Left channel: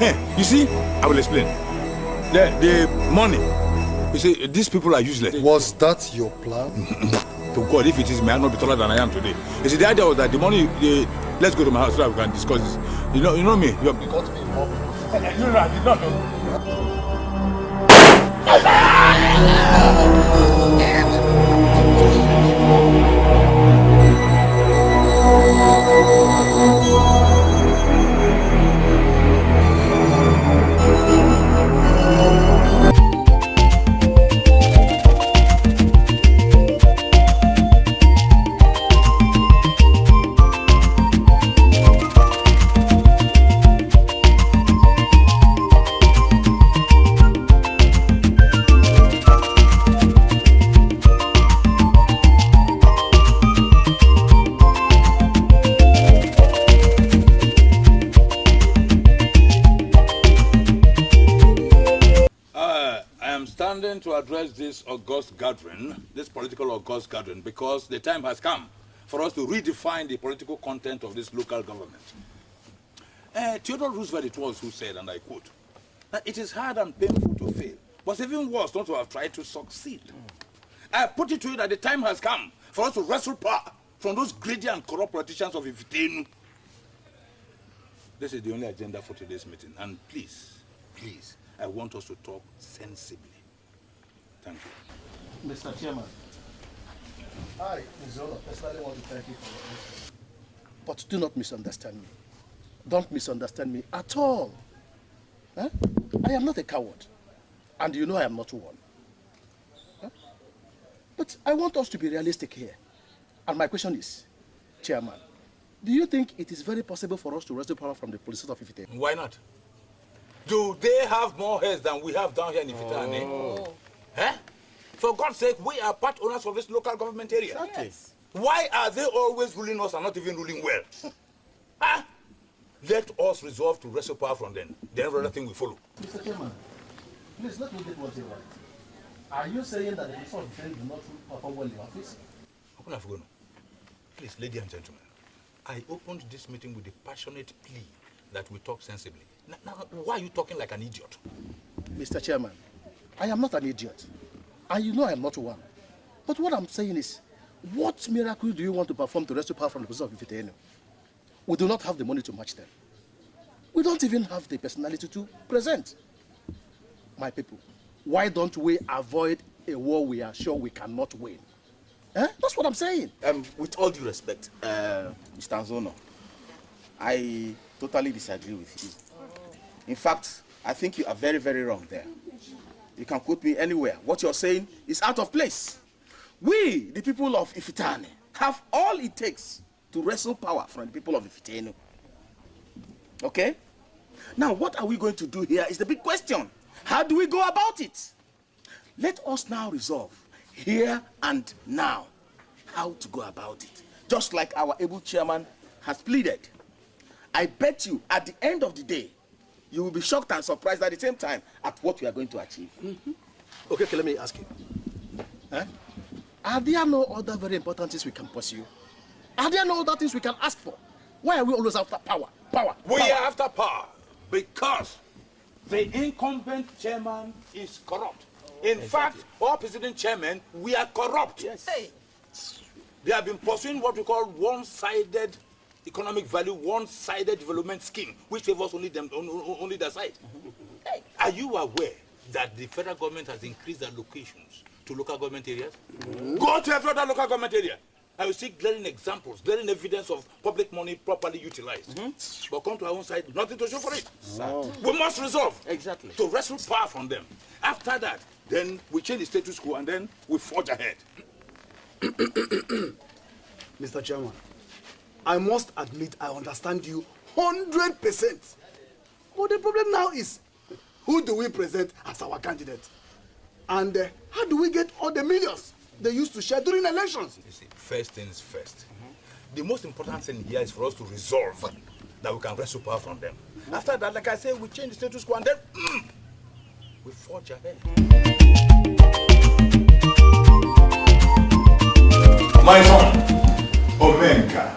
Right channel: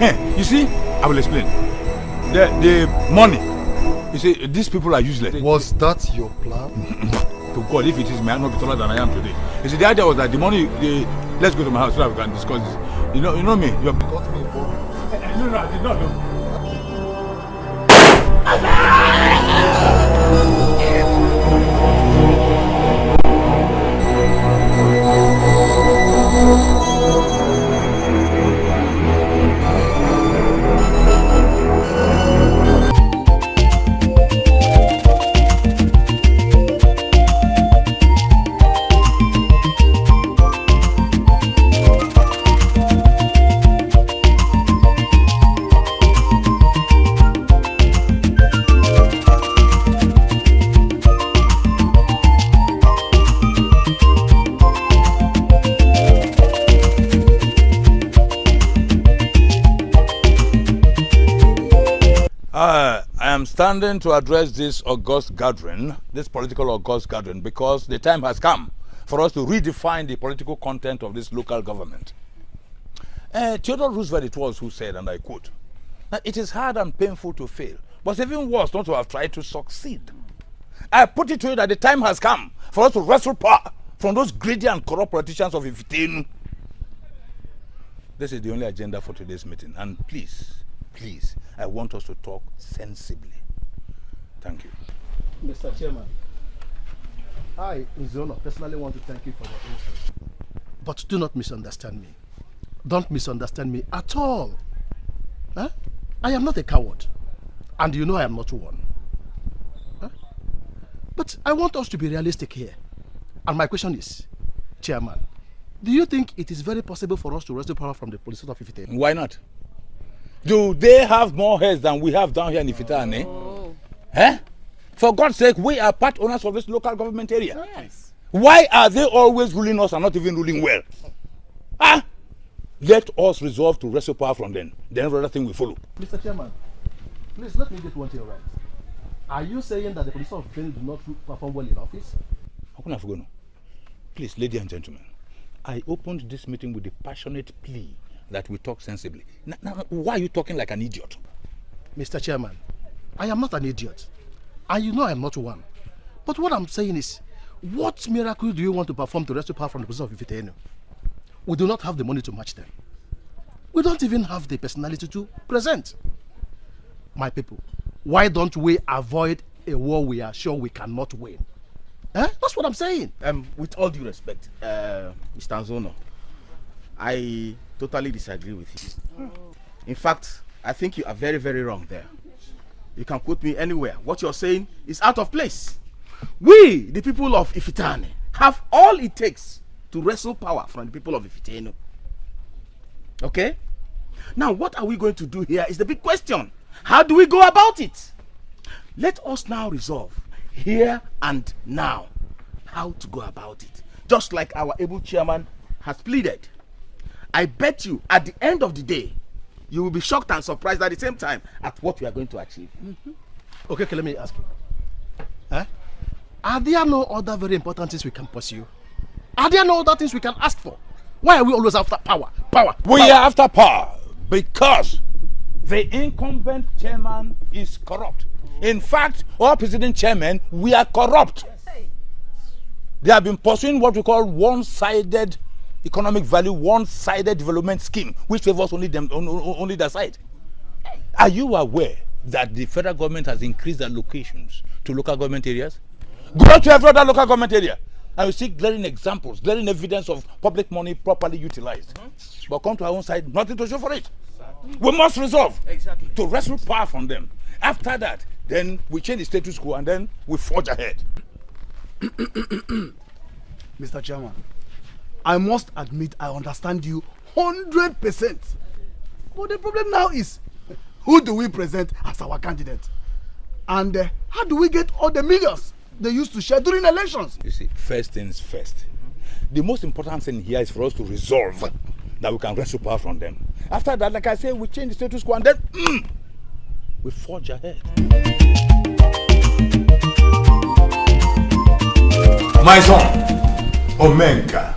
You see, I will explain. The money, you see, these people are useless. Was that your plan? To God, if it is, may I not be taller than I am today. You see, the idea was that the money, let's go to my house so that we can discuss this. You know me, you have got me involved. No, I did not know. Standing to address this august gathering, this political august gathering, because the time has come for us to redefine the political content of this local government. Theodore Roosevelt it was who said, and I quote, that it is hard and painful to fail, but it's even worse not to have tried to succeed. I put it to you that the time has come for us to wrestle power from those greedy and corrupt politicians of Ifitenu. This is the only agenda for today's meeting, and please, I want us to talk sensibly. Thank you. Mr. Chairman, I, Nzono, personally want to thank you for your efforts. But do not misunderstand me. Don't misunderstand me at all. Huh? I am not a coward. And you know I am not one. Huh? But I want us to be realistic here. And my question is, Chairman, do you think it is very possible for us to wrestle power from the police of Ifitane? Why not? Do they have more heads than we have down here in Ifitane? Oh. Eh? For God's sake, we are part owners of this local government area. Yes. Why are they always ruling us and not even ruling well? Ah? Let us resolve to wrestle power from them. Then every thing will follow. Mr. Chairman, please let me get one thing right. Are you saying that the police of Ifitane did not perform well in office? How can I forget? Please, ladies and gentlemen, I opened this meeting with a passionate plea that we talk sensibly. Now, why are you talking like an idiot? Mr. Chairman, I am not an idiot. And you know I am not one. But what I'm saying is, what miracle do you want to perform to rescue power from the position of Ifitane? We do not have the money to match them. We don't even have the personality to present. My people, why don't we avoid a war we are sure we cannot win? That's what I'm saying. With all due respect, Mr. Nzono, I totally disagree with you. In fact, I think you are very, very wrong there. You can quote me anywhere. What you're saying is out of place. We, the people of Ifitane, have all it takes to wrestle power from the people of Ifitane. Okay? Now, what are we going to do here is the big question. How do we go about it? Let us now resolve, here and now, how to go about it. Just like our able chairman has pleaded. I bet you, at the end of the day, you will be shocked and surprised at the same time at what we are going to achieve. Okay, let me ask you. Are there no other very important things we can pursue? Are there no other things we can ask for? Why are we always after power? We are after power because the incumbent chairman is corrupt. In fact, our president chairman, we are corrupt. Yes. They have been pursuing what we call one-sided economic value, one-sided development scheme, which favors only their side. Are you aware that the federal government has increased allocations to local government areas? Go to every other local government area and you see glaring examples, glaring evidence of public money properly utilized. But come to our own side, nothing to show for it. We must resolve to wrestle power from them. After that, then we change the status quo and then we forge ahead. Mr. Chairman, I must admit I understand you 100%. But the problem now is, who do we present as our candidate? And how do we get all the millions they used to share during elections? You see, first things first. The most important thing here is for us to resolve that we can wrestle power from them. After that, like I say, we change the status quo and then we forge ahead. My son, Omenka.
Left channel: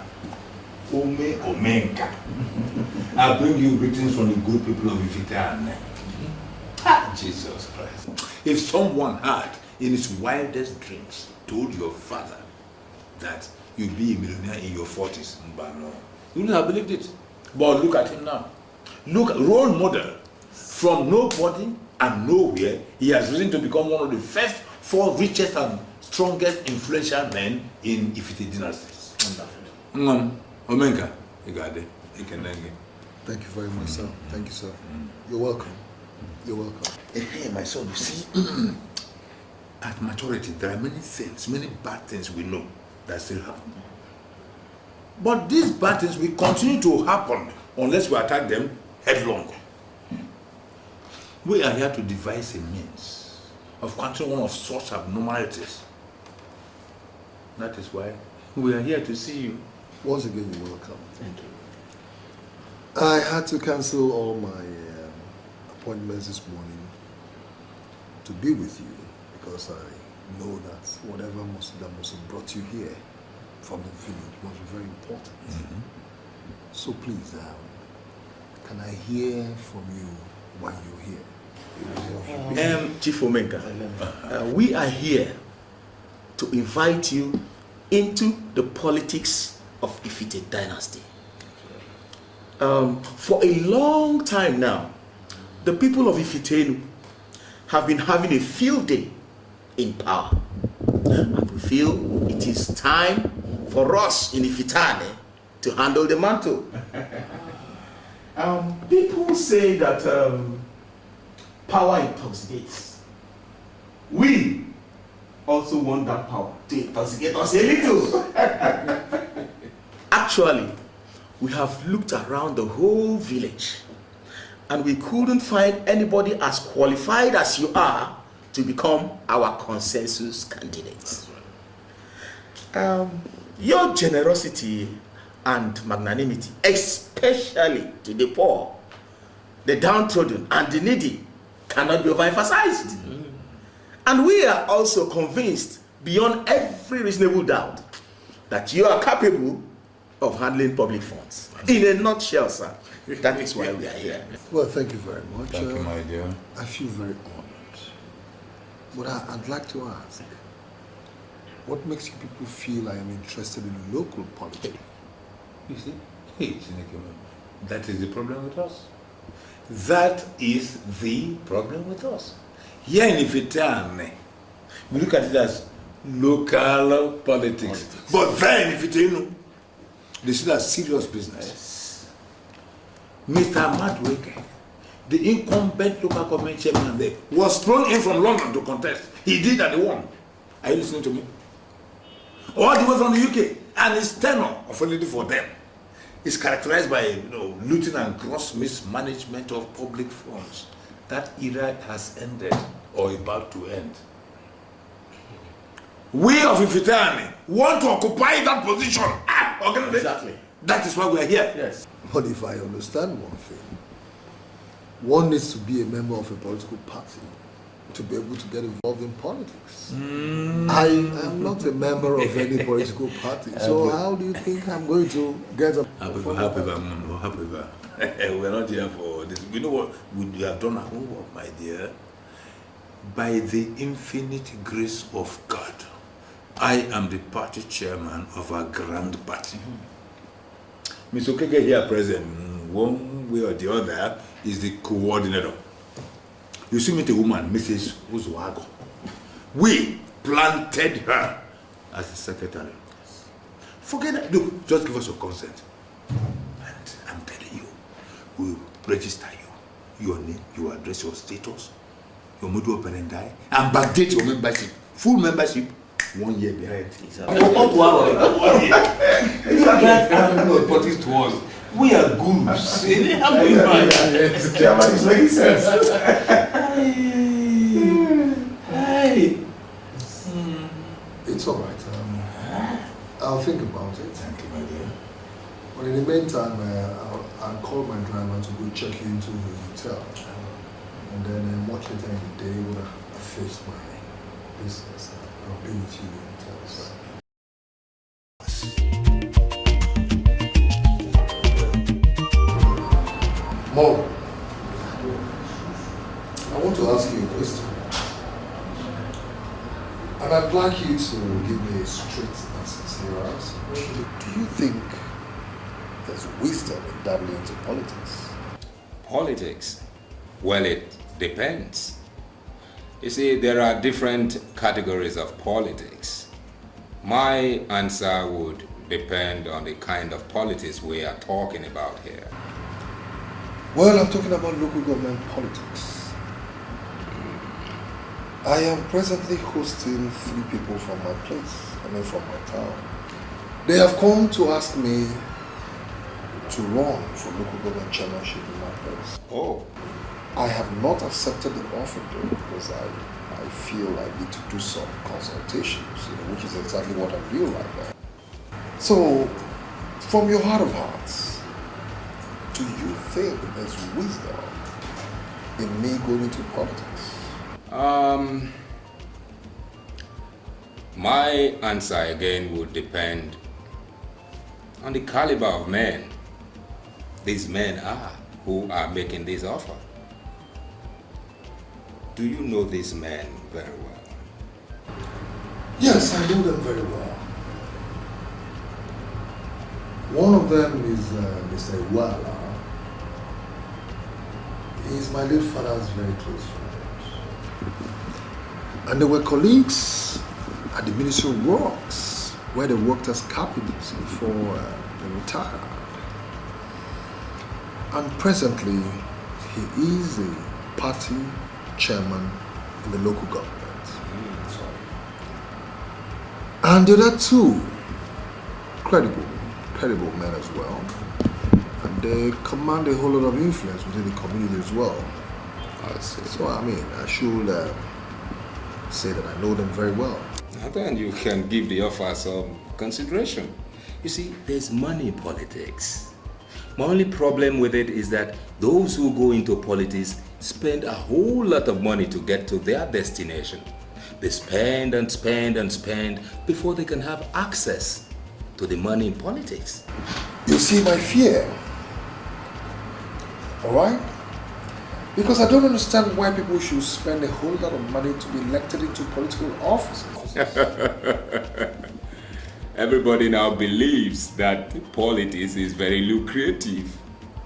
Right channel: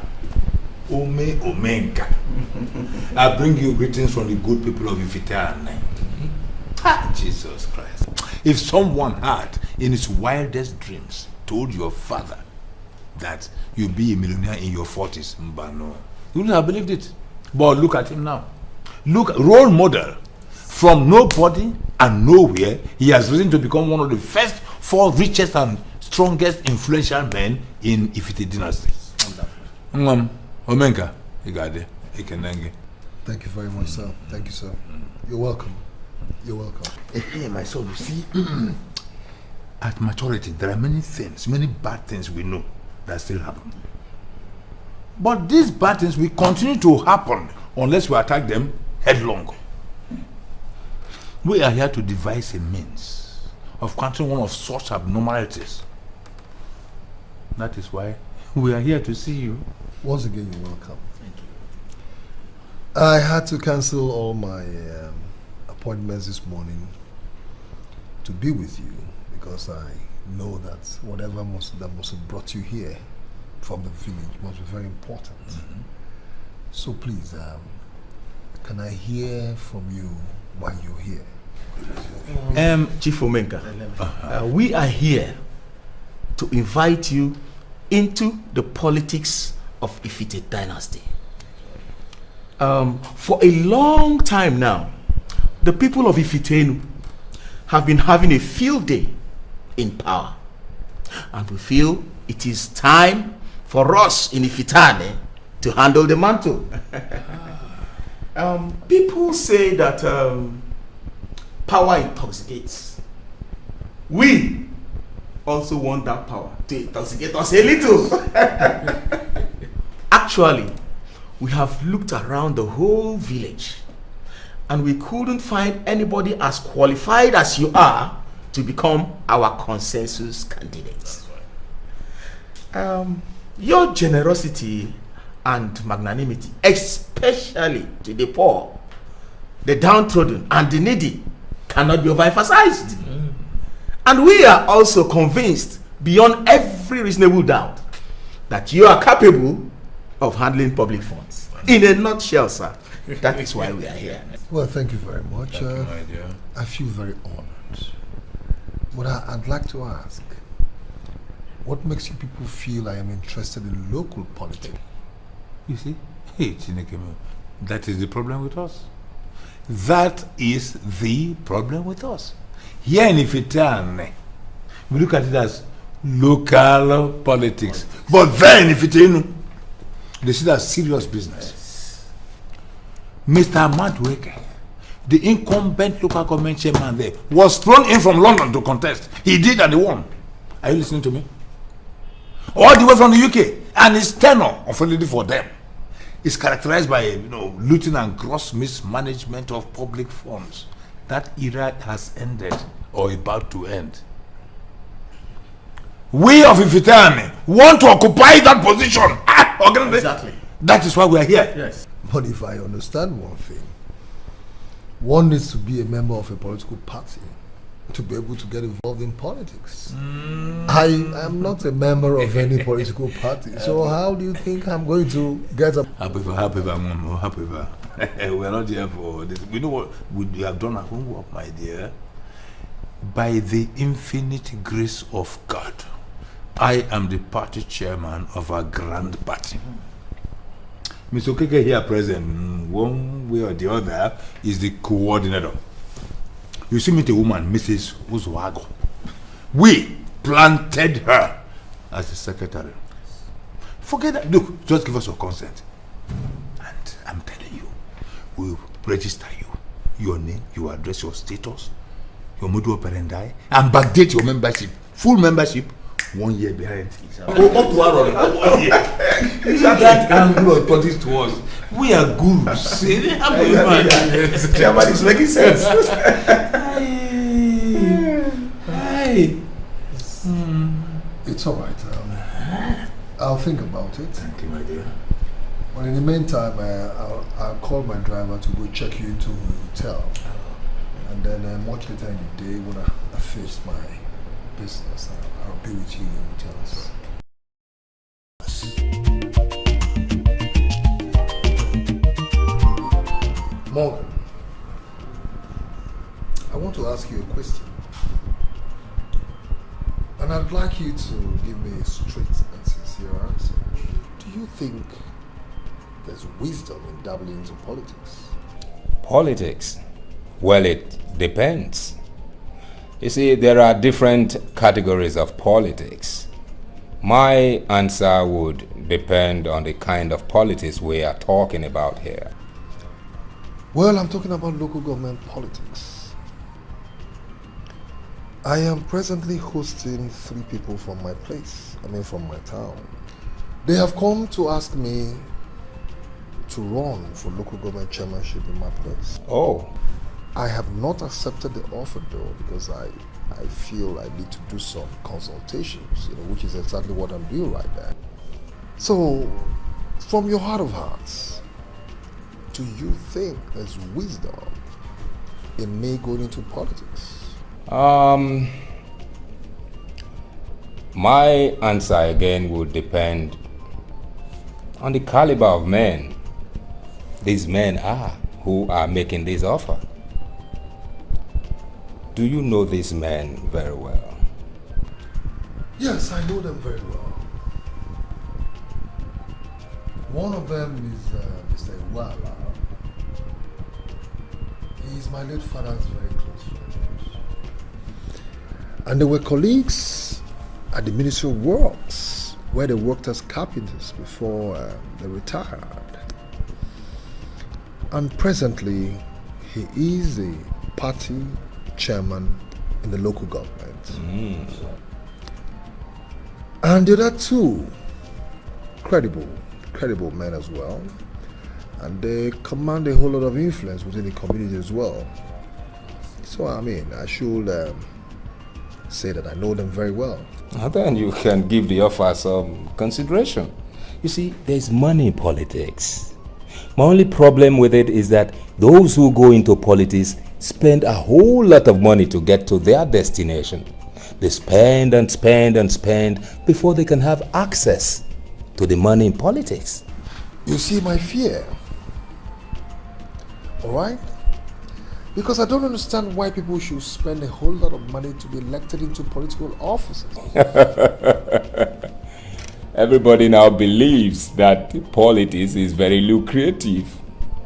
Omenka. I bring you greetings from the good people of Ifiteane. Ah, Jesus Christ. If someone had, in his wildest dreams, told your father that you'll be a millionaire in your 40s, no, you wouldn't have believed it. But look at him now. Look, role model. From nobody and nowhere, he has risen to become one of the first 4 richest and strongest influential men in Ifite dynasty. Omenka, thank you very much, sir. Thank you, sir. You're welcome. You're welcome. Hey, my son, you see, at maturity, there are many things, many bad things we know that still happen. But these bad things will continue to happen unless we attack them headlong. We are here to devise a means of countering one of such abnormalities. That is why we are here to see you. Once again, you're welcome. Thank you. I had to cancel all my appointments this morning to be with you because I know that whatever that must have brought you here from the village must be very important. So please, can I hear from you why you're here? Chief Omenka, we are here to invite you into the politics of Ifite dynasty. For a long time now, the people of Ifitenu have been having a field day in power. And we feel it is time for us in Ifitane to handle the mantle. People say that power intoxicates. We also want that power to intoxicate us a little. Actually, we have looked around the whole village and we couldn't find anybody as qualified as you are to become our consensus candidate. Your generosity and magnanimity, especially to the poor, the downtrodden and the needy, cannot be overemphasized. And we are also convinced beyond every reasonable doubt that you are capable of handling public funds. In a nutshell, sir, that is why we are here. Well, thank you very much. Thank you, my dear. I feel very honored. But I'd like to ask, what makes you people feel I am interested in local politics? You see, hey, Chinekemo, that is the problem with us. That is the problem with us. Here in Ifitane, we look at it as local politics. But there in Ifitenu, they see that serious business. Mr. Madweke, the incumbent local government chairman there, was thrown in from London to contest. He did and he won. Are you listening to me? All the way from the UK, and his tenure, unfortunately for them, is characterized by looting and gross mismanagement of public funds. That era has ended or about to end. We of Ifitane want to occupy that position. Exactly. That is why we are here. Yes. But if I understand one thing, one needs to be a member of a political party to be able to get involved in politics. I am not a member of any political party, so how do you think I'm going to get a... Happy. We're not here for this. We know what we have done our homework, my dear. By the infinite grace of God, I am the party chairman of our grand party. Mr. Okeke here present, one way or the other, is the coordinator. You see me, the woman, Mrs. Uzwago. We planted her as the secretary. Forget that. Look, just give us your consent. And I'm telling you, we'll register you, your name, your address, your status, your modus operandi, and backdate your membership. Full membership, 1 year behind. That angle of politics to us. We are gurus. Chairman is making sense. It's all right. I'll think about it. Thank you, my dear. But in the meantime, I'll call my driver to go check you into the hotel. And then much later in the day, when I finish my business, I'll be with you in hotels. And I'd like you to give me a straight answer. Do you think there's wisdom in dabbling into politics? Politics? Well, it depends. You see, there are different categories of politics. My answer would depend on the kind of politics we are talking about here. Well, I'm talking about local government politics. I am presently hosting 3 people from my place, from my town. They have come to ask me to run for local government chairmanship in my place. Oh. I have not accepted the offer though, because I feel I need to do some consultations, which is exactly what I'm doing right now. So, from your heart of hearts, do you think there's wisdom in me going into politics? My answer again would depend on the caliber of men these men are who are making this offer. Do you know these men very well? Yes, I know them very well. One of them is Mr. Iwala. He is my late father's very close friend. And they were colleagues at the Ministry of Works, where they worked as carpenters before they retired. And presently, he is a party chairman in the local government. And the other 2, credible men as well. And they command a whole lot of influence within the community as well. So I should say that I know them very well. And then you can give the offer some consideration. You see, there's money in politics. My only problem with it is that those who go into politics spend a whole lot of money to get to their destination. They spend and spend and spend before they can have access to the money in politics. You see my fear, all right? Because I don't understand why people should spend a whole lot of money to be elected into political offices. Everybody now believes that politics is very lucrative.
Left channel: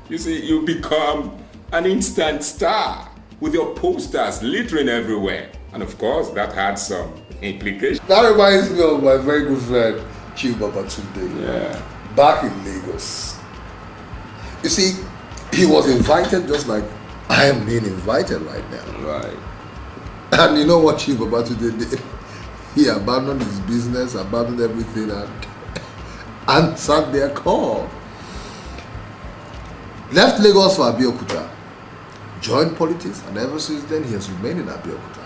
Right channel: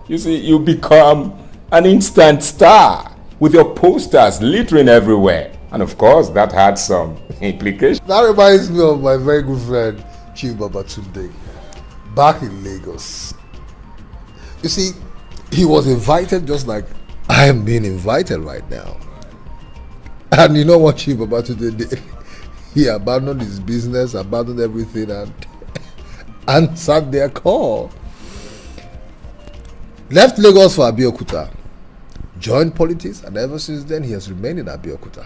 You see, you become an instant star with your posters littering everywhere. And of course, that had some implications. That reminds me of my very good friend, Chief Babatunde. Yeah. Back in Lagos. You see, he was invited just like I am being invited right now. Right. And you know what Chief Babatunde did? He abandoned his business, abandoned everything, and answered their call. Left Lagos for Abeokuta, joined politics, and ever since then he has remained in Abeokuta.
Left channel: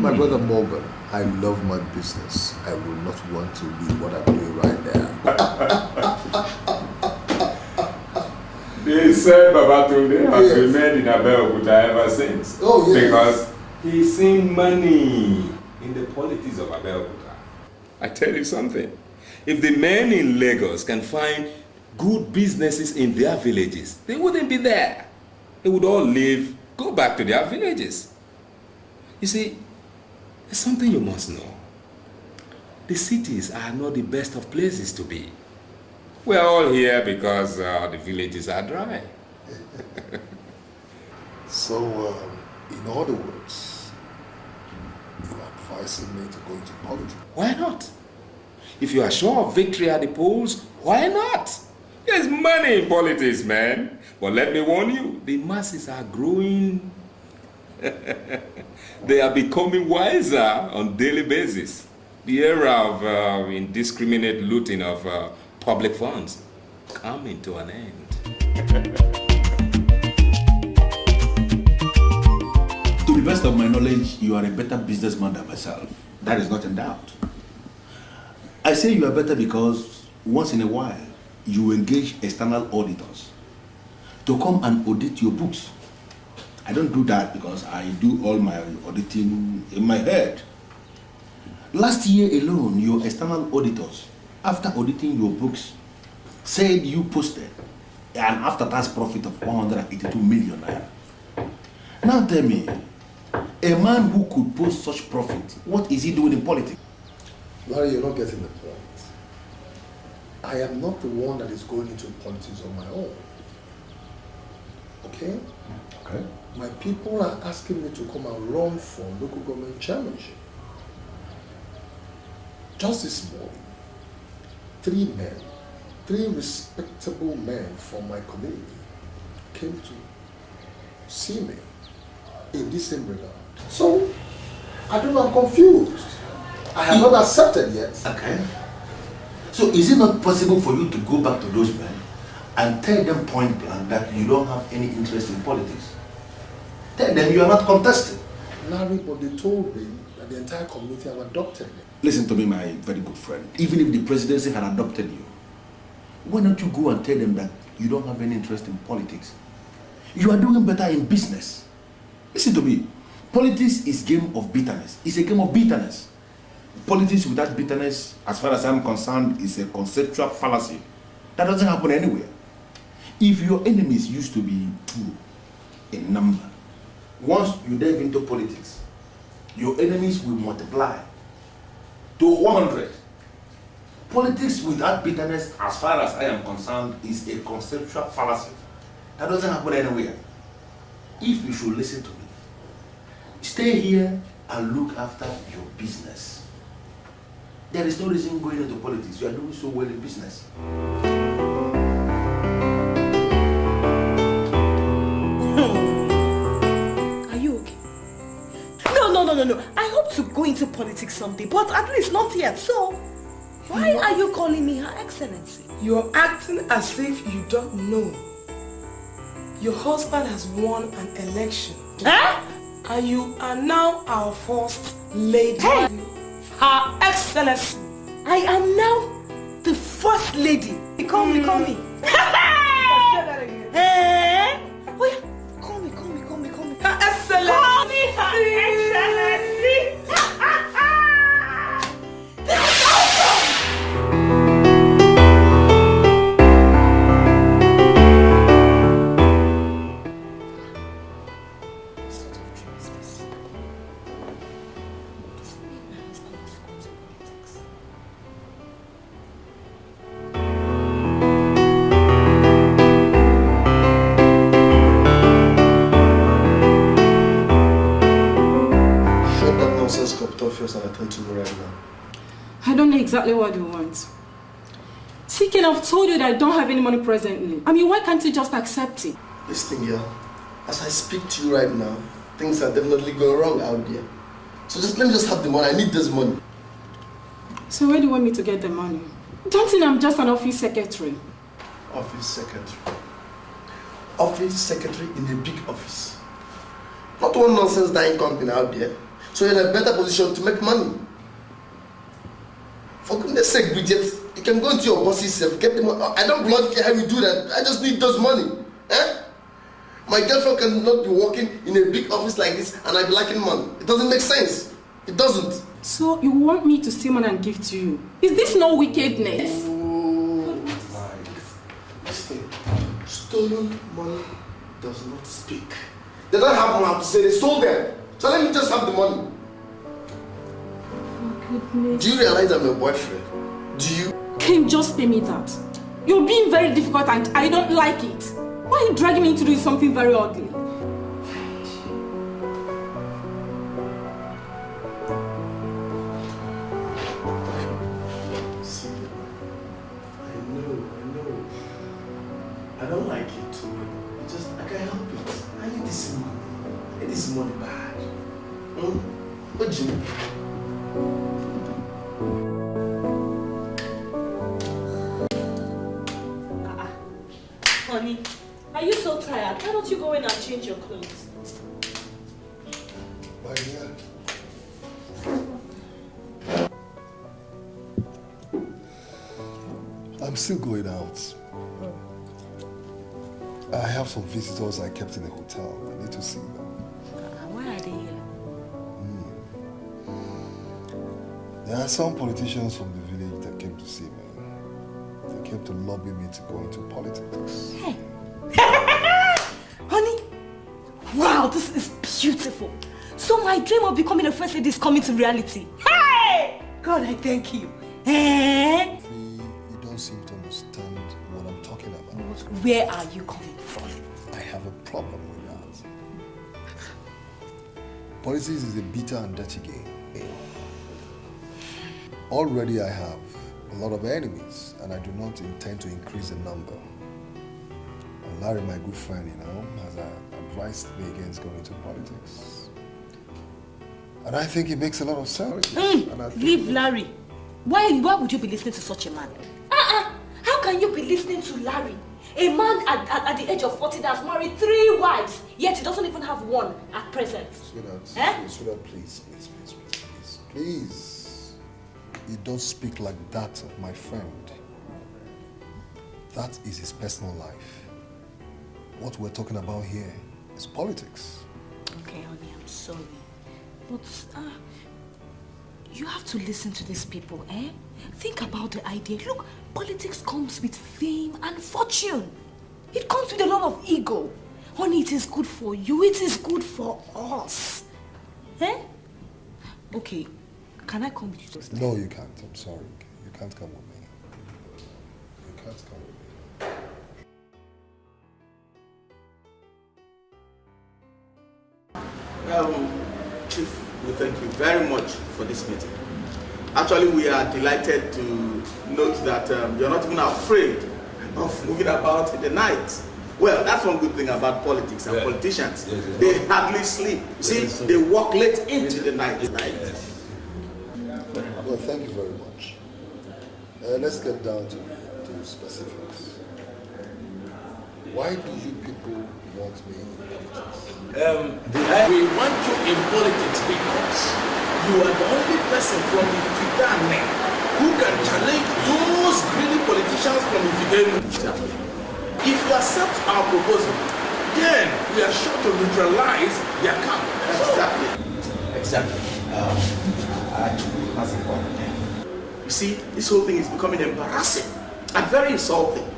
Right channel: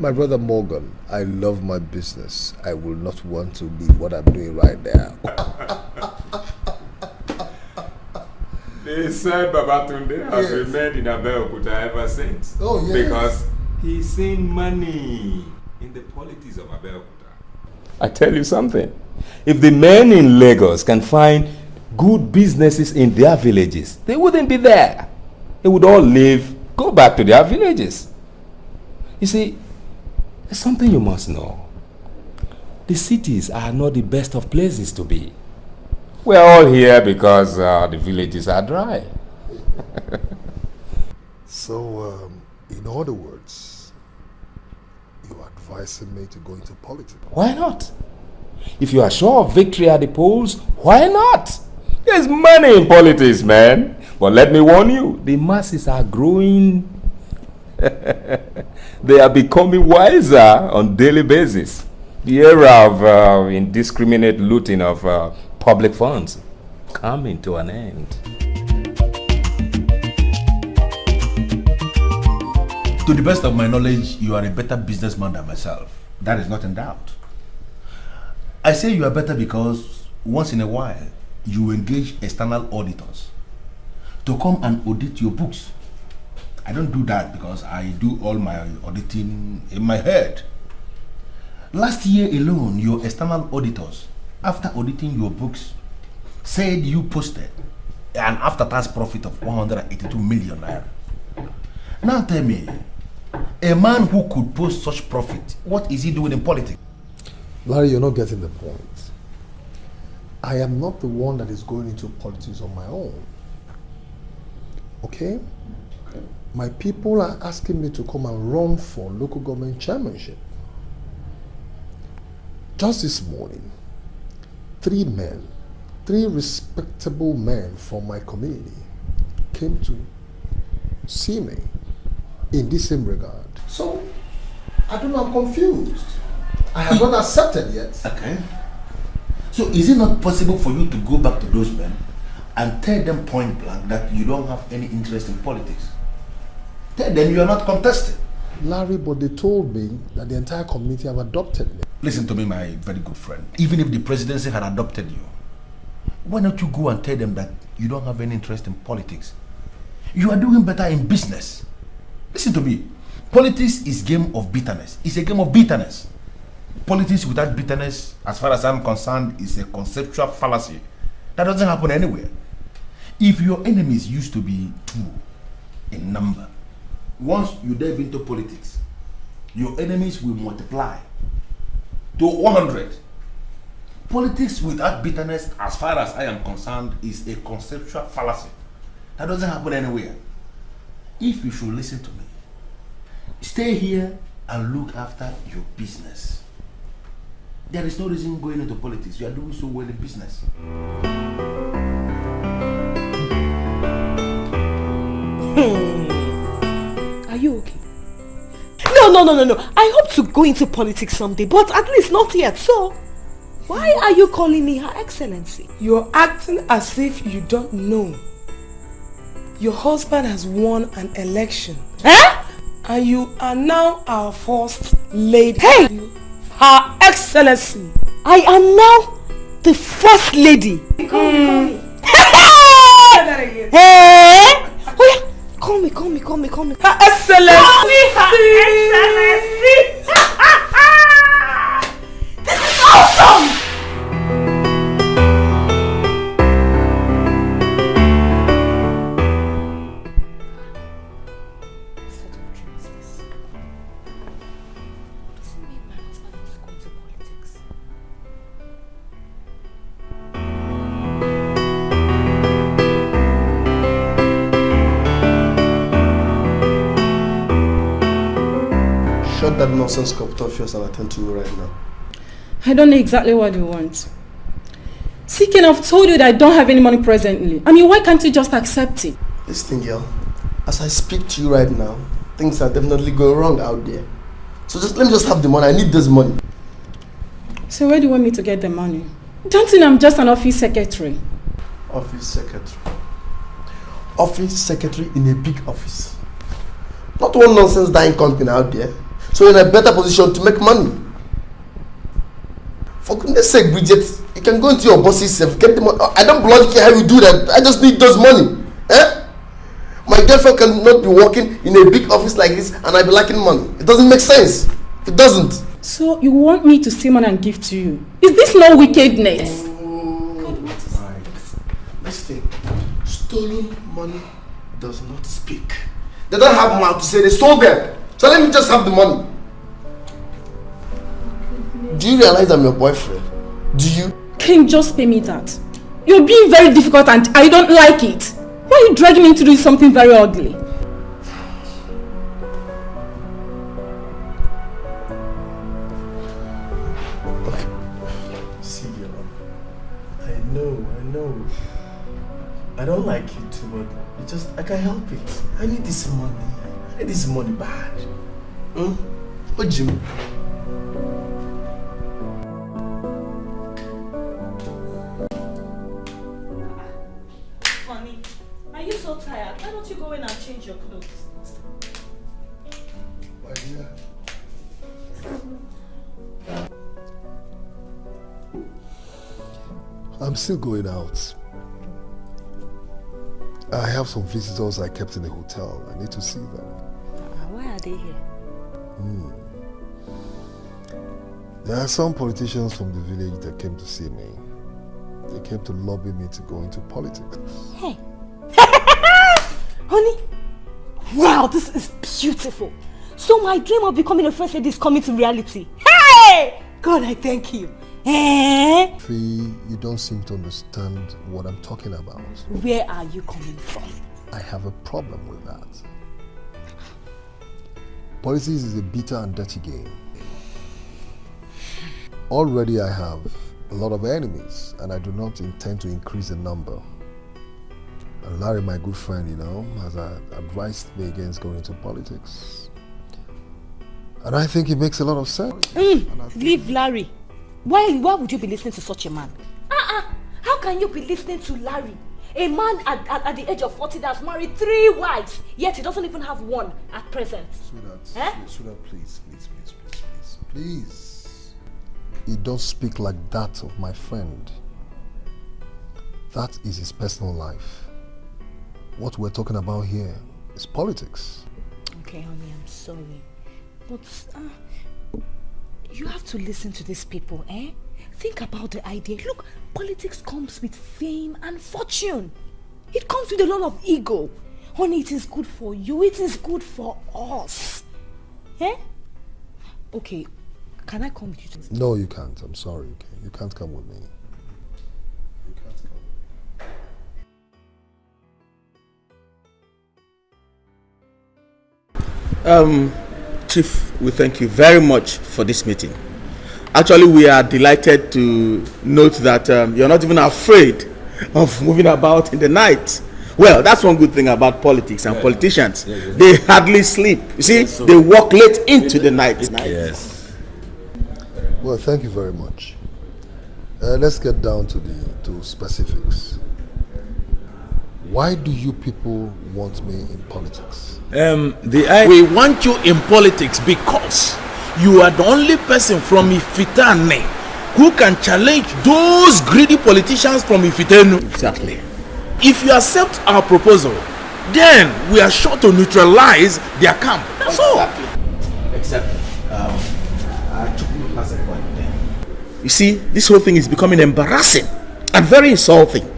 My brother Morgan, I love my business. I will not want to leave what I'm doing right now. They said Babatunde has remained in Abeokuta ever since. Oh, yes. Because he's seen money in the politics of Abeokuta. I tell you something. If the men in Lagos can find good businesses in their villages, they wouldn't be there. They would all go back to their villages. You see, there's something you must know. The cities are not the best of places to be. We're all here because the villages are dry. So, in other words, you're advising me to go into politics? Why not? If you are sure of victory at the polls, why not? There's money in politics, man. But let me warn you, the masses are growing. They are becoming wiser on daily basis. The era of indiscriminate looting of public funds coming to an end. To the best of my knowledge, you are a better businessman than myself. That is not in doubt. I say you are better because once in a while, you engage external auditors to come and audit your books. I don't do that because I do all my auditing in my head. Last year alone, your external auditors, after auditing your books, said you posted an after-tax profit of 182 million naira. Now tell me, A man who could post such profit, what is he doing in politics? Larry, you're not getting the point. I am not the one that is going into politics on my own. Okay? Okay. My people are asking me to come and run for local government chairmanship. Just this morning, 3 men, 3 respectable men from my community came to see me in this same regard. So, I do not confused. I have not accepted yet. Okay. So is it not possible for you to go back to those men and tell them point blank that you don't have any interest in politics? Tell them you are not contesting. Larry, but they told me that the entire community have adopted me. Listen to me, my very good friend. Even if the presidency had adopted you, why don't you go and tell them that you don't have any interest in politics? You are doing better in business. Listen to me. Politics is a game of bitterness. It's a game of bitterness. Politics without bitterness, as far as I'm concerned, is a conceptual fallacy. That doesn't happen anywhere. If your enemies used to be 2 in number, once you dive into politics, your enemies will multiply to 100. Politics without bitterness, as far as I am concerned, is a conceptual fallacy. That doesn't happen anywhere. If you should listen to me, stay here and look after your business. There is no reason going into politics. You are doing so well in business. Are you okay? No. I hope to go into politics someday, but at least not yet. So, why are you calling me Her Excellency? You're acting as if you don't know. Your husband has won an election. Eh? And you are now our first lady. Hey! Her Excellency. I am now the first lady. Call me. Hey! Oh yeah. Call me. Her Excellency. Her Excellency. This is awesome! And attend to you right now. I don't know exactly what you want. Seeking, I've told you that I don't have any money presently. I mean, why can't you just accept it? Listen, girl. As I speak to you right now, things are definitely going wrong out there. So let me just have the money. I need this money. So where do you want me to get the money? Don't think I'm just an office secretary. Office secretary. Office secretary in a big office. Not one nonsense dying company out there. So you're in a better position to make money. For goodness sake, Bridget, you can go into your boss's self, get the money. I don't bloody care how you do that. I just need those money. Eh? My girlfriend cannot be working in a big office like this and I be lacking money. It doesn't make sense. It doesn't. So you want me to steal money and give to you? Is this no wickedness? Listen, stolen money does not speak. They don't have mouth to say they stole them. So let me just have the money. Do you realize I'm your boyfriend? Do you? Can you just pay me that? You're being very difficult and I don't like it. Why are you dragging me into doing something very ugly? See, I know. I don't like it too well. It's just, I can't help it. I need this money. I need this money bad. What do you mean? Honey, are you so tired? Why don't you go in and change your clothes? Why, yeah. I'm still going out. I have some visitors I kept in the hotel. I need to see them. Why are they here? There are some politicians from the village that came to see me. They came to lobby me to go into politics. Hey. Honey, wow, this is beautiful. So my dream of becoming a first lady is coming to reality. Hey! God, I thank you. Eh? Fee, you don't seem to understand what I'm talking about. Where are you coming from? I have a problem with that. Politics is a bitter and dirty game. Already I have a lot of enemies and I do not intend to increase the number. And Larry, my good friend, has advised me against going into politics. And I think it makes a lot of sense. Leave Larry. Why would you be listening to such a man? How can you be listening to Larry? A man at the age of 40 that has married 3 wives, yet he doesn't even have one at present. Sweetheart, please. You don't speak like that of my friend. That is his personal life. What we're talking about here is politics. Okay, honey, I'm sorry. But you have to listen to these people, eh? Think about the idea. Look, politics comes with fame and fortune. It comes with a lot of ego. Honey, it is good for you. It is good for us. Eh? Okay, can I come with you to... No, you can't. I'm sorry. Okay? You can't come with me. You can't come with me. Chief, we thank you very much for this meeting. Actually, we are delighted to note that you're not even afraid of moving about in the night. Well, that's one good thing about politics and politicians. They hardly sleep. You see, they work late into the night. Yes. Well, thank you very much. Let's get down to specifics. Why do you people want me in politics? We want you in politics because you are the only person from Ifitane who can challenge those greedy politicians from Ifitenu. Exactly. If you accept our proposal, then we are sure to neutralize their camp. That's all. Exactly. Chukwu has a point there. You see, this whole thing is becoming embarrassing and very insulting.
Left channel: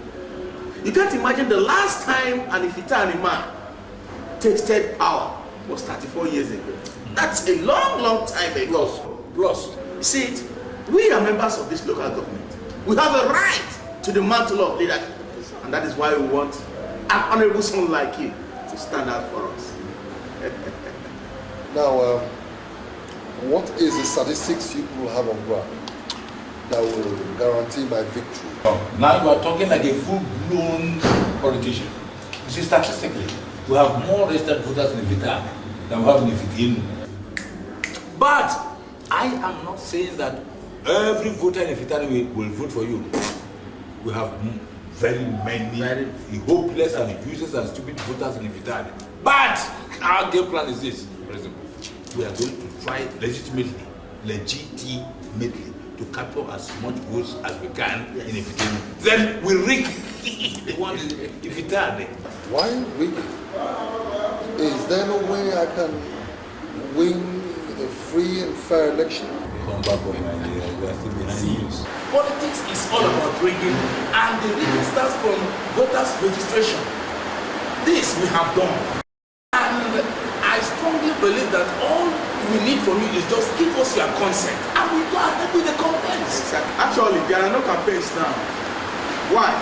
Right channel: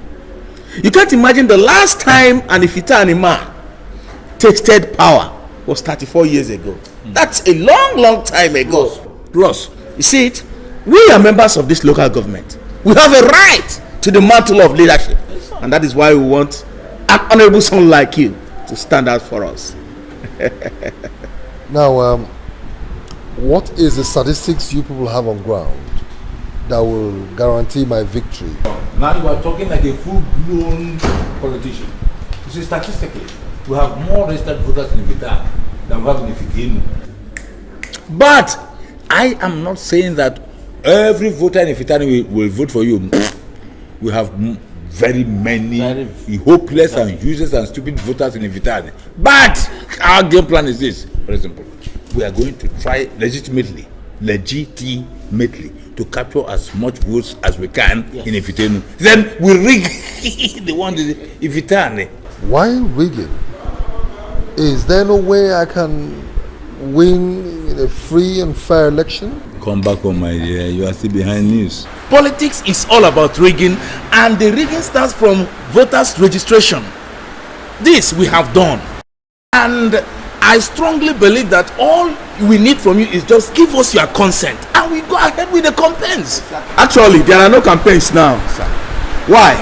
You can't imagine the last time an Ifitane man tasted power was 34 years ago. That's a long time ago. Ross, you see it? We are members of this local government. We have a right to the mantle of leadership. And that is why we want an honorable son like you to stand out for us. Now, what is the statistics you people have on ground that will guarantee my victory? Now you are talking like a full-blown politician. You see, statistically, we have more registered voters in Ifitane than we have in Ifitenu. But I am not saying that every voter in Ifitane will vote for you. We have very many hopeless and useless and stupid voters in Ifitane. But our game plan is this, for example. We are going to try legitimately to capture as much votes as we can in Ifitane. Then we rig the one in Ifitane. Why rig it? Is there no way I can win a free and fair election? Come back home, my dear. You are still behind news. Politics is all about rigging, and the rigging starts from voters' registration. This we have done. And I strongly believe that all we need from you is just give us your consent, and we go ahead with the campaigns. Actually, there are no campaigns now. Why?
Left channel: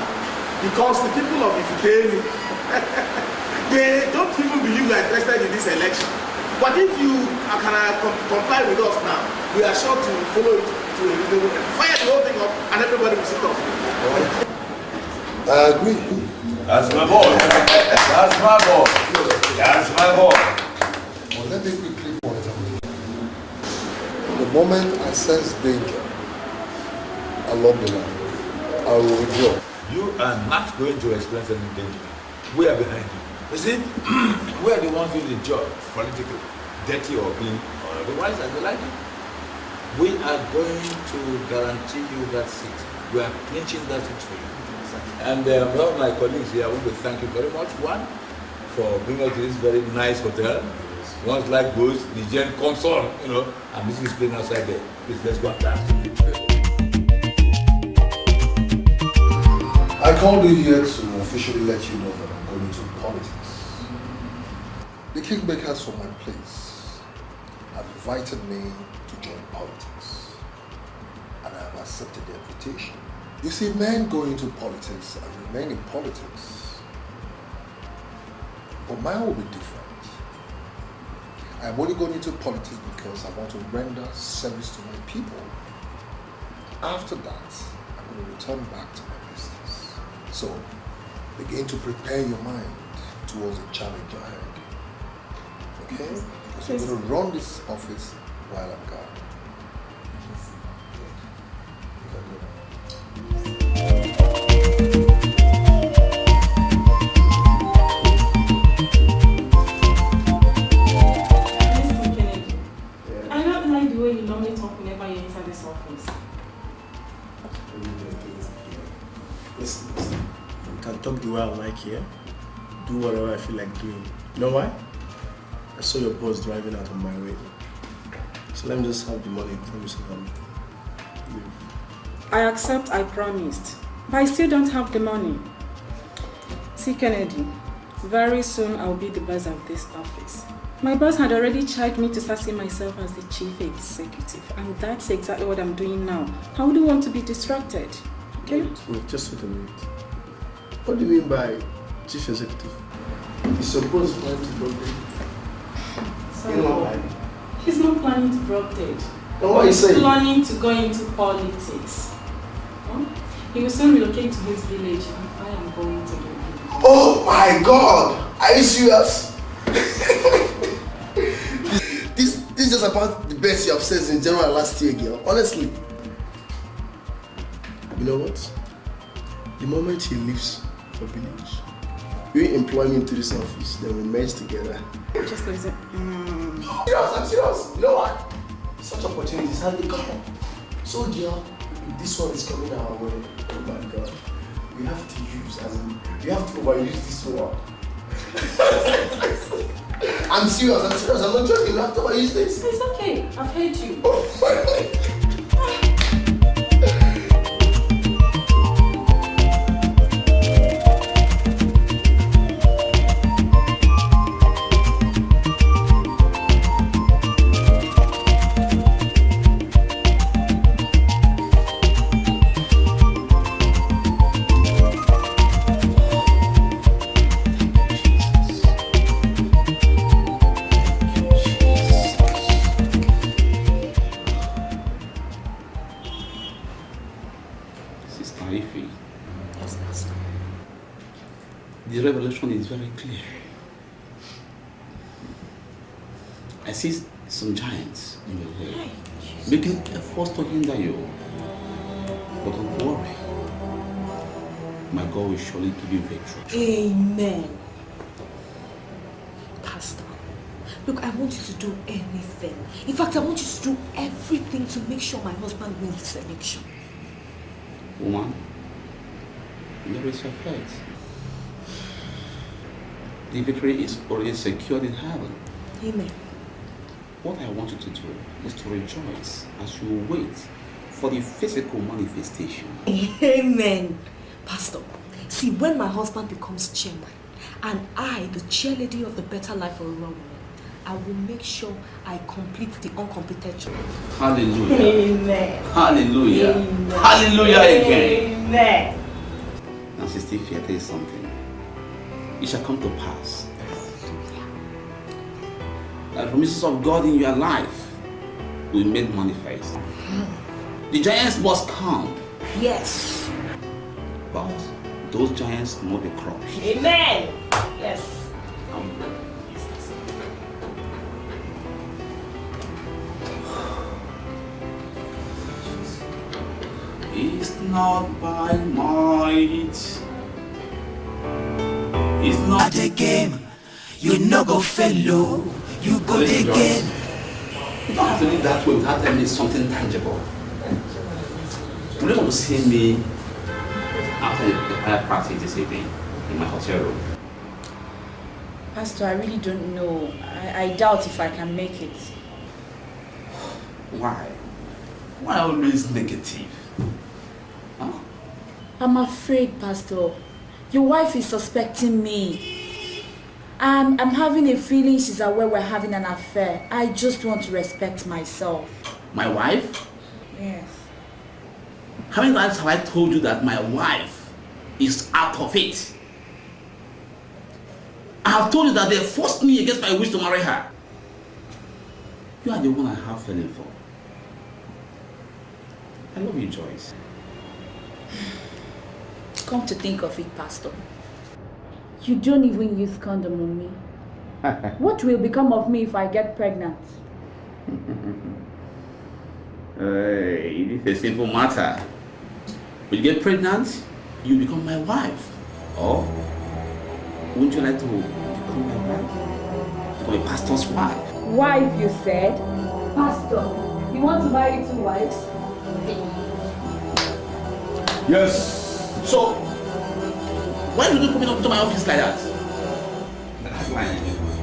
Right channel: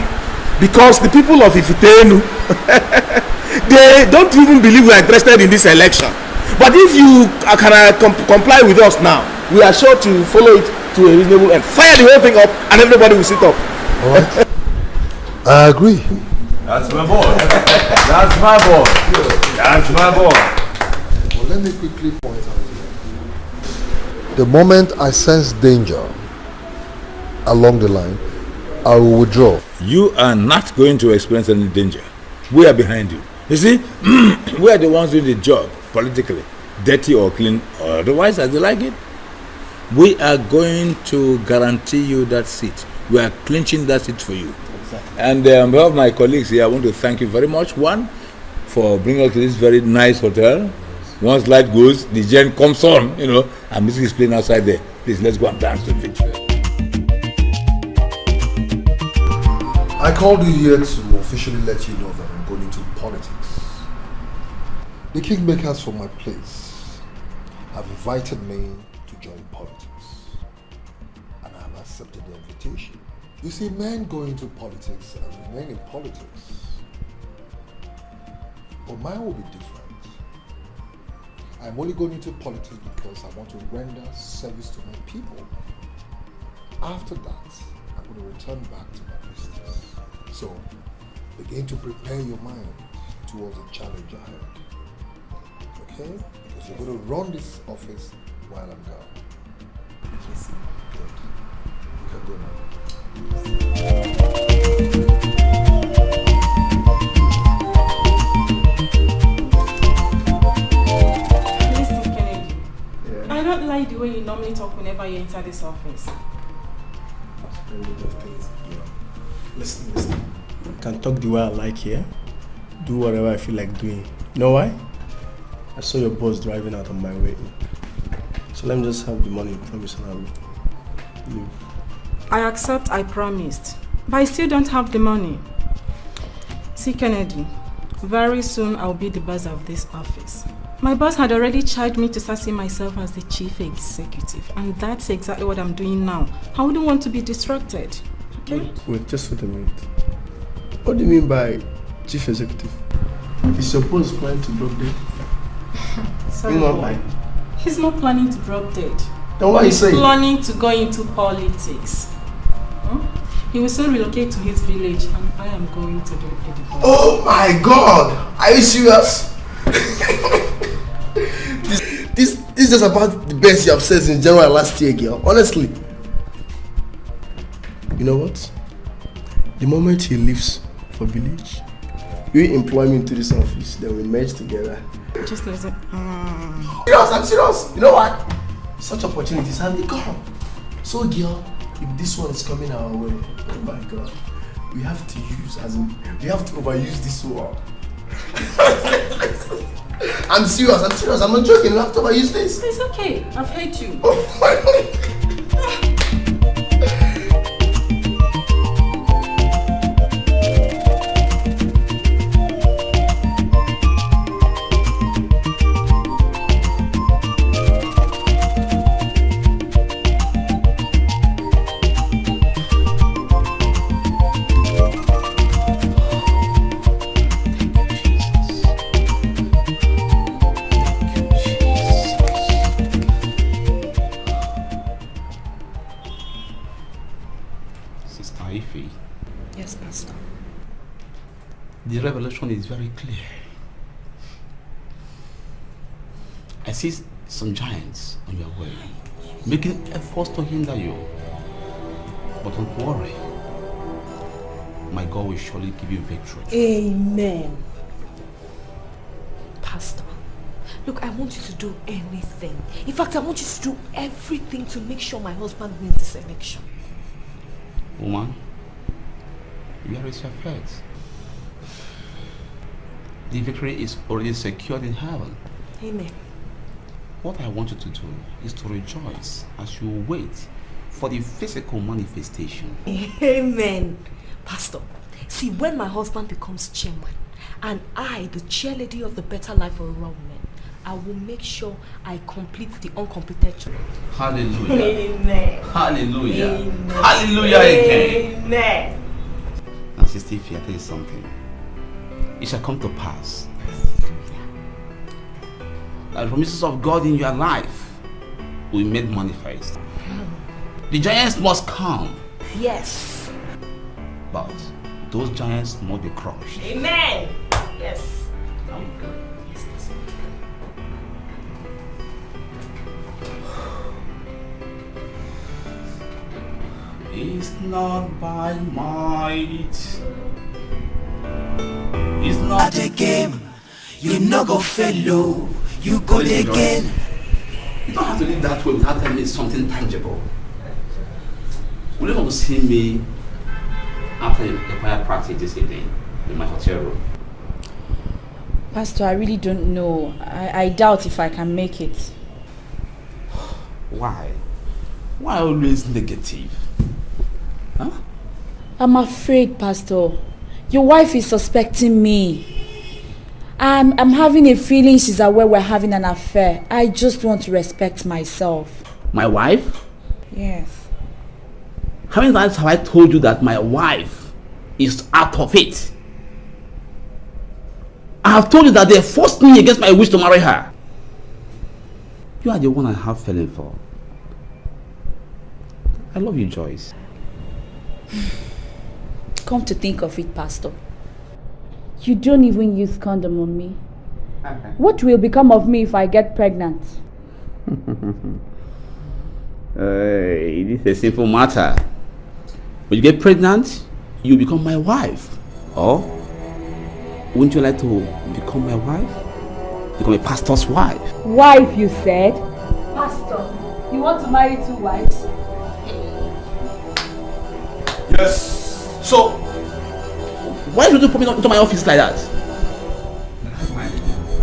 Because the people of Ifitenu, they don't even believe we are interested in this election. But if you can comply with us now, we are sure to follow it to a reasonable end. Fire the whole thing up and everybody will sit up. All right. I agree. That's my boy. That's my boy. That's my boy. Well, let me quickly point out. The moment I sense danger along the line, I will withdraw. You are not going to experience any danger. We are behind you. You see, we are the ones doing the job politically, dirty or clean, or otherwise as they like it. We are going to guarantee you that seat. We are clinching that seat for you. And on behalf of my colleagues here, I want to thank you very much. One, for bringing us to this very nice hotel. Once light goes, the gen comes on, and music is playing outside there. Please, let's go and dance to it. I called you here to officially let you know that I'm going into politics. The kingmakers from my place invited me to join politics, and I have accepted the invitation. You see, men go into politics and remain in politics, but mine will be different. I'm only going into politics because I want to render service to my people. After that, I'm going to return back to my business. So, begin to prepare your mind towards the challenge ahead. Okay? Because you're going to run this office while I'm gone. Good. You can go now. I not like the way you normally talk whenever you enter this office. Listen. I can talk the way I like here. Do whatever I feel like doing. You know why? I saw your boss driving out on my way. So let me just have the money, promise, and I'll leave. I accept I promised, but I still don't have the money. See, Kennedy, very soon I'll be the boss of this office. My boss had already charged me to start seeing myself as the chief executive, and that's exactly what I'm doing now. I wouldn't want to be distracted. Okay? Wait, just wait a minute. What do you mean by chief executive? Is your boss planning to drop dead? Sorry, he's not planning to drop dead. Then what are you saying? He's planning to go into politics. Huh? He will soon relocate to his village, and I am going to do it. Oh my God! Are you serious? This is just about the best you have said in general last year, girl. Honestly. You know what? The moment he leaves for village, you employ me into this office, then we merge together. Just like that. I'm serious. You know what? Such opportunities have they come. So, girl, if this one is coming our way, oh my God, we have to use, as in, we have to overuse this one. I'm serious. I'm not joking. You have to overuse this. It's okay. I've heard you. Oh my God. Is very clear. I see some giants on your way, making efforts to hinder you. But don't worry, my God will surely give you victory. Amen. Pastor, look, I want you to do anything. In fact, I want you to do everything to make sure my husband wins this election. Woman, where is your faith? The victory is already secured in heaven. Amen. What I want you to do is to rejoice as you wait for the physical manifestation. Amen. Pastor, see, when my husband becomes chairman and I, the chairlady of the Better Life for Rural Women, I will make sure I complete the uncompleted. Hallelujah. Amen. Hallelujah. Amen. Hallelujah again. Amen. Now, Sister Ify, I tell you something. It shall come to pass. The promises of God in your life will be made manifest. The giants must come. Yes. But those giants must be crushed. Amen. Yes. It's not by might. It's not at the game. You no go fellow. You go again. You don't have to do that way without telling me something tangible. You don't want to see me after the fire practice this evening in my hotel room. Pastor, I really don't know. I doubt if I can make it. Why? Why always negative? Huh? I'm afraid, Pastor. Your wife is suspecting me. I'm having a feeling she's aware we're having an affair. I just want to respect myself. My wife? Yes. How many times have I told you that my wife is out of it? I have told you that they forced me against my wish to marry her. You are the one I have feeling for. I love you, Joyce. Come to think of it, Pastor, you don't even use condom on me. What will become of me if I get pregnant? Hey, this is a simple matter. When you get pregnant, you become my wife. Or wouldn't you like to become my wife? Become a pastor's wife. Wife, you said? Pastor, you want to marry 2 wives? Yes. So, why would you come into my office like that?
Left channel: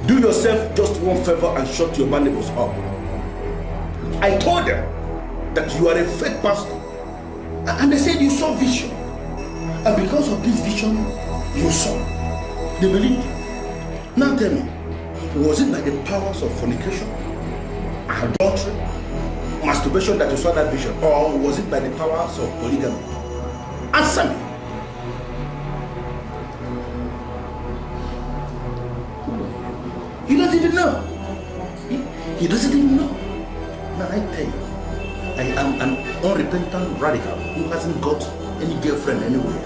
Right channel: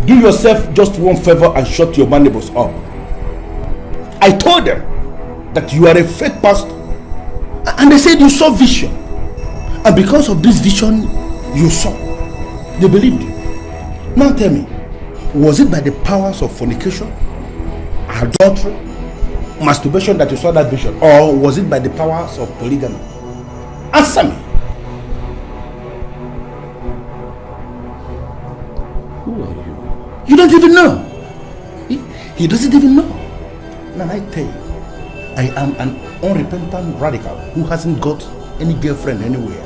Do yourself just one favor and shut your mandibles up. I told them that you are a fake pastor, and they said you saw vision, and because of this vision you saw, they believed you. Now tell me, was it by the powers of fornication, adultery, masturbation that you saw that vision, or was it by the powers of polygamy? Answer me. You don't even know. He doesn't even know. Now I tell you, I am an unrepentant radical who hasn't got any girlfriend anywhere.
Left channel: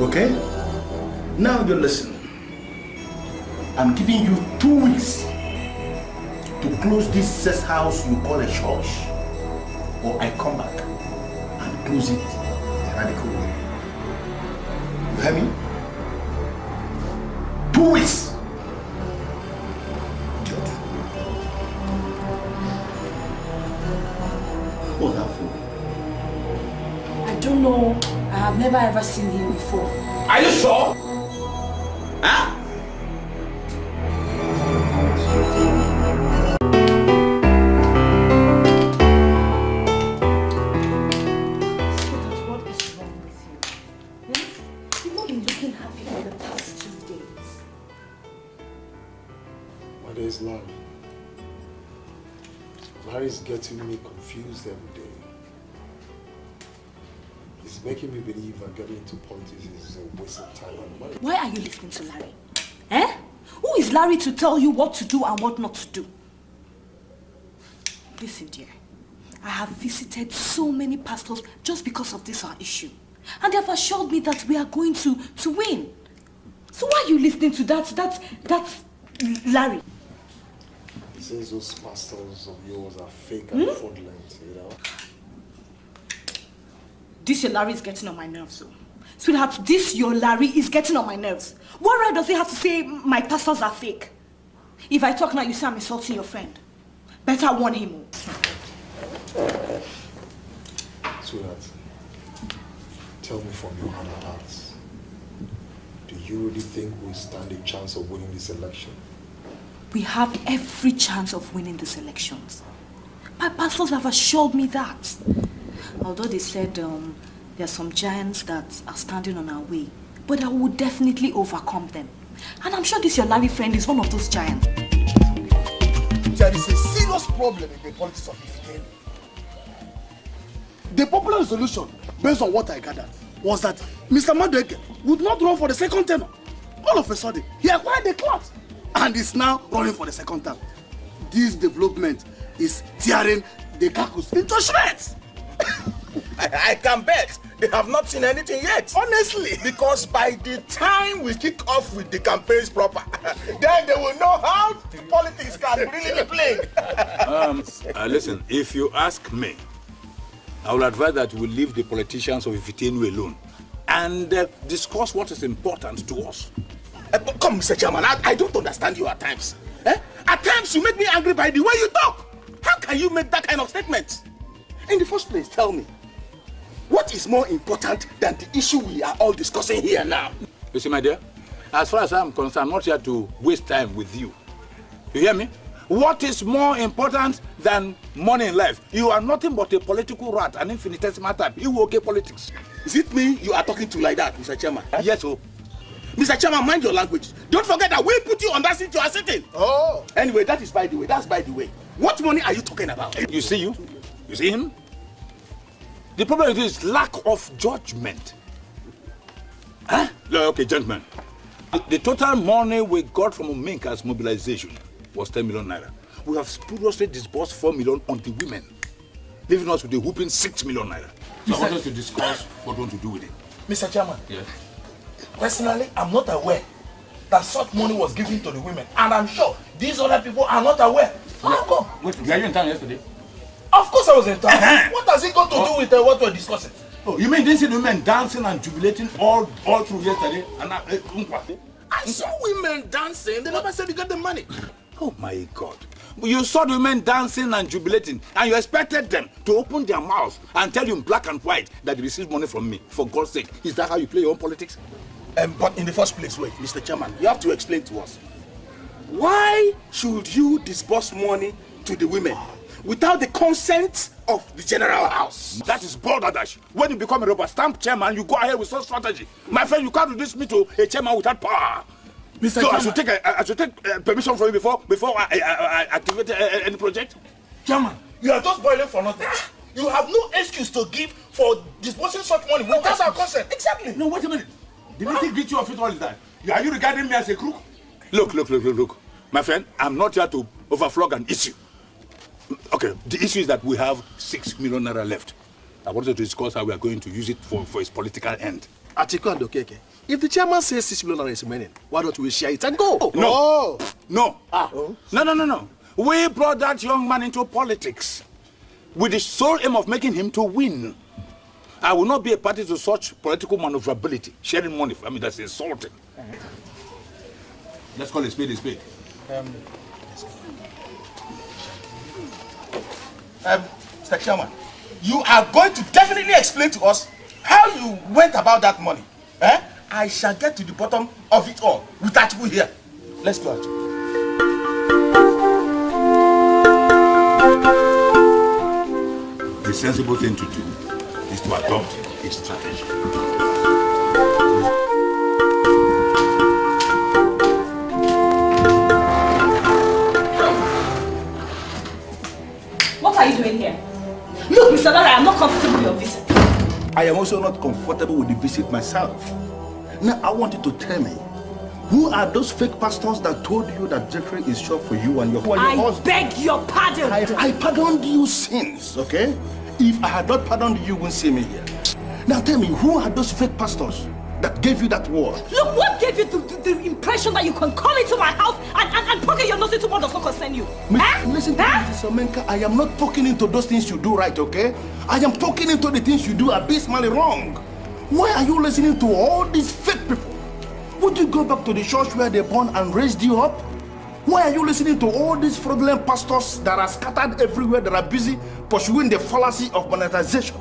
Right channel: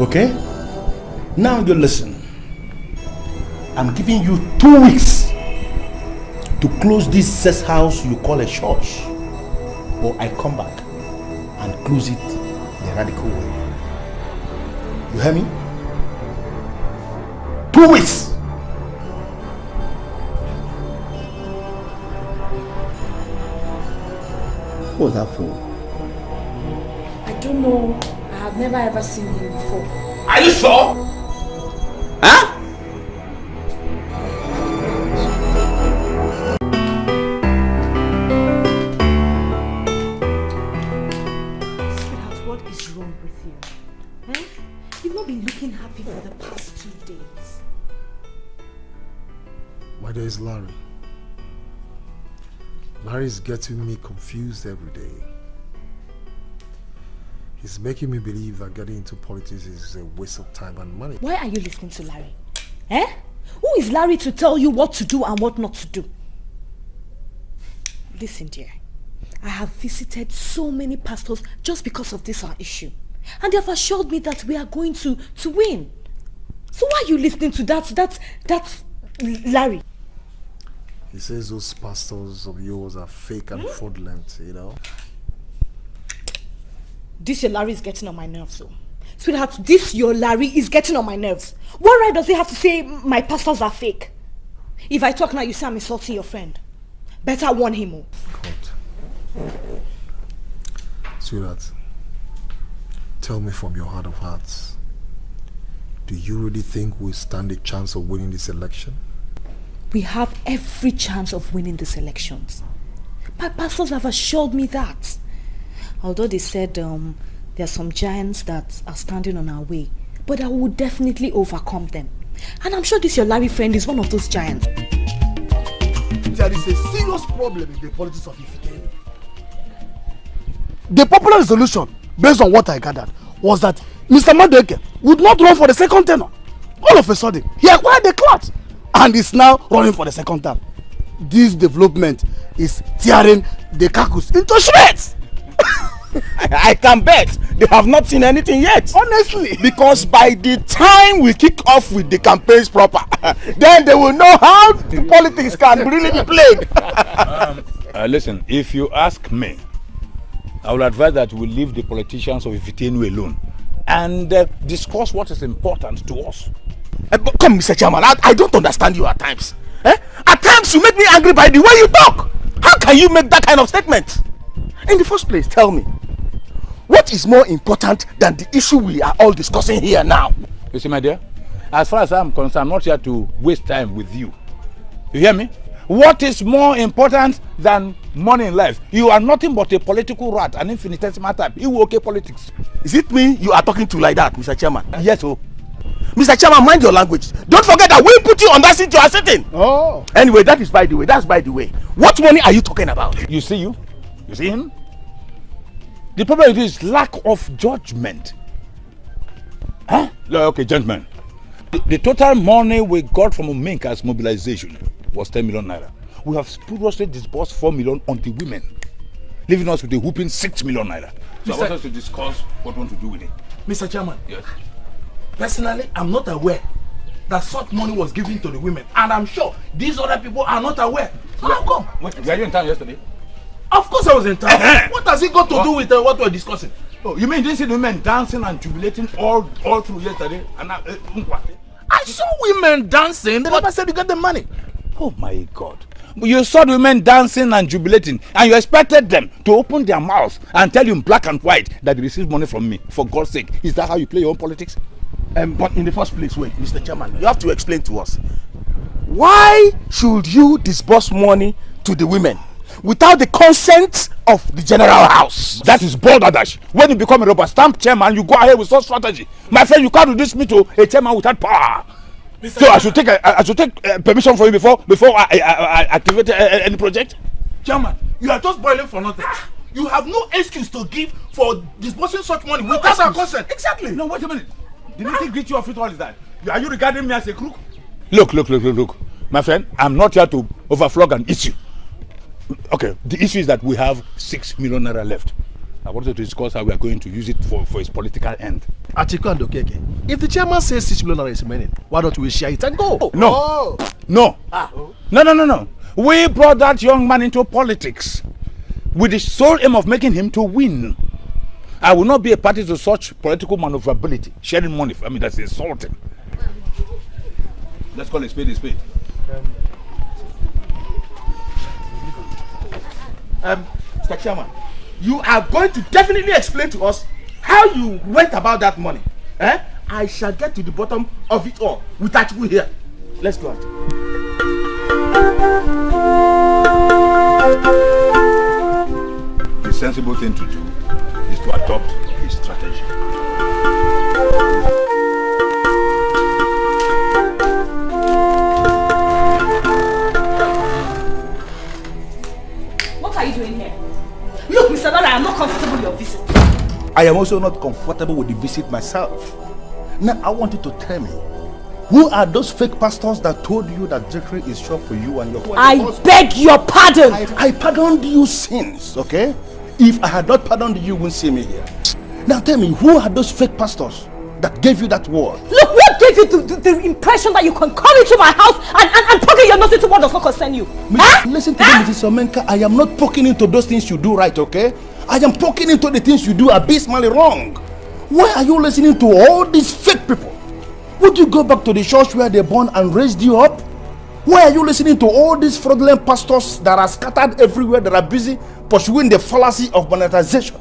Okay? Now you listen. I'm giving you 2 weeks to close this sex house you call a church, or I come back and close it the radical way. You hear me? 2 weeks. What's that for? I don't know. I have never ever seen him before. Are you sure? Huh? What is wrong with you? You've not been looking happy for the past 2 days. My name is Larry. Larry's getting me confused every day. He's making me believe that getting into politics is a waste of time and money. Why are you listening to Larry? Eh? Who is Larry to tell you what to do and what not to do? Listen, dear. I have visited so many pastors just because of this our issue. And they have assured me that we are going to win. So why are you listening to that Larry? He says those pastors of yours are fake and fraudulent, you know. This your Larry is getting on my nerves, so. Sweetheart, this your Larry is getting on my nerves. What right does he have to say my pastors are fake? If I talk now, you say I'm insulting your friend. Better warn him. Sweetheart, tell me from your heart of hearts, do you really think we stand a chance of winning this election? We have every chance of winning these elections. My pastors have assured me that. Although they said there are some giants that are standing on our way, but I will definitely overcome them. And I'm sure this your Larry friend is one of those giants. There is a serious problem in the politics of Ifike. The popular resolution, based on what I gathered, was that Mr. Madeke would not run for the second tenure. All of a sudden, he acquired the clout and is now running for the second term. This development is tearing the caucus into shreds. I can bet they have not seen anything yet. Honestly. Because by the time we kick off with the campaigns proper, then they will know how the politics can really be played. Listen, if you ask me, I will advise that we leave the politicians of Ifitenu alone and discuss what is important to us. But come, Mr. Chairman, I don't understand you at times. At times you make me angry by the way you talk. How can you make that kind of statement? In the first place, tell me, what is more important than the issue we are all discussing here now? You see, my dear, as far as I'm concerned, I'm not here to waste time with you. You hear me? What is more important than money in life? You are nothing but a political rat, an infinitesimal type. You okay politics. Is it me you are talking to like that, Mr. Chairman? Yes, oh. Mr. Chairman, mind your language. Don't forget that we put you on that seat you are sitting. Oh. Anyway, that is by the way. That's by the way. What money are you talking about? You see you? You see him? The problem is lack of judgment. Huh? Okay, gentlemen. The total money we got from Minka's mobilization was 10 million naira. We have spuriously disbursed 4 million on the women, leaving us with a whooping 6 million naira. So I want us to discuss what we want to do with it. Mr. Chairman, Yes. personally, I'm not aware that such money was given to the women, and I'm sure these other people are not aware. How come? Wait, were you in town yesterday? Of course I was in town. What has it got to do with what we're discussing? Oh, you mean you didn't see the women dancing and jubilating all through yesterday? And I saw women dancing. They never said you get the money. oh my God. You saw the women dancing and jubilating, and you expected them to open their mouths and tell you in black and white that they received money from me. For God's sake, is that how you play your own politics? But in the first place, wait, Mr. Chairman, you have to explain to us. Why should you disburse money to the women without the consent of the general house? That is balderdash. When you become a rubber stamp chairman, you go ahead with such strategy. My friend, you can't reduce me to a chairman without power. Mr. So I should take permission from you before I activate any project. Chairman, you are just boiling for nothing. You have no excuse to give for disbursing such money without our consent. Exactly. No, wait a minute. The meeting beat you off it all is that. Are you regarding me as a crook? Look. My friend, I'm not here to overflog an issue. Okay, the issue is that we have 6 million naira left. I wanted to discuss how we are going to use it for its political end. Atiku and Okeke, if the chairman says 6 million naira is remaining, why don't we share it and go? No. No. We brought that young man into politics with the sole aim of making him to win. I will not be a party to such political maneuverability. Sharing money, I mean, that's insulting. Let's call it a spade. Mr. Chairman, you are going to definitely explain to us how you went about that money. I shall get to the bottom of it all with Atiku here. Let's go out. The sensible thing to do is to adopt a strategy. What are you doing here? Look, Mr. Dada, I am not comfortable with your visit. I am also not comfortable with the visit myself. Now, I want you to tell me, who are those fake pastors that told you that Jeffrey is short for you and your husband? I beg your pardon. I pardoned you since, okay? If I had not pardoned you, you wouldn't see me here. Now tell me, who are those fake pastors that gave you that word? Look, what gave you the impression that you can come into my house and poke your nose into what does not concern you? Listen to me, Mrs. Omenka. I am not poking into those things you do right, okay? I am poking into the things you do abysmally wrong. Why are you listening to all these fake people? Would you go back to the church where they born and raised you up? Why are you listening to all these fraudulent pastors that are scattered everywhere, that are busy pursuing the fallacy of monetization?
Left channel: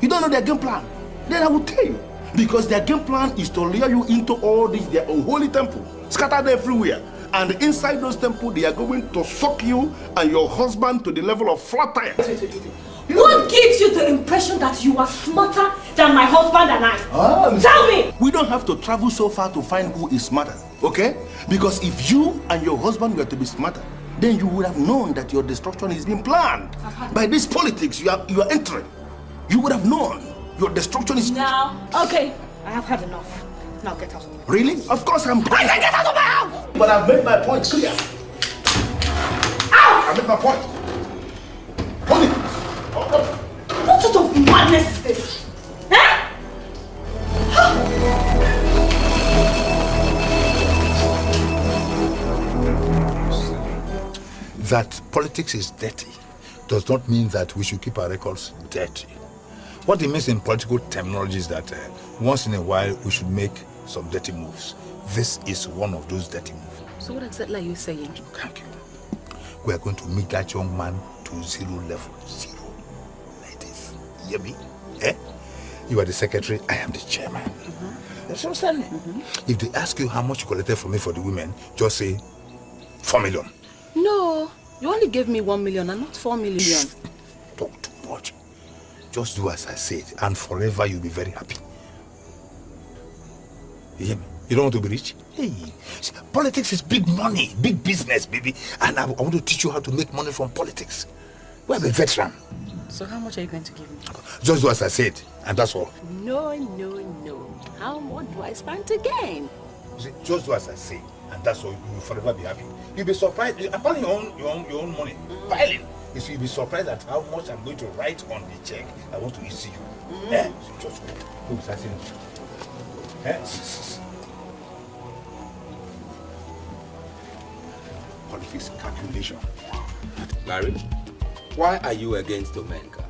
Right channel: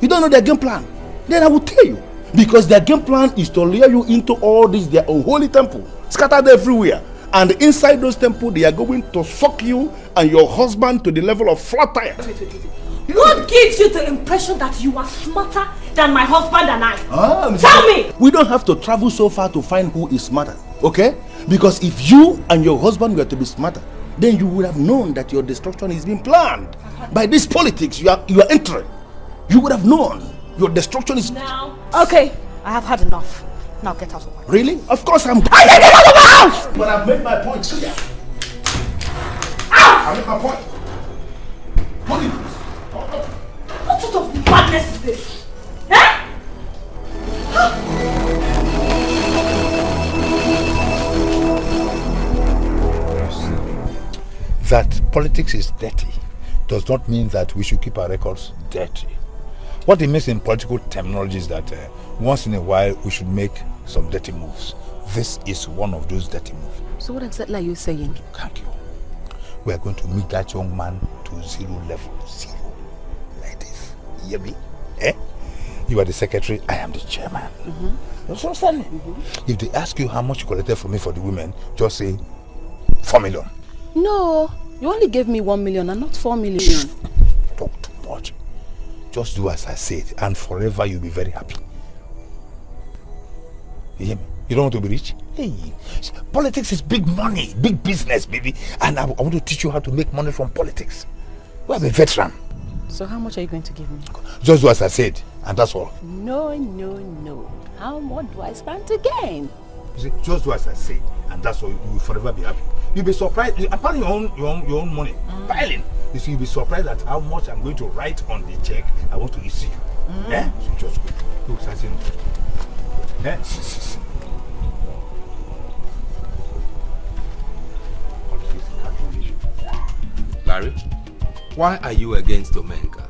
You don't know their game plan? Then I will tell you. Because their game plan is to lure you into all this, their unholy temple, scattered everywhere. And inside those temples, they are going to suck you and your husband to the level of flat tire. What gives you the impression that you are smarter than my husband and I? Tell me! We don't have to travel so far to find who is smarter, okay? Because if you and your husband were to be smarter, then you would have known that your destruction is being planned. By this politics you are entering. You would have known your destruction is... Now, okay, I have had enough. Now get out of my house. Really? Of course I'm... I said get out of my house! But I've made my point clear. Ow! I made my point. Hold it. What sort of madness is this? Eh? That politics is dirty does not mean that we should keep our records dirty. What it means in political terminology is that once in a while we should make some dirty moves. This is one of those dirty moves. So what exactly are you saying? Thank you. We are going to meet that young man to zero level. Zero. Like this. You hear me? Eh? You are the secretary, I am the chairman. You understand me? If they ask you how much you collected from me for the women, just say 4 million. No, you only gave me 1 million and not 4 million. Talk too much. Just do as I said, and forever you'll be very happy. You hear me? You don't want to be rich? Hey, politics is big money, big business, baby. And I want to teach you how to make money from politics. We're a veteran. So how much are you going to give me? Just as I said, and that's all. No, no, no. How much do I stand to gain? You see, just do as I said, and that's all. You will forever be happy. You'll be surprised. Apart from your own money, piling. You see, you'll be surprised at how much I'm going to write on the check I want to receive. Eh? So just go. Eh? Politics calculation. Larry, why are you against Omenka?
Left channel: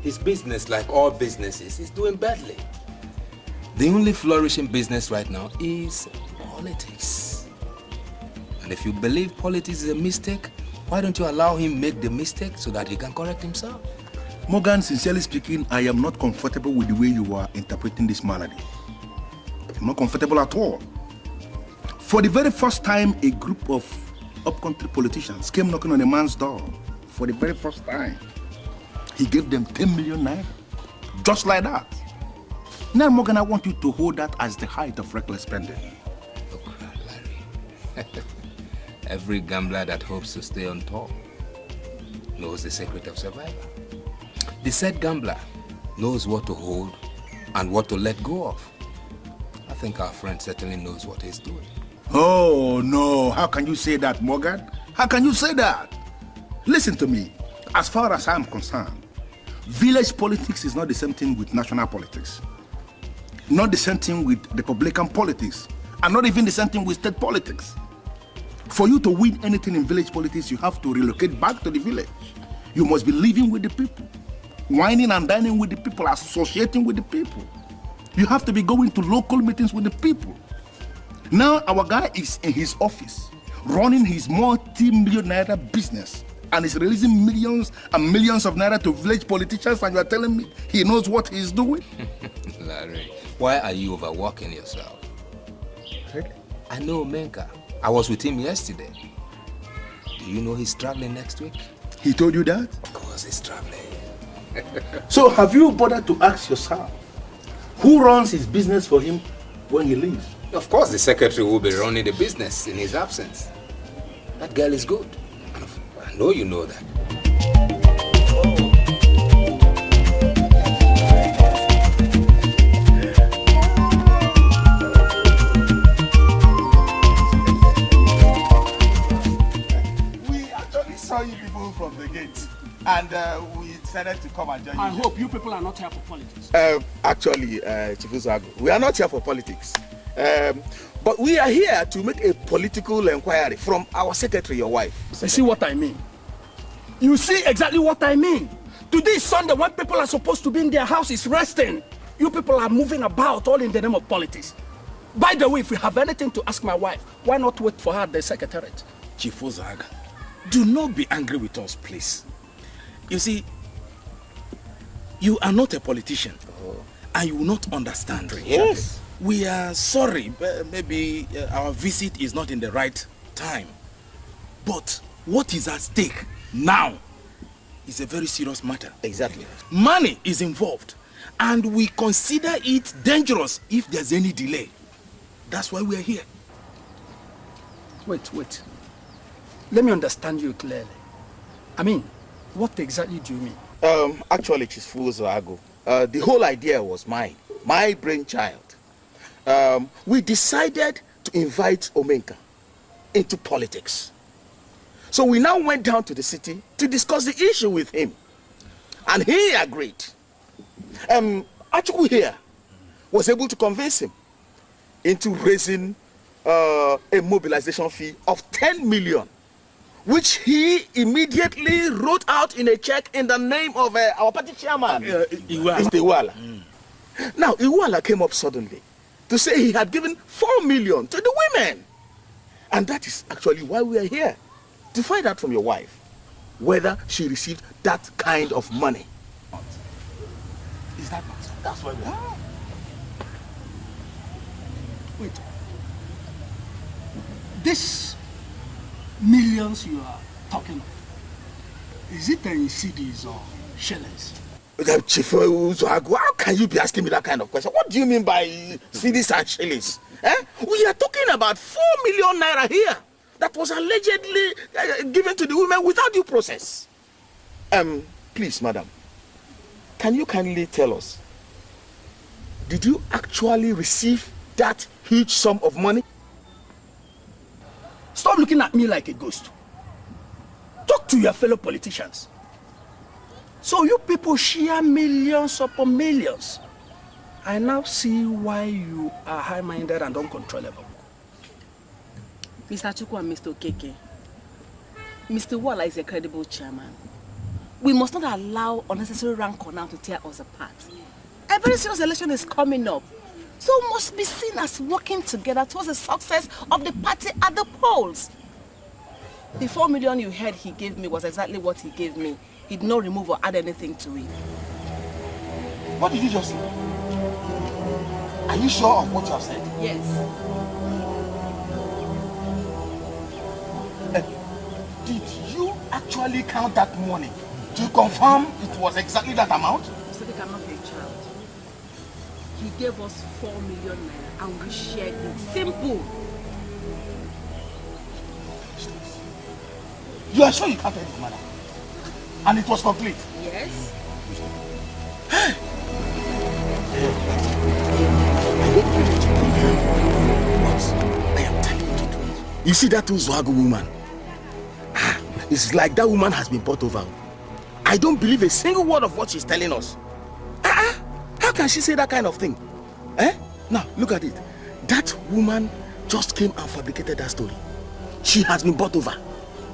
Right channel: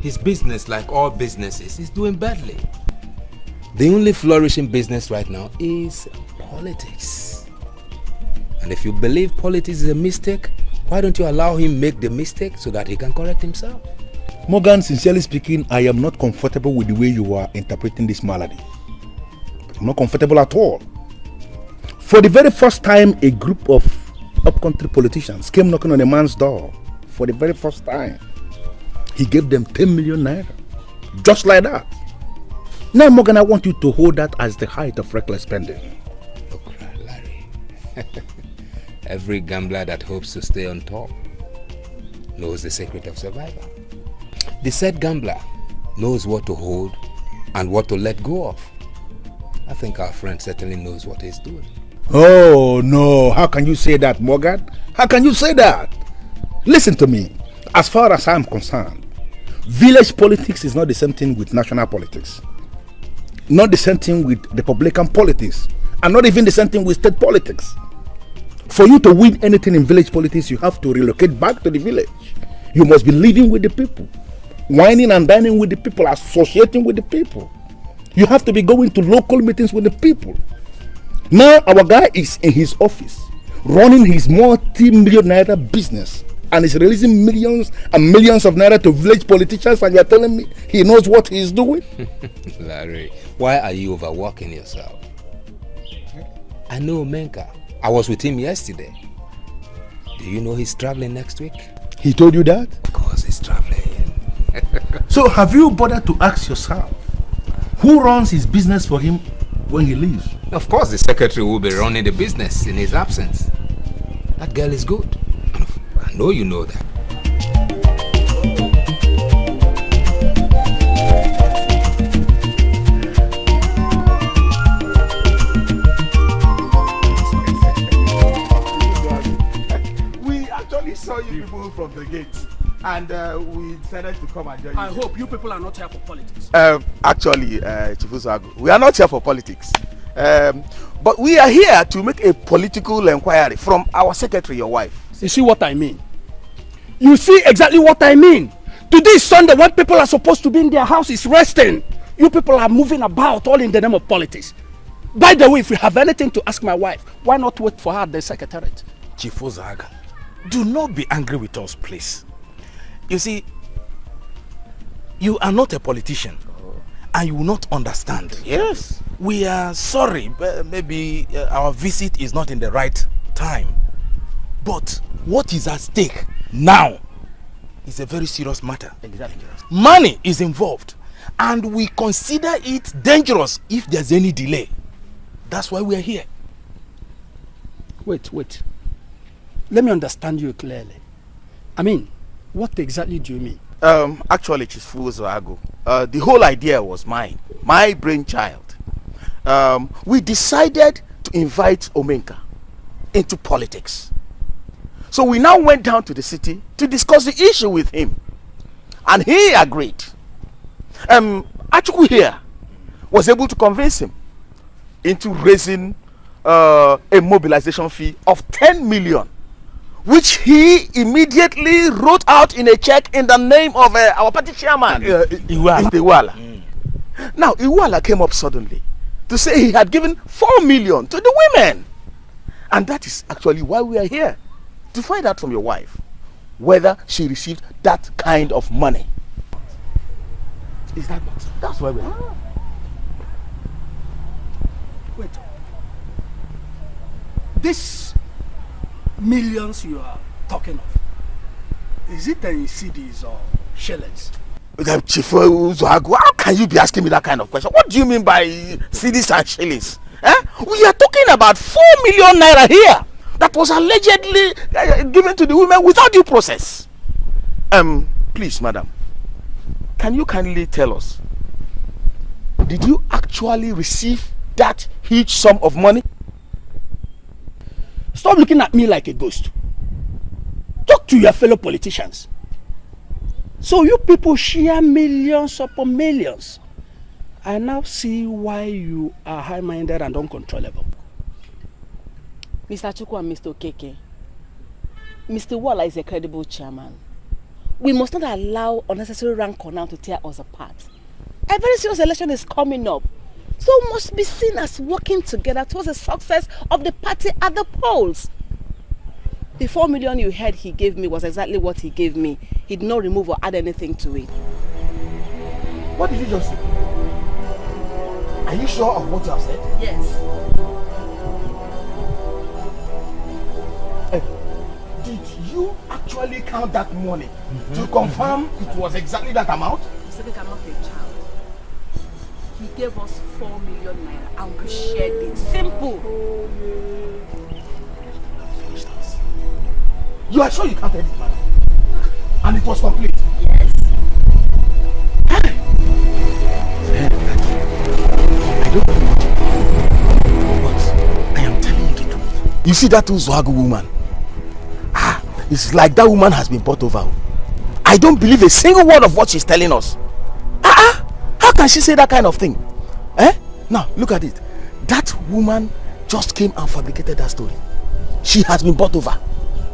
His business, like all businesses, is doing badly. The only flourishing business right now is politics. And if you believe politics is a mistake, why don't you allow him make the mistake so that he can correct himself? Morgan, sincerely speaking, I am not comfortable with the way you are interpreting this malady. I'm not comfortable at all. For the very first time, a group of upcountry politicians came knocking on a man's door. For the very first time, he gave them 10 million naira. Just like that. Now, Morgan, I want you to hold that as the height of reckless spending. Oh, Larry. Every gambler that hopes to stay on top knows the secret of survival. The said gambler knows what to hold and what to let go of. I think our friend certainly knows what he's doing. Oh, no. How can you say that, Morgan? How can you say that? Listen to me. As far as I'm concerned, village politics is not the same thing with national politics. Not the same thing with Republican politics. And not even the same thing with state politics. For you to win anything in village politics, you have to relocate back to the village. You must be living with the people. Whining and dining with the people, associating with the people. You have to be going to local meetings with the people. Now our guy is in his office, running his multi-million naira business, and is releasing millions and millions of naira to village politicians, and you are telling me he knows what he is doing? Larry, why are you overworking yourself? I know Menka. I was with him yesterday. Do you know he's traveling next week? He told you that? Of course he's traveling. So have you bothered to ask yourself, who runs his business for him when he leaves? Of course the secretary will be running the business in his absence. That girl is good. I know you know that. We actually saw you people from the gate, and we decided to come and join you. I hope you people are not here for politics. Actually, Chifuzago, we are not here for politics. But we are here to make a political inquiry from our secretary, your wife. You see what I mean? You see exactly what I mean? Today is Sunday when people are supposed to be in their houses resting. You people are moving about all in the name of politics. By the way, if you have anything to ask my wife, why not wait for her at the secretariat? Chifuzaga, do not be angry with us, please. You see, you are not a politician, and you will not understand. Yes. We are sorry, but maybe our visit is not in the right time. But what is at stake now is a very serious matter. Exactly. Money is involved, and we consider it dangerous if there's any delay. That's why we are here. Wait. Let me understand you clearly. I mean, what exactly do you mean? Actually, Chifuzago, the whole idea was mine. My brainchild. We decided to invite Omenka into politics. So we now went down to the city to discuss the issue with him. And he agreed. Achuku here was able to convince him into raising a mobilization fee of 10 million, which he immediately wrote out in a check in the name of our party chairman, Iwala. Now, Iwala came up suddenly to say he had given 4 million to the women. And that is actually why we are here, to find out from your wife whether she received that kind of money. Is that what? That's why we are here. Wait. This millions you are talking of, is it in CDs or shillings? Chief Uzoagu, how can you be asking me that kind of question? What do you mean by CDs and shillings? We are talking about 4 million naira here that was allegedly given to the women without due process. Please, madam, can you kindly tell us, did you actually receive that huge sum of money? Stop looking at me like a ghost. Talk to your fellow politicians. So you people share millions upon millions. I now see why you are high-minded and uncontrollable. Mr. Chukwu and Mr. Okeke, Mr. Waller is a credible chairman. We must not allow unnecessary rancor now to tear us apart. A very serious election is coming up, so we must be seen as working together towards the success of the party at the polls. The 4 million you heard he gave me was exactly what he gave me. He did not remove or add anything to it. What did you just say? Are you sure of what you have said? Yes. Did you actually count that money to confirm it was exactly that amount? He said he cannot be a child. He gave us 4 million naira and we shared it. Simple. You are sure you counted it, madam? And it was complete? Yes. I don't believe it. But I am telling you the truth. You see that Uzwagu woman? It's like that woman has been bought over. I don't believe a single word of what she's telling us. How can she say that kind of thing? Now, look at it. That woman just came and fabricated that story. She has been bought over.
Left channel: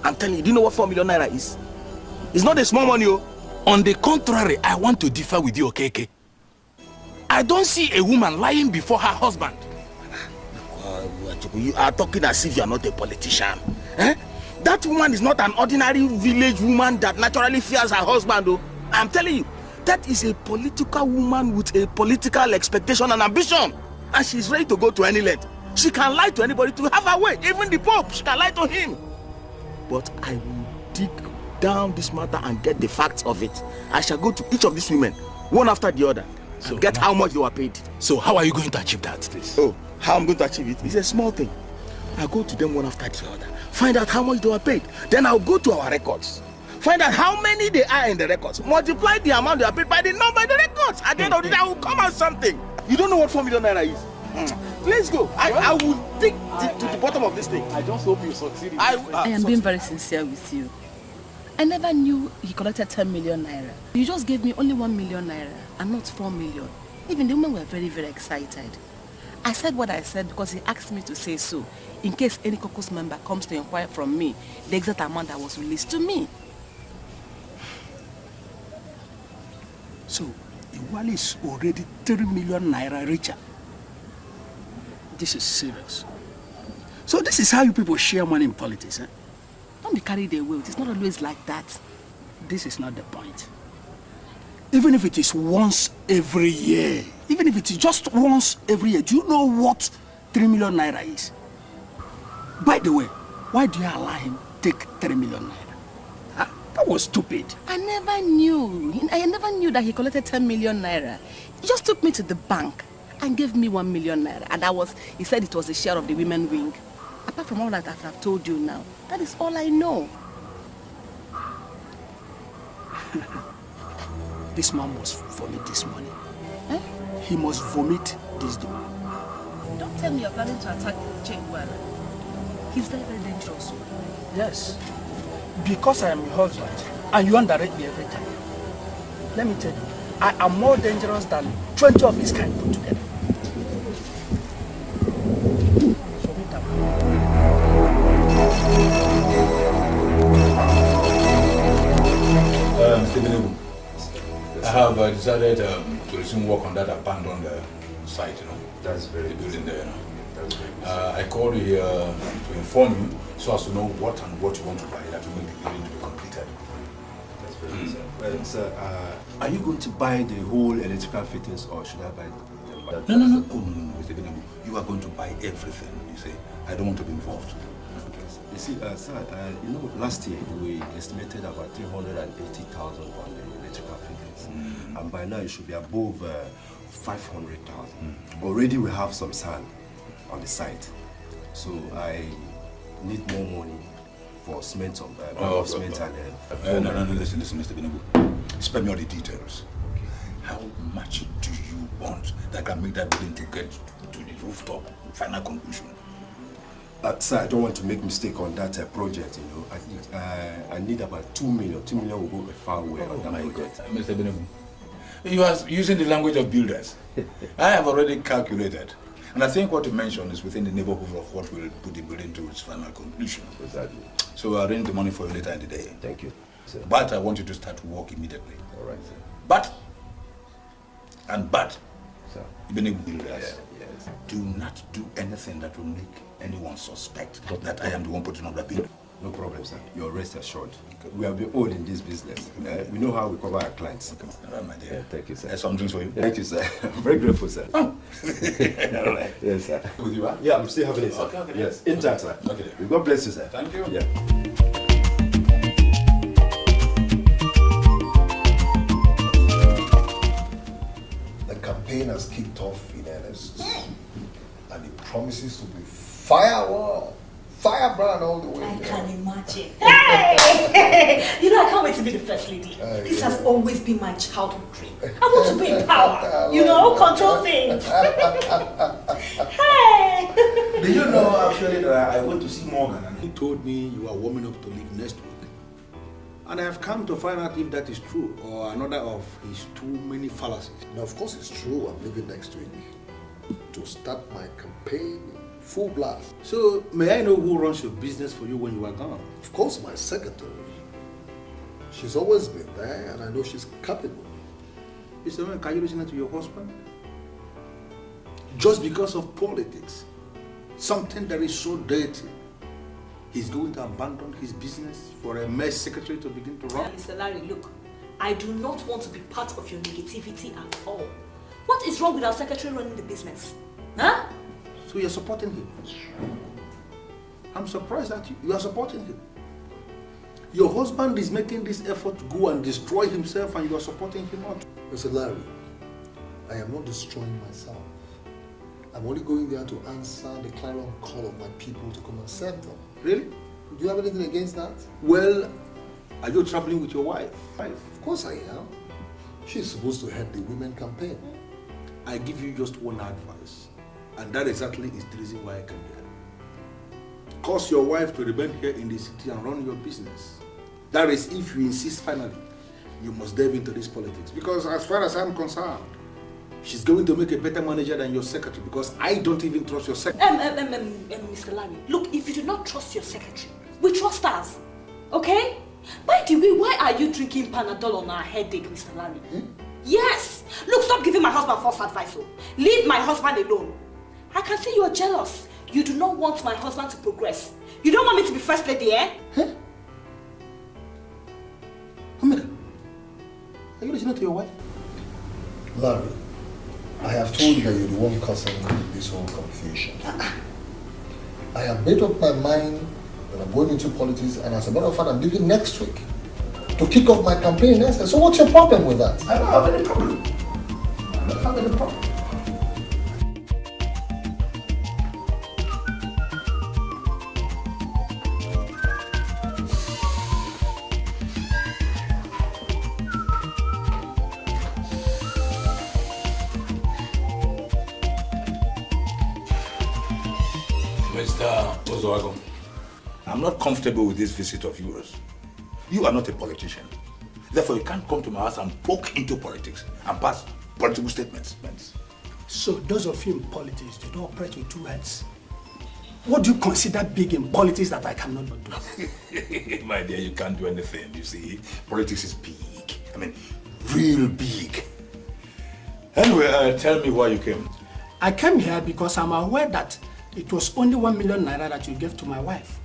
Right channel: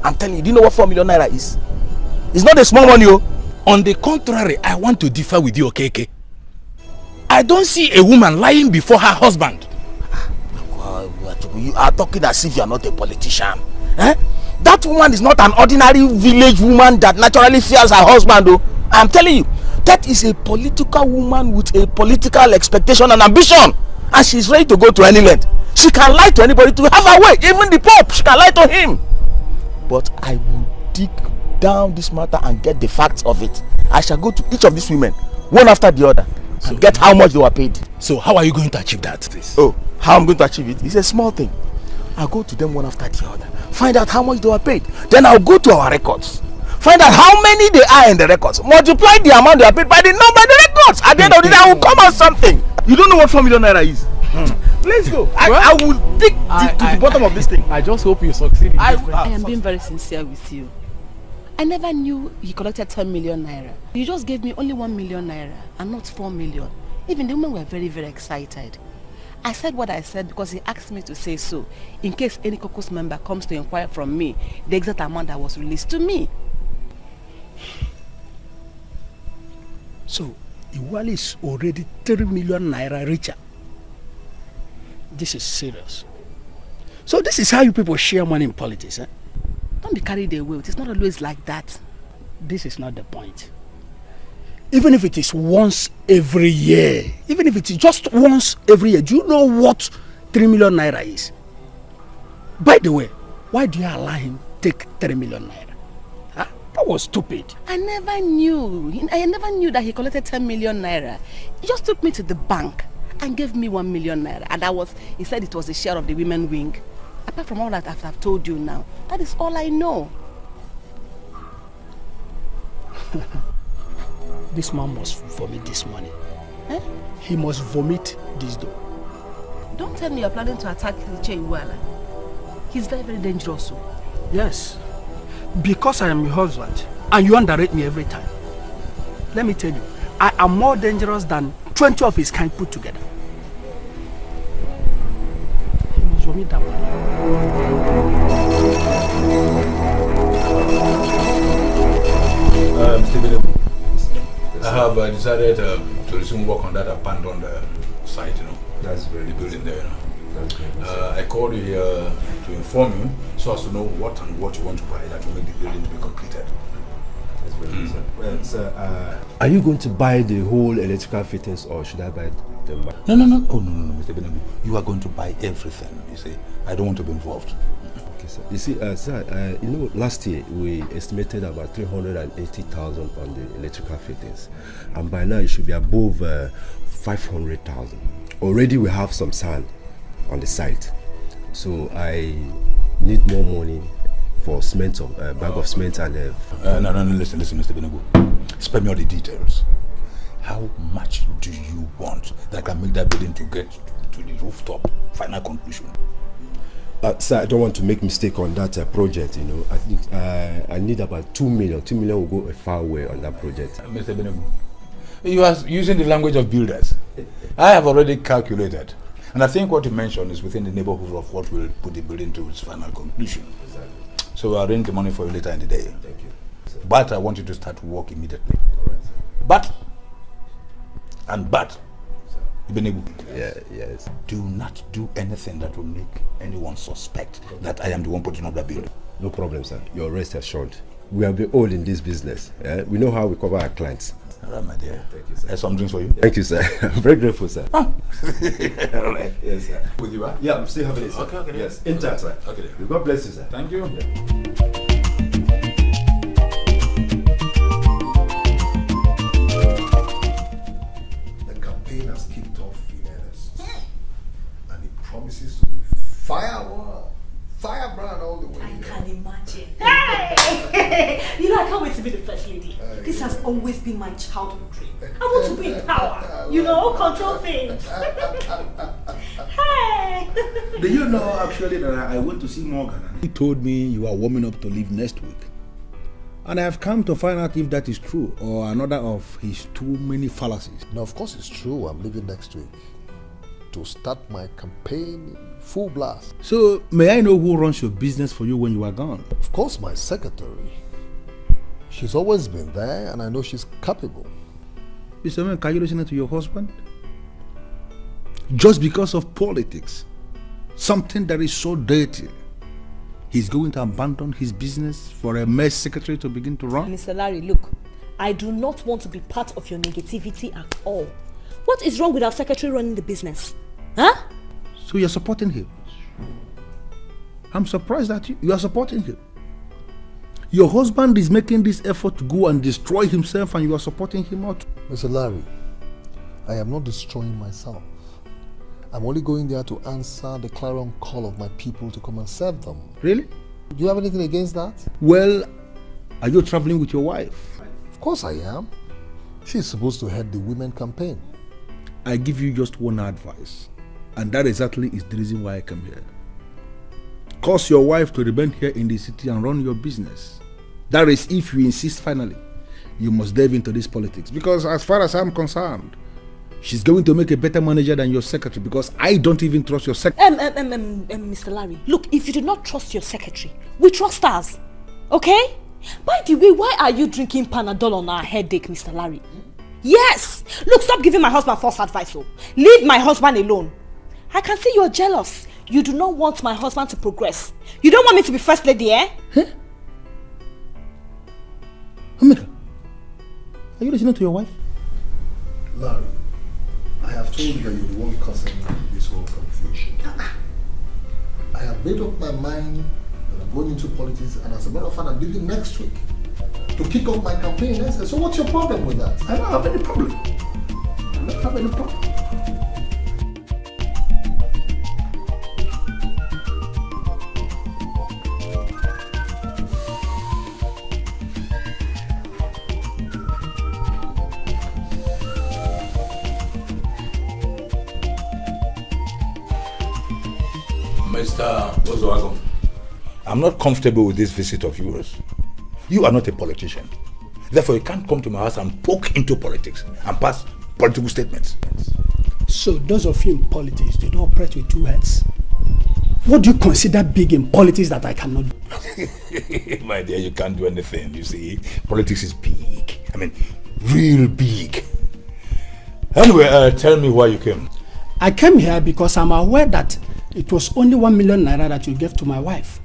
I'm telling you, do you know what 4 million naira is? It's not a small money. On the contrary, I want to differ with you, okay? I don't see a woman lying before her husband. You are talking as if you are not a politician. That woman is not an ordinary village woman that naturally fears her husband. I'm telling you, that is a political woman with a political expectation and ambition. And she's ready to go to any length. She can lie to anybody to have her way. Even the Pope, she can lie to him. But I will dig down this matter and get the facts of it. I shall go to each of these women, one after the other, and get how much they were paid. So how are you going to achieve that? Oh, how I'm going to achieve it? It's a small thing. I'll go to them one after the other, find out how much they were paid. Then I'll go to our records, find out how many they are in the records, multiply the amount they are paid by the number of the records. At the end of the day, I will come out something. You don't know what 4 million naira is? Let's go. I will dig to the bottom of this thing. I just hope you succeed. I am being very sincere with you. I never knew he collected 10 million naira. You just gave me only 1 million naira and not 4 million. Even the women were very, very excited. I said what I said because he asked me to say so, in case any caucus member comes to inquire from me the exact amount that was released to me. So, Iwali is already 3 million naira richer. This is serious. So this is how you people share money in politics, eh? Don't be carried away. It's not always like that. This is not the point. Even if it is once every year, even if it is just once every year, do you know what 3 million naira is? By the way, why do you allow him to take 3 million naira? Huh? That was stupid. I never knew that he collected 10 million naira. He just took me to the bank and gave me 1 million naira. And he said it was a share of the women wing. Apart from all that I've told you now, that is all I know. This man must vomit this money. Eh? He must vomit this dough. Don't tell me you're planning to attack Chengwala. He's very, very dangerous. Yes. Because I am your husband and you underrate me every time. Let me tell you, I am more dangerous than 20 of his kind put together. Vomit that one. I have decided to resume work on that abandoned site, That's very the building there. That's very I called you here to inform you so as to know what you want to prioritize to make the building to be completed. That's very good, sir. Are you going to buy the whole electrical fittings or should I buy them? No. Oh, no, Mr. Benjamin. You are going to buy everything, you see. I don't want to be involved. You see, sir, last year we estimated about 380,000 on the electrical fittings, and by now it should be above 500,000. Already we have some sand on the site. So I need more money for cement, bag of cement and... no, listen, Mr. Benebu. Spare me all the details. How much do you want that can make that building to get to the rooftop? Final conclusion. Sir, I don't want to make mistake on that project, you know. I think I need about 2 million. 2 million will go a far way on that project. Mr. Benebu, you are using the language of builders. I have already calculated. And I think what you mentioned is within the neighborhood of what will put the building to its final conclusion. Exactly. So I'll arrange the money for you later in the day. Thank you, sir. But I want you to start work immediately. All right, sir. But, sir. Builders, yes. do not do anything that will make anyone suspect that I am the one putting up the building. No problem, sir. Your rest assured. We have been old in this business. We know how we cover our clients. All right, my dear. Thank you, sir. There's some drinks for you. Thank you, sir. I'm very grateful, sir. All right. Yes, sir. With you, huh? Yeah, I'm still having it, sir. Okay. Yes, in time, sir. Okay. God bless you, sir. Thank you. Yeah. The campaign has kicked off in earnest, and it promises to be firebrand all the way. I can imagine. Hey! You know, I can't wait to be the first lady. This has always been my childhood dream. I want to be in power. You know, control things. Hey! Do you know actually that I went to see Morgan and he told me you are warming up to leave next week? And I have come to find out if that is true or another of his too many fallacies. No, of course it's true. I'm leaving next week to start my campaign full blast. So, may I know who runs your business for you when you are gone? Of course, my secretary. She's always been there, and I know she's capable. Mr. Man, can you listen to your husband? Just because of politics, something that is so dirty, he's going to abandon his business for a mess secretary to begin to run? Mr. Larry, look, I do not want to be part of your negativity at all. What is wrong with our secretary running the business? Huh? So you're supporting him? I'm surprised that you are supporting him. Your husband is making this effort to go and destroy himself and you are supporting him out. Mr. Larry, I am not destroying myself. I'm only going there to answer the clarion call of my people to come and serve them. Really? Do you have anything against that? Well, are you traveling with your wife? Of course I am. She's supposed to head the women campaign. I give you just one advice, and that exactly is the reason why I come here. Cause your wife to remain here in the city and run your business. That is, if you insist finally, you must delve into this politics. Because as far as I'm concerned, she's going to make a better manager than your secretary, because I don't even trust your secretary. Mr. Larry, look, if you do not trust your secretary, we trust us. Okay? By the way, why are you drinking Panadol on our headache, Mr. Larry? Yes! Look, stop giving my husband false advice. Leave my husband alone. I can see you're jealous. You do not want my husband to progress. You don't want me to be first lady, eh? Huh? Omega, are you listening to your wife? Larry, I have told you that you're the one causing this whole confusion. I have made up my mind that I'm going into politics, and as a matter of fact, I'm leaving next week to kick off my campaign next year. So what's your problem with that? I don't have any problem. I don't have any problem. I'm not comfortable with this visit of yours. You are not a politician. Therefore, you can't come to my house and poke into politics and pass political statements. So those of you in politics, do not operate with two heads. What do you consider big in politics that I cannot do? My dear, you can't do anything, you see. Politics is big. I mean, real big. Anyway, tell me why you came. I came here because I'm aware that it was only 1 million naira that you gave to my wife.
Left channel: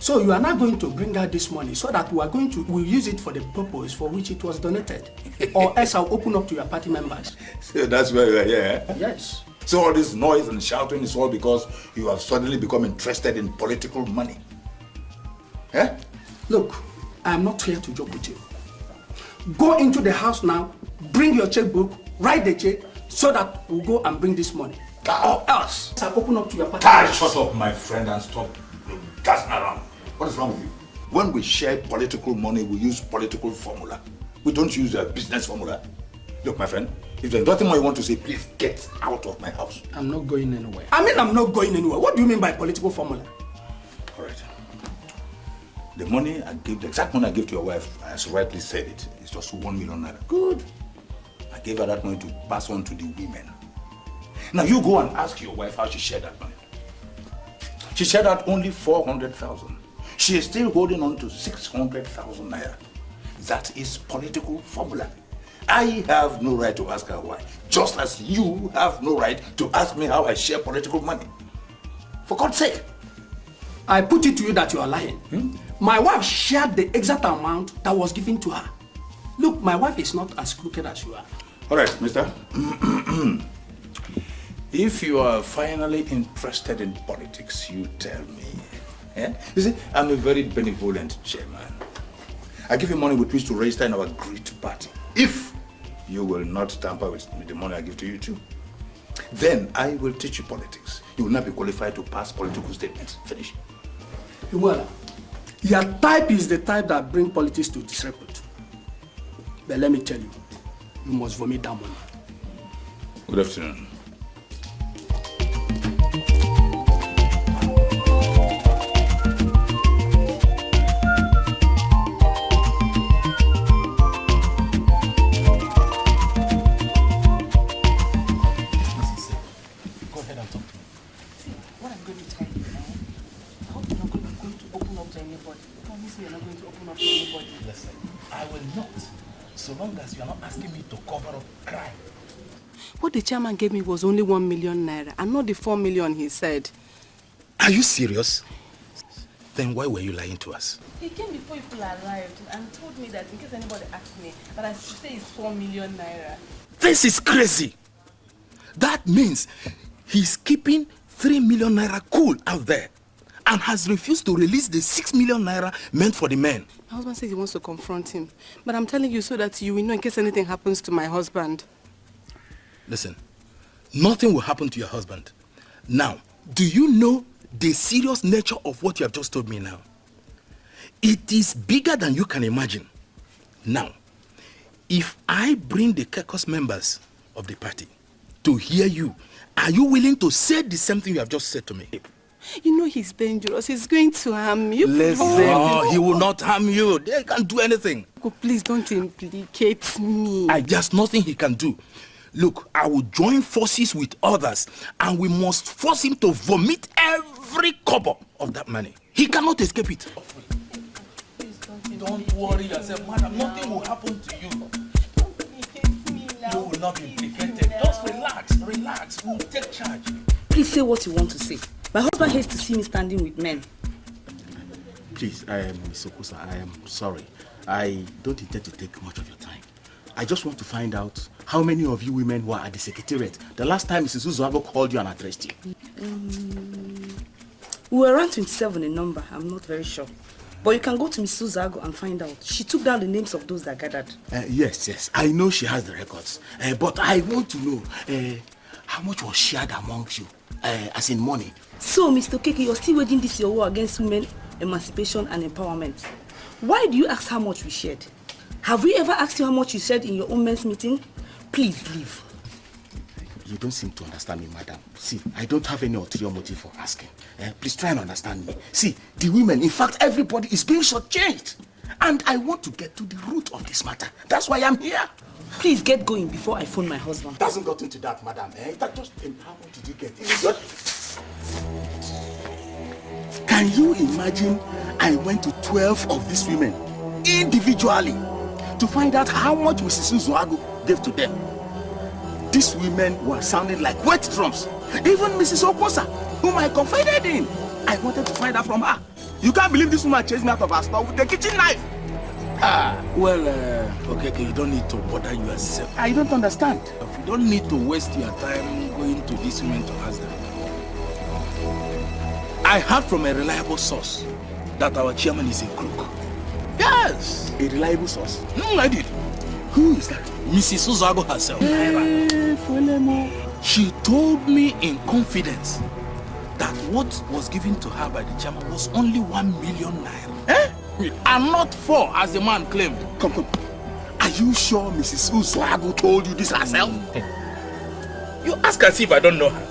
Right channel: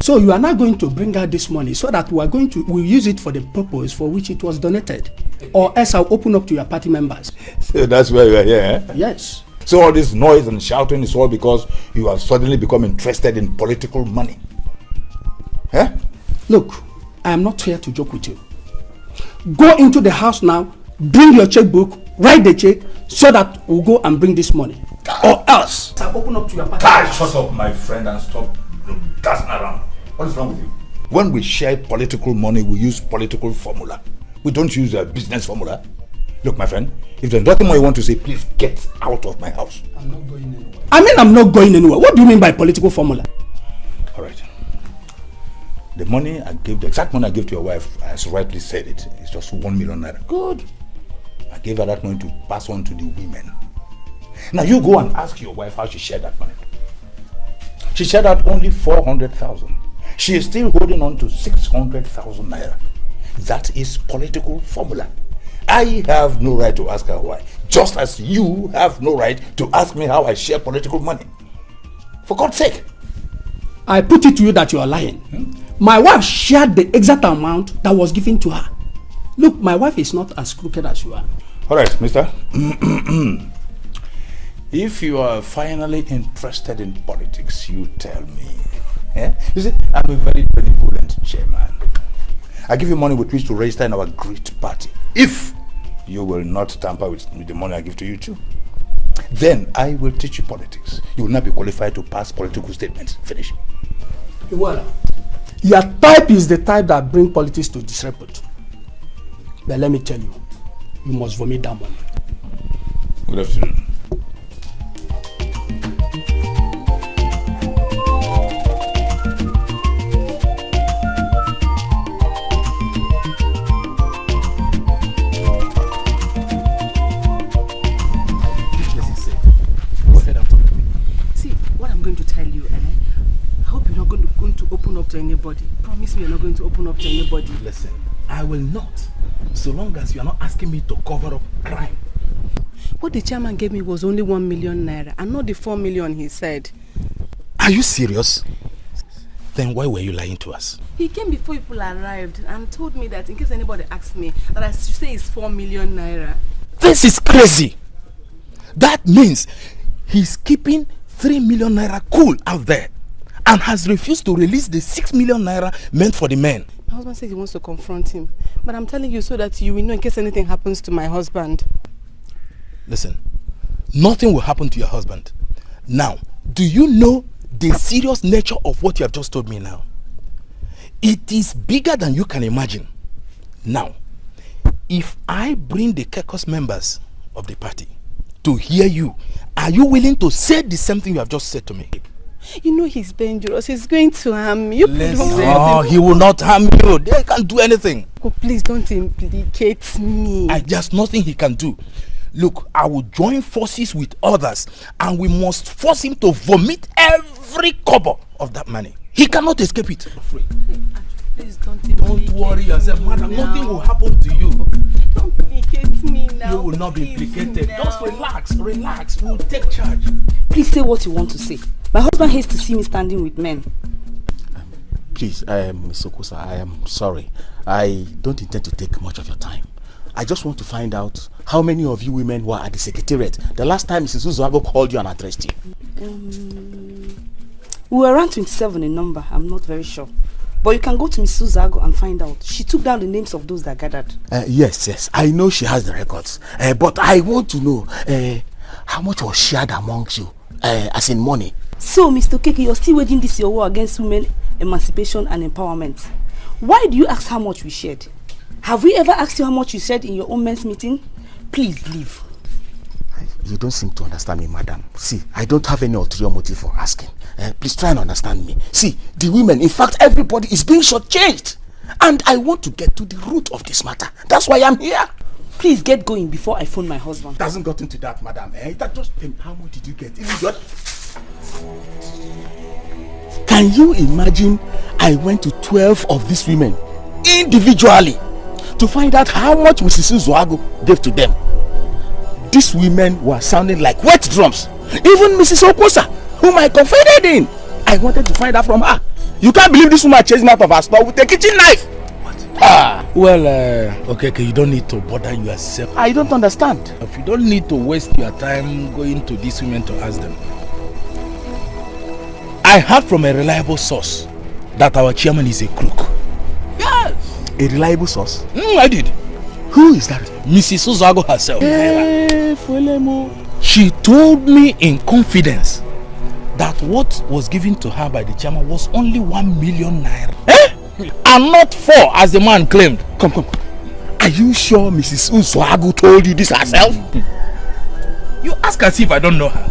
So you are not going to bring out this money so that we'll use it for the purpose for which it was donated. Or else I'll open up to your party members. So that's why we're here, eh? Yes. So all this noise and shouting is all because you have suddenly become interested in political money. Eh? Look, I am not here to joke with you. Go into the house now, bring your checkbook, write the check, so that we'll go and bring this money. or else I'll open up to your party. Shut up, my friend, and stop dancing around. What is wrong with you? When we share political money, we use political formula. We don't use a business formula. Look, my friend, if there's nothing more you want to say, please get out of my house. I'm not going anywhere. I mean, I'm not going anywhere. What do you mean by political formula? All right. The money I gave, the exact money I gave to your wife, as rightly said it, is just 1 million naira. Good. I gave her that money to pass on to the women. Now you go and ask your wife how she shared that money. She shared out only 400,000. She is still holding on to 600,000 naira. That is political formula. I have no right to ask her why, just as you have no right to ask me how I share political money. For God's sake. I put it to you that you are lying. My wife shared the exact amount that was given to her. Look, my wife is not as crooked as you are. All right, mister. If you are finally interested in politics, you tell me. Yeah? You see, I'm a very benevolent chairman. I give you money with which to register in our great party. If you will not tamper with the money I give to you too, then I will teach you politics. You will not be qualified to pass political statements. Finish. Well, your type is the type that brings politics to disrepute. But let me tell you, you must vomit that money. Good afternoon. Anybody. Promise me you're not going to open up to anybody. Listen, I will not. So long as you are not asking me to cover up crime. What the chairman gave me was only 1 million naira and not the 4 million he said. Are you serious? Then why were you lying to us? He came before people arrived and told me that in case anybody asked me that I should say it's 4 million naira. This is crazy. That means he's keeping 3 million naira cool out there and has refused to release the 6 million naira meant for the men. My husband says he wants to confront him. But I'm telling you so that you will know in case anything happens to my husband. Listen, nothing will happen to your husband. Now, do you know the serious nature of what you have just told me now? It is bigger than you can imagine. Now, if I bring the caucus members of the party to hear you, are you willing to say the same thing you have just said to me? You know he's dangerous. He's going to harm you. Listen, he will not harm you. They can't do anything. Oh, please don't implicate me. There's nothing he can do. Look, I will join forces with others and we must force him to vomit every kobo of that money. He cannot escape it. Please don't worry yourself, madam. Nothing will happen to you. Don't implicate me now. You will not be implicated. Just relax. We'll take charge. Please say what you want to say. My husband hates to see me standing with men. Please, Ms. Okusa, I am sorry. I don't intend to take much of your time. I just want to find out how many of you women were at the secretariat the last time Mrs. Uzoabo called you and addressed you. We were around 27 in number. I'm not very sure. But you can go to Mrs. Uzoabo and find out. She took down the names of those that gathered. Yes. I know she has the records. But I want to know how much was shared amongst you, as in money. So, Mr. Keke, you're still waging this your war against women emancipation and empowerment. Why do you ask how much we shared? Have we ever asked you how much you shared in your own men's meeting? Please leave. You don't seem to understand me, madam. See, I don't have any ulterior motive for asking. Please try and understand me. See, the women, in fact, everybody is being shortchanged. And I want to get to the root of this matter. That's why I'm here. Please get going before I phone my husband. It hasn't got into that, madam. That just how much did you get? Can you imagine I went to 12 of these women individually to find out how much Mrs. Uzoabo gave to them? These women were sounding like wet drums. Even Mrs. Oposa, whom I confided in, I wanted to find out from her. You can't believe this woman chasing out of her store with a kitchen knife. Well, okay, you don't need to bother yourself. I don't understand. If you don't need to waste your time going to these women to ask them. I heard from a reliable source that our chairman is a crook. Yes! A reliable source? I did. Who is that? Mrs. Uzoabo herself. Hey, follow me. She told me in confidence that what was given to her by the chairman was only 1 million naira. And not 4 as the man claimed. Come. Are you sure Mrs. Usuagu told you this herself? You ask as if I don't know her.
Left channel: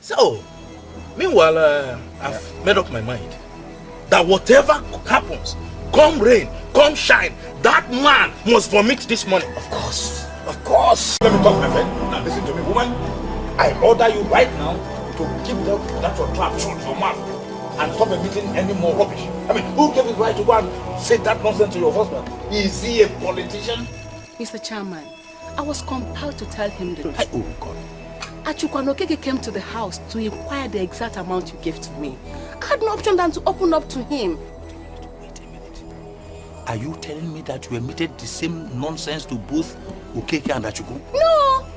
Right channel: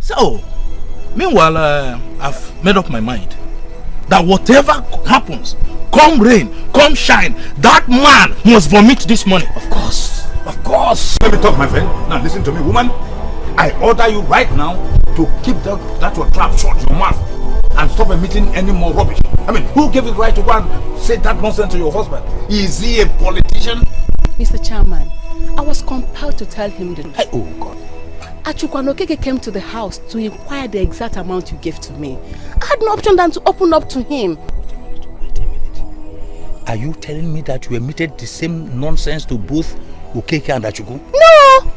So, meanwhile, I've made up my mind that whatever happens, come rain, come shine, that man must vomit this money. Of course. Let me talk, my friend. Now listen to me, woman. I order you right now to keep that your trap shut your mouth and stop emitting any more rubbish. I mean, who gave it right to go and say that nonsense to your husband? Is he a politician? Mr. Chairman, I was compelled to tell him the truth. Oh God. Achukwanokeke came to the house to inquire the exact amount you gave to me. I had no option than to open up to him. Wait a minute. Are you telling me that you emitted the same nonsense to both Okeke and Achuku? No!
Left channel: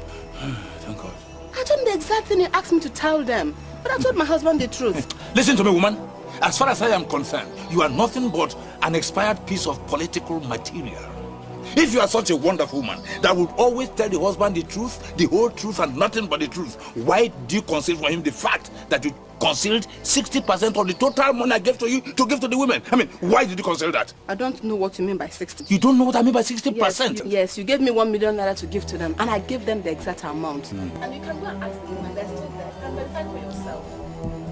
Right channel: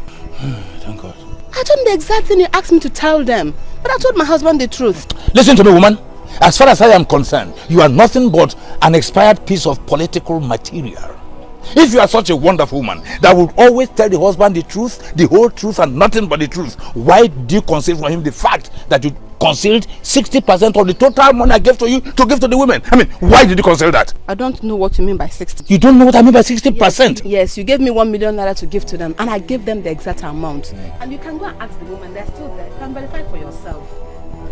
Thank God. I told him the exact thing you asked me to tell them. But I told my husband the truth. Listen to me, woman. As far as I am concerned, you are nothing but an expired piece of political material. If you are such a wonderful woman that would always tell the husband the truth, the whole truth and nothing but the truth, why do you conceal from him the fact that you concealed 60% of the total money I gave to you to give to the women? I mean, why did you conceal that? I don't know what you mean by 60. You don't know what I mean by 60%? Yes, you gave me 1 million naira to give to them, and I gave them the exact amount. And you can go and ask the woman, they're still there. You can verify for yourself.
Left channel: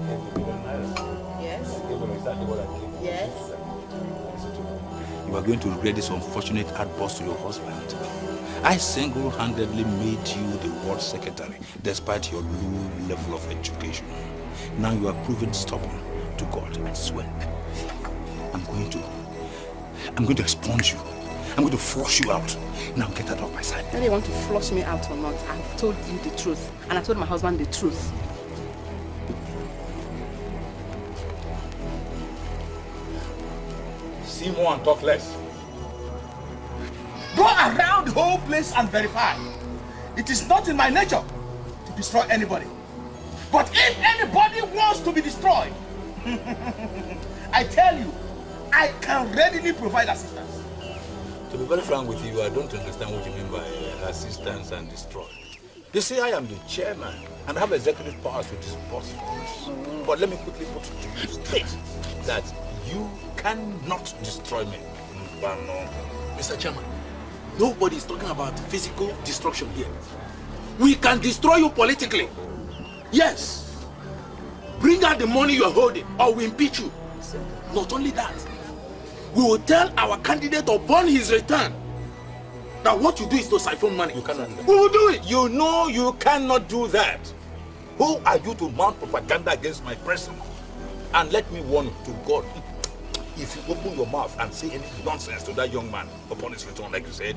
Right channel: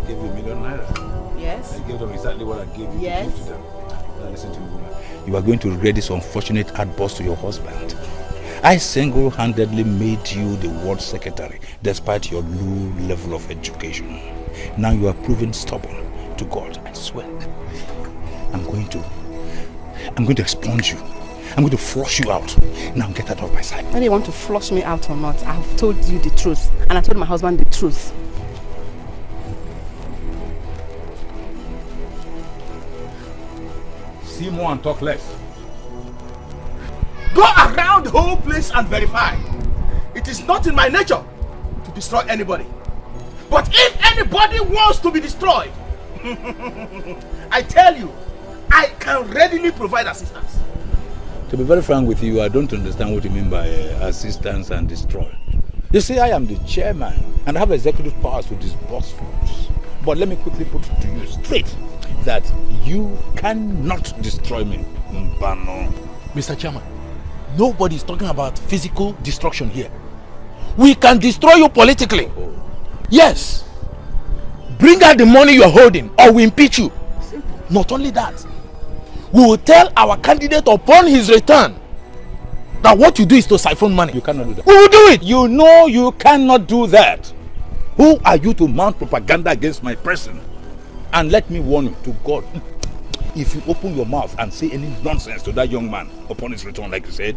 You gave me 1 million naira? Yes. You gave them exactly what I gave you. Yes. Listen to me, woman. You are going to regret this unfortunate outburst to your husband. I single-handedly made you the ward secretary despite your low level of education. Now you are proving stubborn to God and swear. I'm going to expunge you. I'm going to flush you out. Now get out of my sight. Whether you want to flush me out or not, I've told you the truth. And I told my husband the truth. See more and talk less. Go around the whole place and verify. It is not in my nature to destroy anybody. But if anybody wants to be destroyed, I tell you, I can readily provide assistance. To be very frank with you, I don't understand what you mean by assistance and destroy. You see, I am the chairman and I have executive powers to disburse funds. But let me quickly put it to you straight that you cannot destroy me. Mr. Chairman, nobody is talking about physical destruction here. We can destroy you politically. Yes. Bring out the money you are holding or we impeach you. Not only that, we will tell our candidate upon his return that what you do is to siphon money. You cannot do that. We will do it. You know you cannot do that. Who are you to mount propaganda against my person? And let me warn you to God, if you open your mouth and say any nonsense to that young man upon his return, like you said,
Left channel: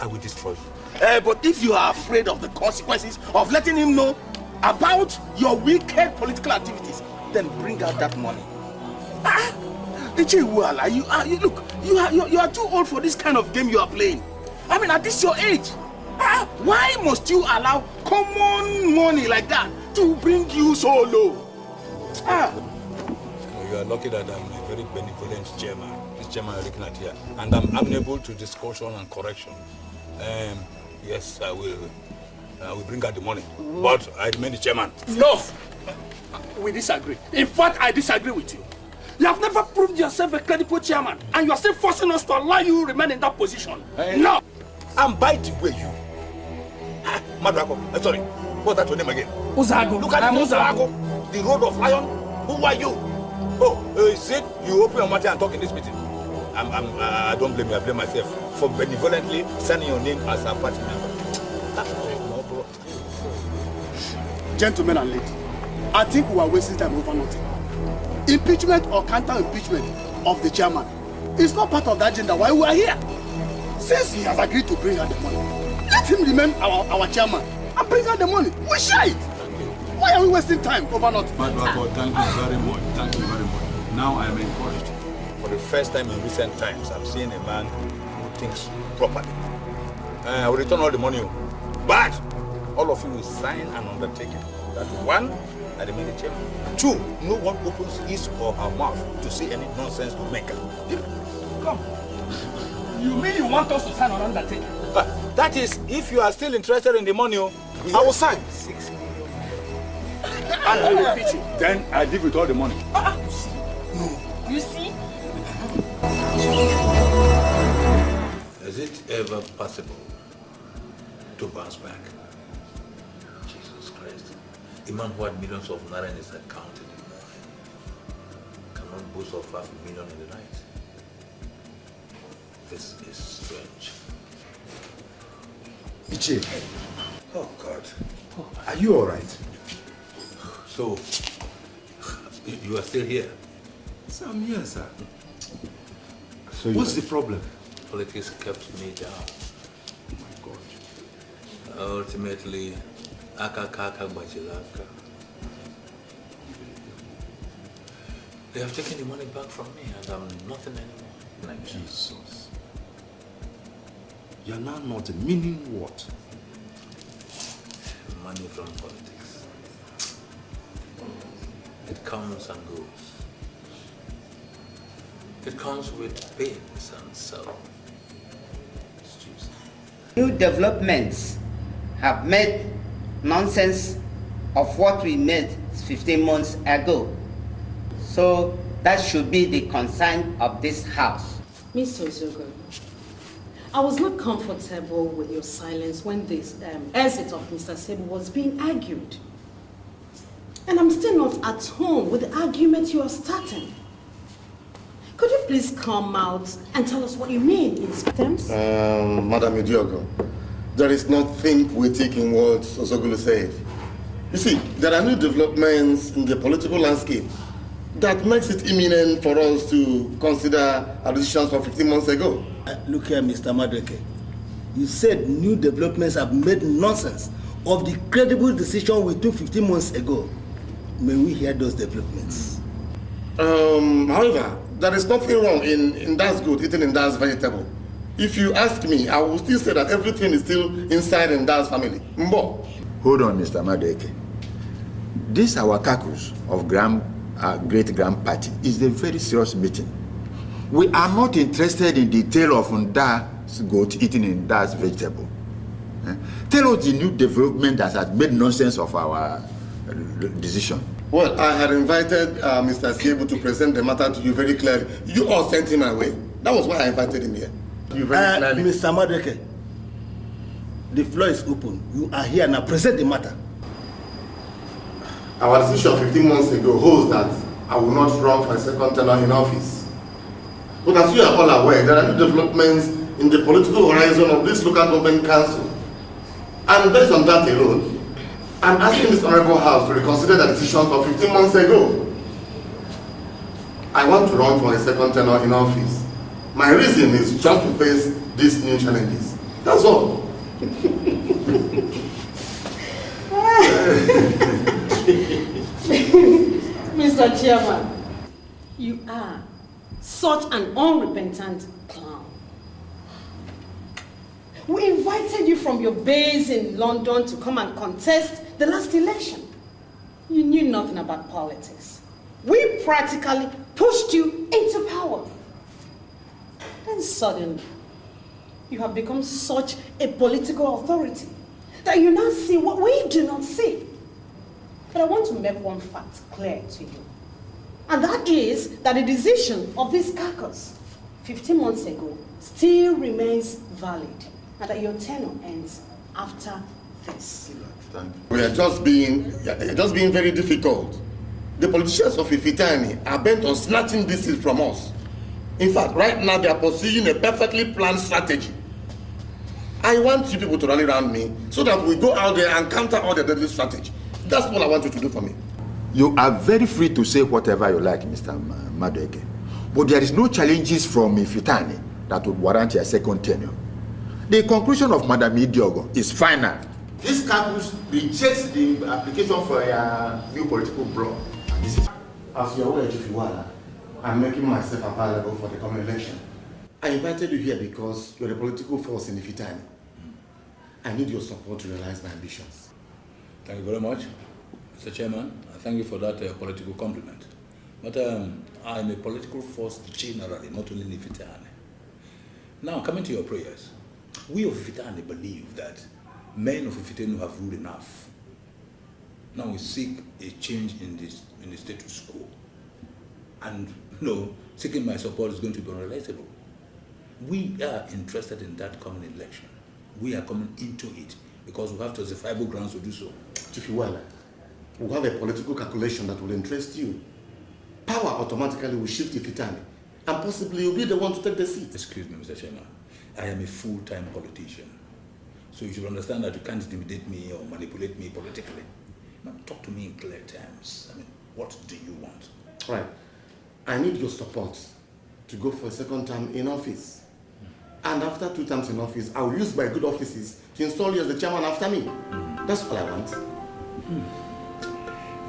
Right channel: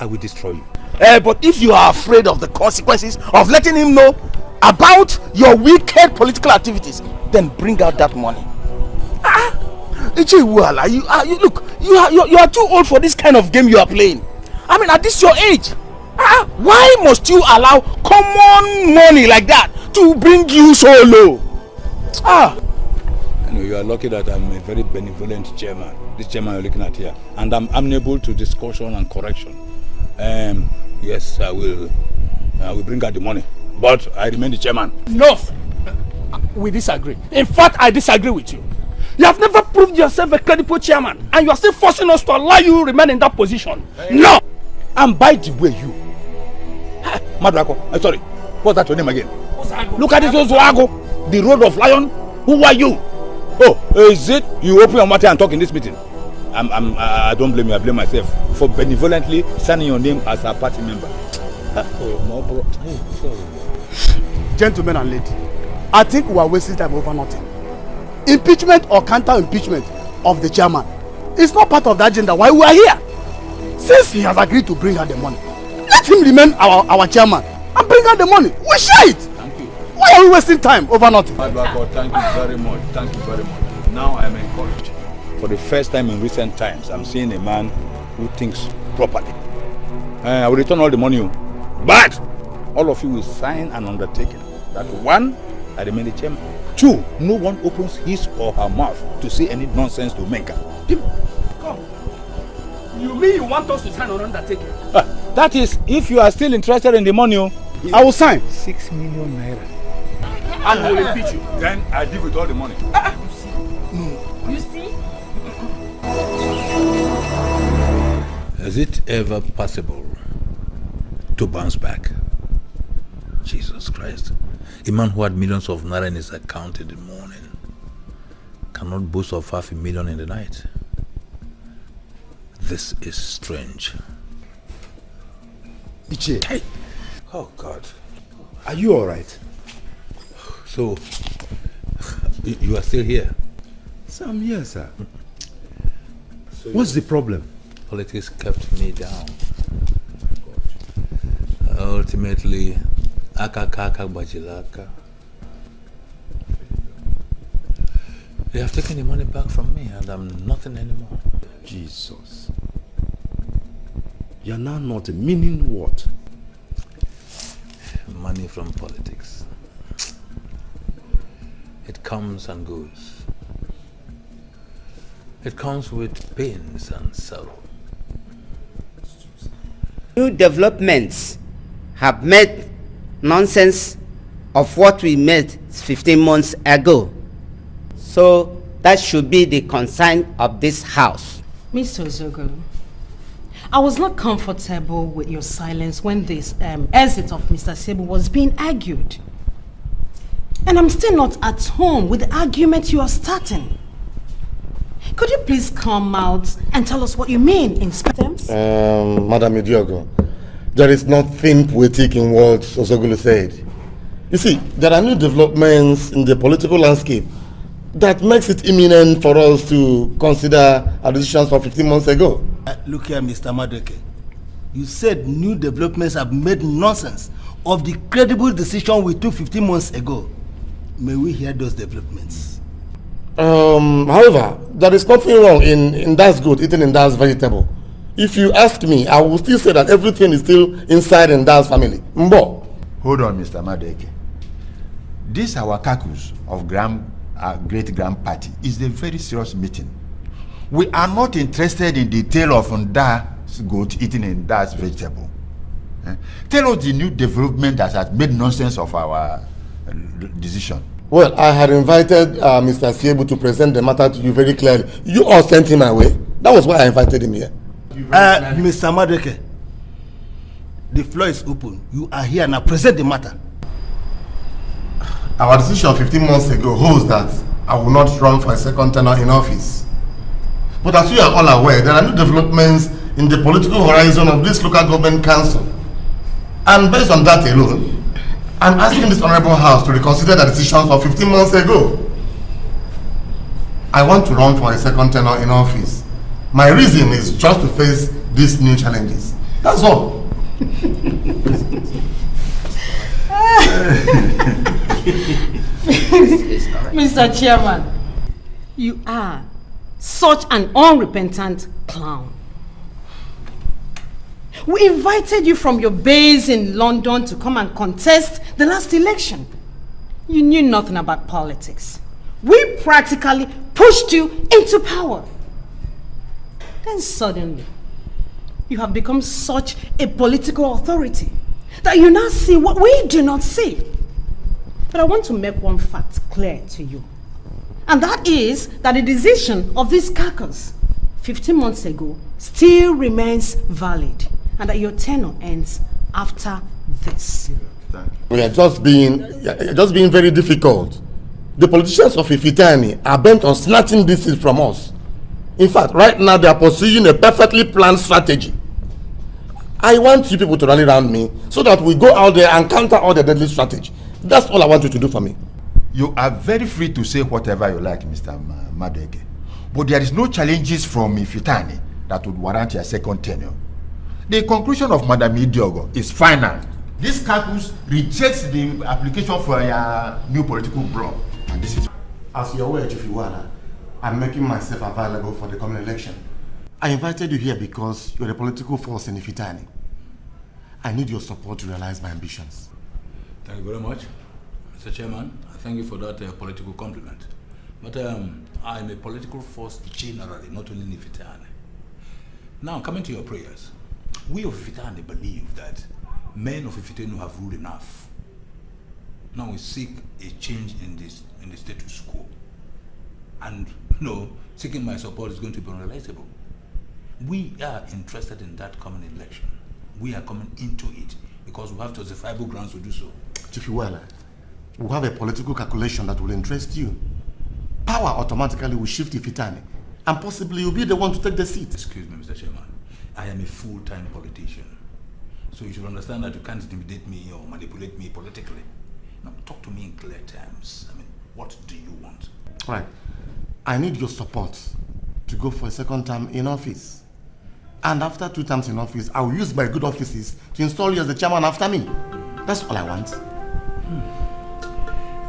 I will destroy you. But if you are afraid of the consequences of letting him know about your wicked political activities, then bring out that money. Look, you are too old for this kind of game you are playing. I mean, at this your age, why must you allow common money like that to bring you so low? You are lucky that I'm a very benevolent chairman. This chairman you're looking at here, and I'm amenable to discussion and correction. Yes, I will bring out the money, but I remain the chairman. No, we disagree. In fact, I disagree with you. You have never proved yourself a credible chairman, and you are still forcing us to allow you to remain in that position. No! And by the way, you, Madrako, sorry, what's that your name again? Uzago. Look at this Uzago, the road of lion. Who are you? Oh, is it you open your mouth and talk in this meeting? I don't blame you, I blame myself for benevolently signing your name as a party member. Gentlemen and ladies, I think we are wasting time over nothing. Impeachment or counter-impeachment of the chairman is not part of the agenda why we are here. Since he has agreed to bring out the money, let him remain our chairman and bring out the money. We share it. Why are we wasting time over nothing? Thank you very much. Thank you very much. Now I am encouraged. For the first time in recent times, I'm seeing a man who thinks properly. I will return all the money, but all of you will sign an undertaking that one, I remain the chairman. Two, no one opens his or her mouth to say any nonsense to Menka. Come. You mean you want us to sign on undertaking? That is, if you are still interested in the money, I will sign. 6 million naira. And I will repeat you. Then I deal with all the money. You see? Is it ever possible to bounce back? Jesus Christ. A man who had millions of naira in his account in the morning cannot boast of 500,000 in the night. This is strange. Iche. Hey. Oh God. Are you alright? So, you are still here? So I'm here, sir. So what's the problem? Politics kept me down. Ultimately, akakaka bajilaka. They have taken the money back from me and I'm nothing anymore. Jesus. You're now not meaning what? Money from politics. It comes and goes. It comes with pains and sorrow. New developments have made nonsense of what we made 15 months ago. So that should be the concern of this house. Mr. Ozogo, I was not comfortable with your silence when this exit of Mr. Sebu was being argued. And I'm still not at home with the argument you are starting. Could you please come out and tell us what you mean in terms? Madam Idiogo, there is nothing poetic in what Osogulu said. You see, there are new developments in the political landscape that makes it imminent for us to consider our decisions from 15 months ago. Look here, Mr. Madeke. You said new developments have made nonsense of the credible decision we took 15 months ago. May we hear those developments? However, there is nothing wrong in that's good, eating in that's vegetable. If you ask me, I will still say that everything is still inside in that's family. Mbo. Hold on, Mr. Madeke. This our caucus of great-grand party is a very serious meeting. We are not interested in the tale of Nda's goat eating in Nda's vegetable. Tell us the new development that has made nonsense of our decision. Well, I had invited Mr. Siebu to present the matter to you very clearly. You all sent him away. That was why I invited him here. Mr. Madeke, the floor is open. You are here now. Present the matter. Our decision 15 months ago holds that I will not run for a second tenure in office. But as you are all aware, there are new developments in the political horizon of this local government council. And based on that alone, I'm asking this honorable house to reconsider the decisions of 15 months ago. I want to run for a second tenure in office. My reason is just to face these new challenges. That's all. Mr. Chairman, you are such an unrepentant clown. We invited you from your base in London to come and contest the last election. You knew nothing about politics. We practically pushed you into power. Then suddenly, you have become such a political authority that you now see what we do not see. But I want to make one fact clear to you. And that is that the decision of this caucus 15 months ago still remains valid, and that your tenure ends after this. We are just being very difficult. The politicians of Ifitani are bent on snatching this seat from us. In fact, right now they are pursuing a perfectly planned strategy. I want you people to rally around me so that we go out there and counter all the deadly strategy. That's all I want you to do for me. You are very free to say whatever you like, Mr. Madeke. But there is no challenges from Ifitani that would warrant your second tenure. The conclusion of Madam Idiogo is final. This caucus rejects the application for a new political bloc. As you're aware, Chifiwara, I'm making myself available for the coming election. I invited you here because you're a political force in Ifitani. I need your support to realize my ambitions. Thank you very much, Mr. Chairman. I thank you for that political compliment. But I am a political force generally, not only in Ifitani. Now, coming to your prayers, we of Ifitani believe that men of Ifitani have ruled enough. Now we seek a change in the status quo. And seeking my support is going to be unrelatable. We are interested in that coming election. We are coming into it because we have justifiable grounds to do so. Chief Iwala, we have a political calculation that will interest you. Power automatically will shift Ifitani, and possibly you'll be the one to take the seat. Excuse me, Mr. Chairman. I am a full-time politician. So you should understand that you can't intimidate me or manipulate me politically. Now, talk to me in clear terms. I mean, what do you want? Right. I need your support to go for a second term in office. And after 2 terms in office, I will use my good offices to install you as the chairman after me. That's all I want.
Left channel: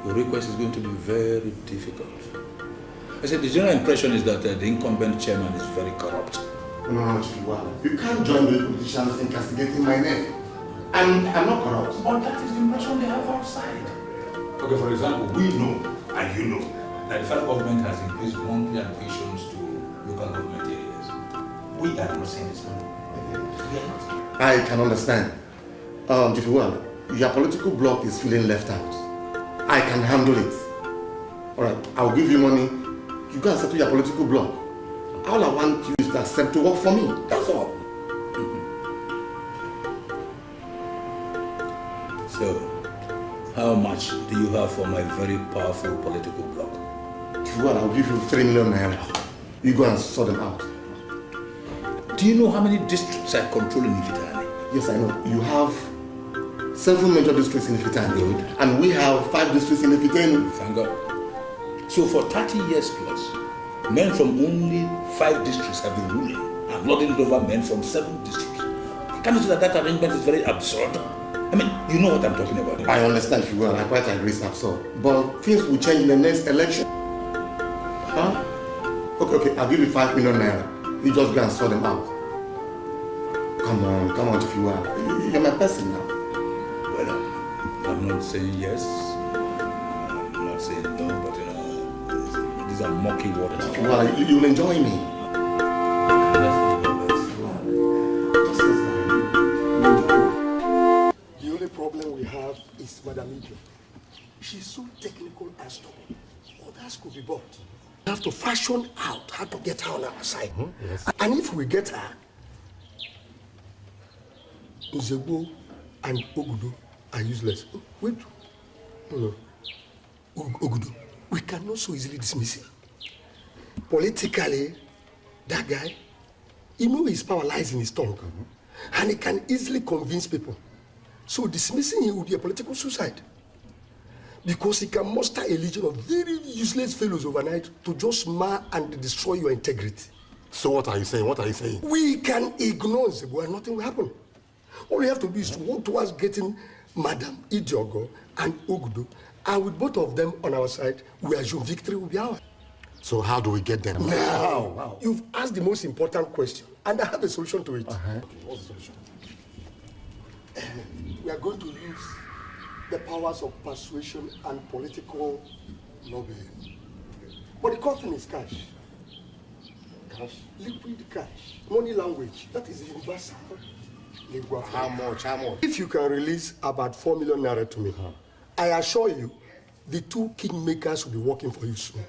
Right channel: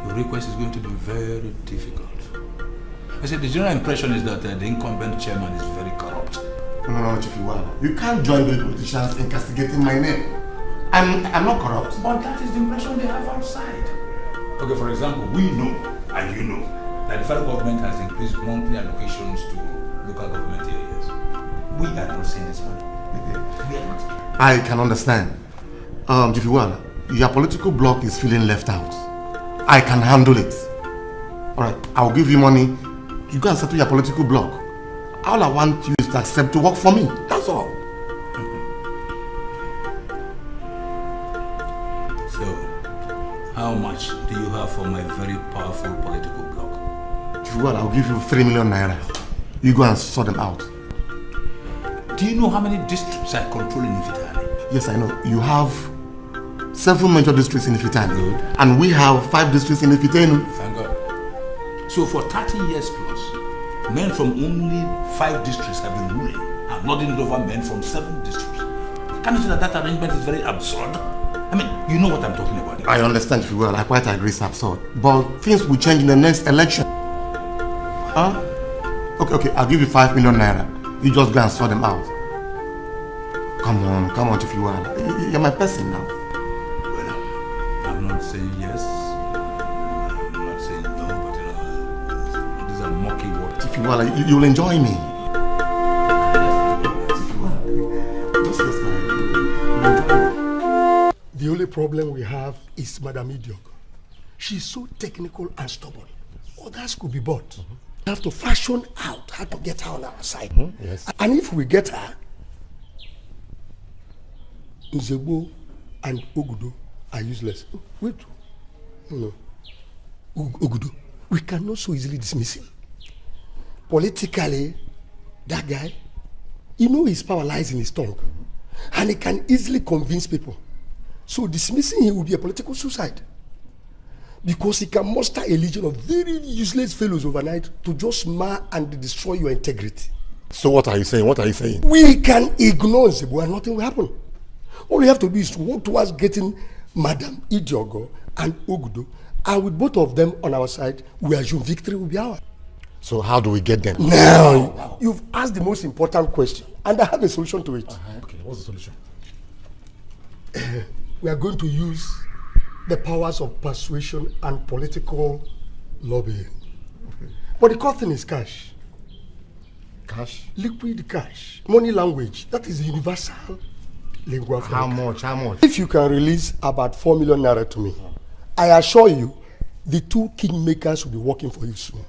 Your request is going to be very difficult. I said the general impression is that the incumbent chairman is very corrupt. No, Chief Iwala. You can't join with politicians in castigating my name. I'm not corrupt. But that is the impression they have outside. Okay, for example, we know, and you know, that the federal government has increased monthly allocations to local government areas. We are not seeing this money. We are not. I can understand. Chief Iwala, your political bloc is feeling left out. I can handle it. Alright, I'll give you money. You go and settle your political bloc. All I want you is to accept to work for me. That's all. So, how much do you have for my very powerful political bloc? Chief Iwala, I'll give you 3 million naira. You go and sort them out. Do you know how many districts I control in Ifitani? Yes, I know. You have 7 major districts in Ifitani. And we have 5 districts in Ifitani. Thank God. So for 30 years plus, men from only 5 districts have been ruling and lording it over men from 7 districts. Can you see that arrangement is very absurd? I mean, you know what I'm talking about. I understand if you will. I quite agree it's absurd. But things will change in the next election. Huh? Okay, I'll give you 5 million naira. You just go and sort them out. Come on, if you will. You're my person now. Well, I'm not saying yes. I'm not saying no, but these are murky waters. If you will, you'll enjoy me. The only problem we have is Madam Idio. She's so technical and stubborn. Others could be bought. We have to fashion out how to get her on our side. Yes. And if we get her, Nzegbo and Ogudu are useless. Wait. No. Ogudu, we cannot so easily dismiss him. Politically, that guy, his power lies in his tongue. And he can easily convince people. So dismissing him would be a political suicide. Because he can muster a legion of very useless fellows overnight to just mar and destroy your integrity. So what are you saying? We can ignore Nzegbo and nothing will happen. All we have to do is to work towards getting Madam Idiogo and Ogudu, and with both of them on our side, we assume victory will be ours. So how do we get them? Now, you've asked the most important question, and I have a solution to it. Okay, what's the solution? We are going to use the powers of persuasion and political lobbying. But the core thing is cash. Cash? Liquid cash. Money language. That is the universal lingua franca. How much? If you can release about 4 million naira to me, I assure you, the 2 kingmakers will be working for you soon.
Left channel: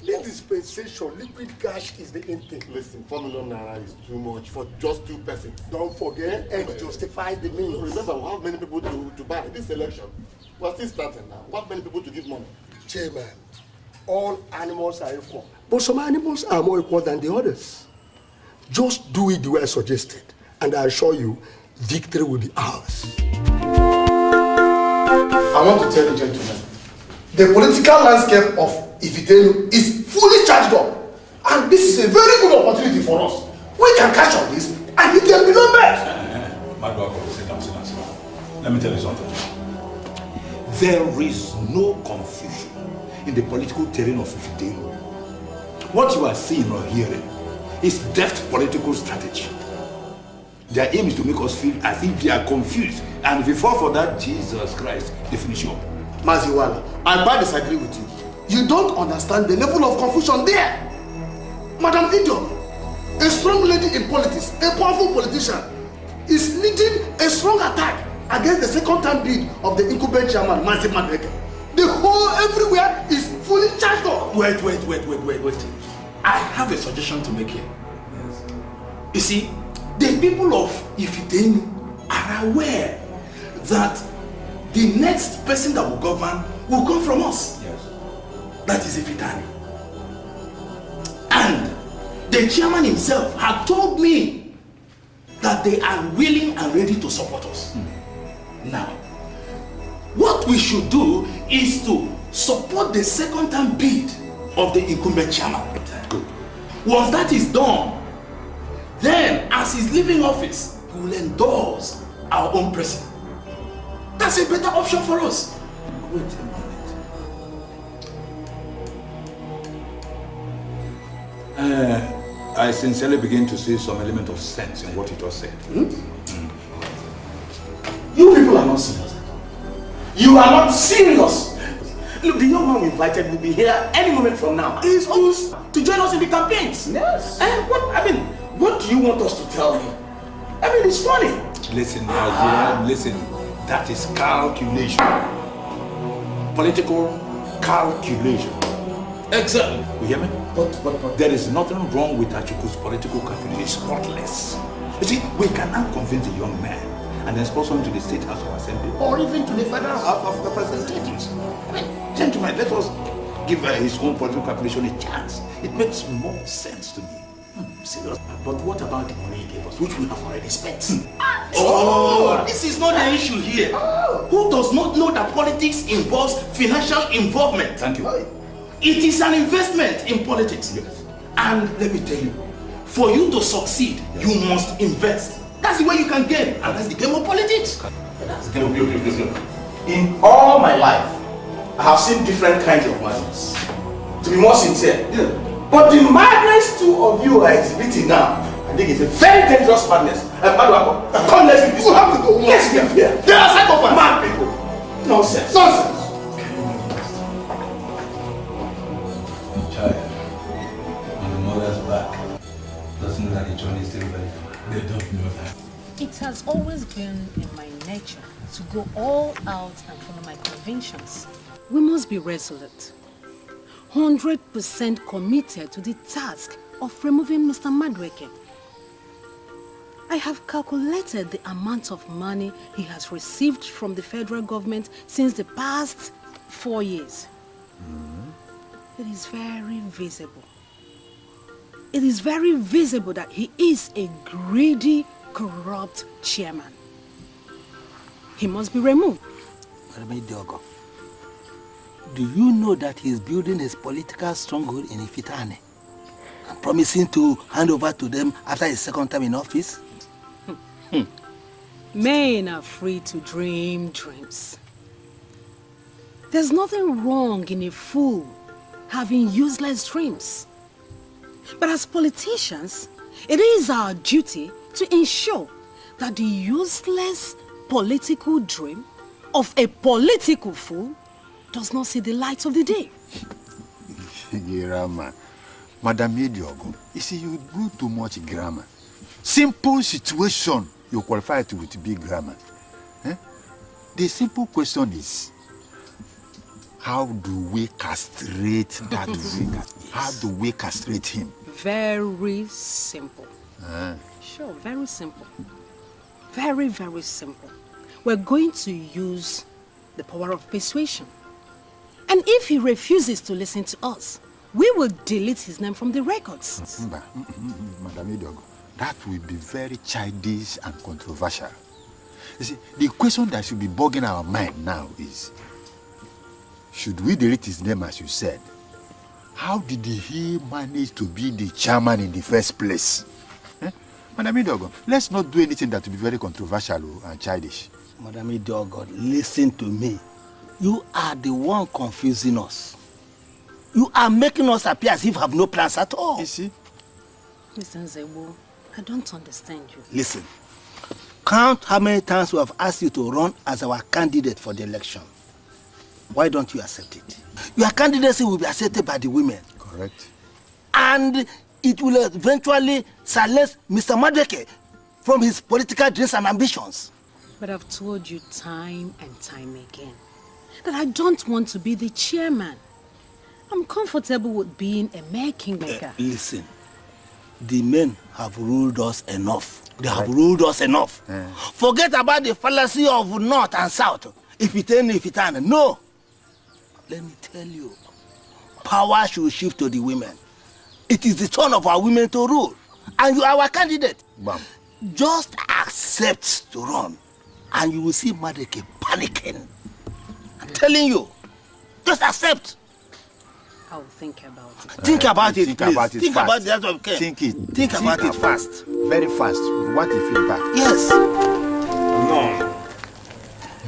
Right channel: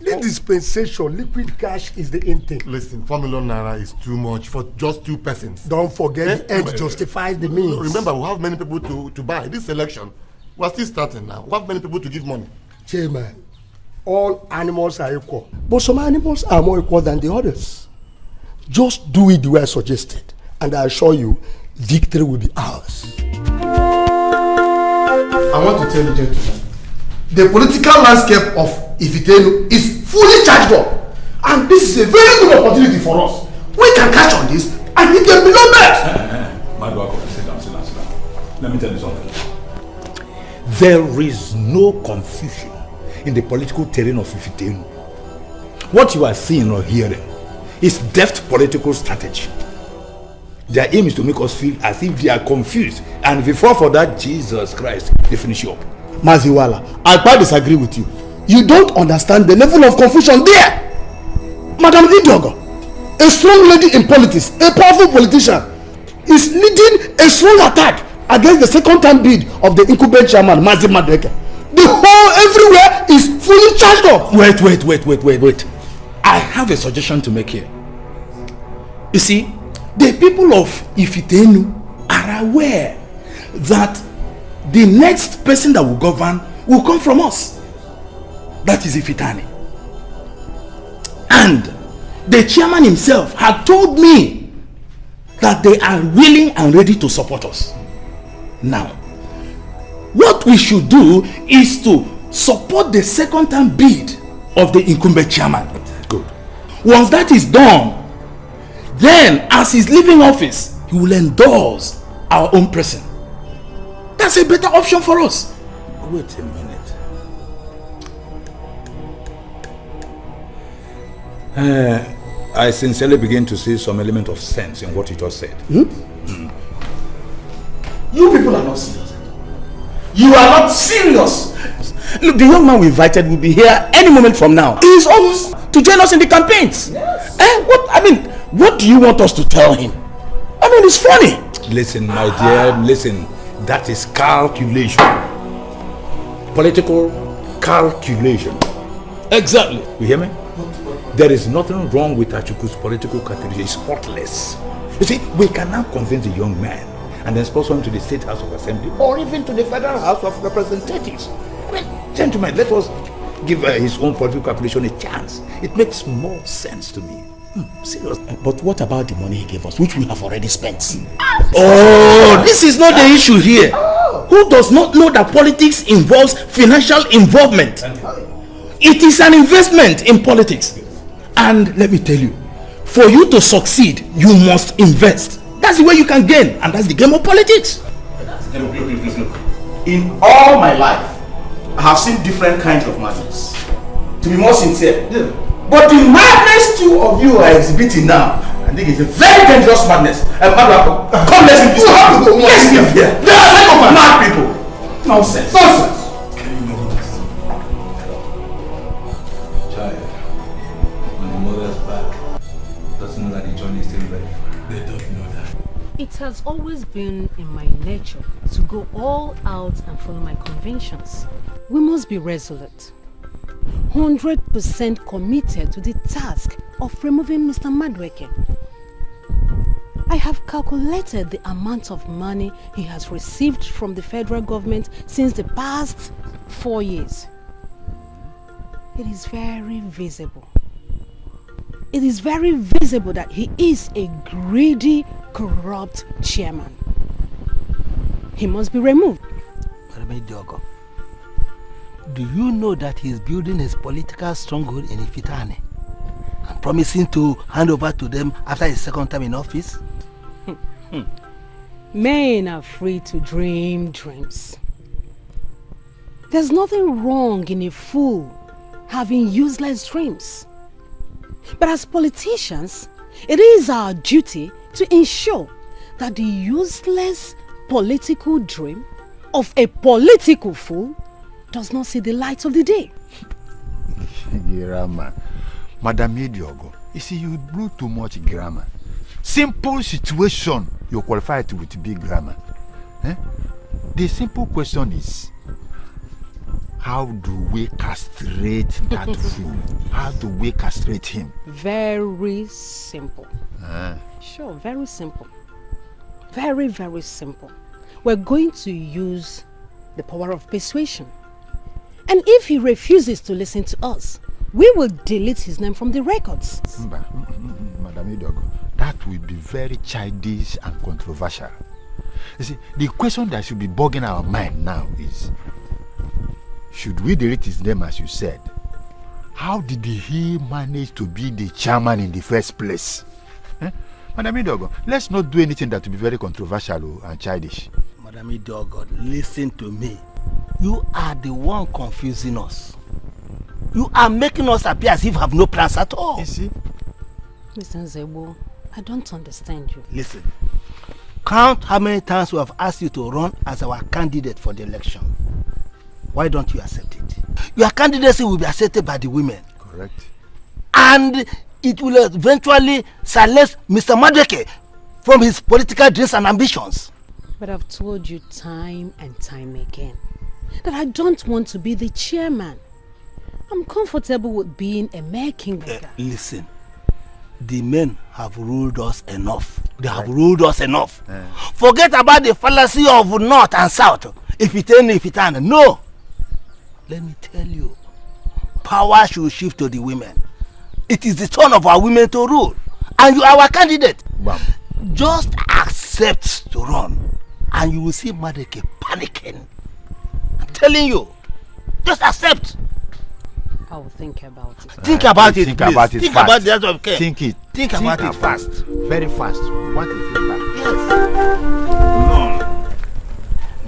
The dispensation, liquid cash is the end thing. Listen, 4 million naira is too much for just 2 persons. Don't forget the end justifies the means. Remember, we have many people to buy. This election, we're still starting now. We have many people to give money. Chairman, all animals are equal. But some animals are more equal than the others. Just do it the way I suggested. And I assure you, victory will be ours. I want to tell you, gentlemen, the political landscape of Ifitenu is fully charged up. And this is a very good opportunity for us. We can catch on this and it can be no bad. Let me tell you something. There is no confusion in the political terrain of Ifitenu. What you are seeing or hearing is deft political strategy. Their aim is to make us feel as if they are confused, and if we fall for that, Jesus Christ, they finish you up. Maziwala, I quite disagree with you. You don't understand the level of confusion there. Madam Idiogo, a strong lady in politics, a powerful politician, is leading a strong attack against the second-term bid of the incumbent chairman, Mazi Madeke. The whole everywhere is fully charged up. Wait. I have a suggestion to make here. You see, the people of Ifitenu are aware that the next person that will govern will come from us. That is Ifitani. And the chairman himself had told me that they are willing and ready to support us. Now, what we should do is to support the second-term bid of the incumbent chairman. Good. Once that is done, then as he's leaving office, he will endorse our own person. That's a better option for us. Wait a minute. I sincerely begin to see some element of sense in what you just said. You people are not serious. You are not serious. Look, the young man we invited will be here any moment from now. He is almost to join us in the campaigns. Yes. What do you want us to tell him? I mean, it's funny. Listen, my dear, listen. That is calculation. Political calculation. Exactly. You hear me? There is nothing wrong with Achiku's political calculation. It's spotless. You see, we can now convince the young man and then sponsor him to the State House of Assembly or even to the Federal House of Representatives. I mean, gentlemen, let us give his own political calculation a chance. It makes more sense to me. Serious. But what about the money he gave us, which we have already spent? Oh, this is not the issue here. Who does not know that politics involves financial involvement? Thank you. It is an investment in politics. Yes. And let me tell you, for you to succeed, you must invest. That's the way you can gain, and that's the game of politics. Look. In all my life, I have seen different kinds of madness. To be more sincere, but the madness two of you are exhibiting now, I think it's a very dangerous madness. Come, let's be Let's be here. They are like mad people. Nonsense. Child, when the mother's back, doesn't know that the journey is still ready. They don't know that. It has always been in my nature to go all out and follow my convictions. We must be resolute, 100% committed to the task of removing Mr. Madweke. I have calculated the amount of money he has received from the federal government since the past 4 years. It is very visible. It is very visible that he is a greedy, corrupt chairman. He must be removed. Do you know that he is building his political stronghold in Ifitane and promising to hand over to them after his second term in office? Men are free to dream dreams. There's nothing wrong in a fool having useless dreams. But as politicians, it is our duty to ensure that the useless political dream of a political fool does not see the light of the day. Grammar. Madam Yediogo, you see, you do too much grammar. Simple situation, you're qualified to with big grammar. The simple question is, how do we castrate that fool? How do we castrate him? Very simple. Sure, very simple. Very, very simple. We're going to use the power of persuasion. And if he refuses to listen to us, we will delete his name from the records. Madam Idogo, that will be very childish and controversial. You see, the question that should be bugging our mind now is, should we delete his name as you said? How did he manage to be the chairman in the first place? Madam Idogo, let's not do anything that will be very controversial and childish. Madam Idogo, listen to me. You are the one confusing us. You are making us appear as if we have no plans at all. You see? Mr. Nzebo, I don't understand you. Listen, count how many times we have asked you to run as our candidate for the election. Why don't you accept it? Your candidacy will be accepted by the women. Correct. And it will eventually silence Mr. Madeke from his political dreams and ambitions. But I've told you time and time again that I don't want to be the chairman. I'm comfortable with being a mere kingmaker. Listen, the men have ruled us enough. They have ruled us enough. Forget about the fallacy of north and south. If it ain't, if it ain't. No. Let me tell you, power should shift to the women. It is the turn of our women to rule. And you are our candidate. Bam. Just accept to run. And you will see Madeke panicking. I'm telling you. Just accept. I'll think about it. Think about it. Think about it. Think fast. about the other okay. Think it. Think about it fast. Very fast. What if you back? Yes.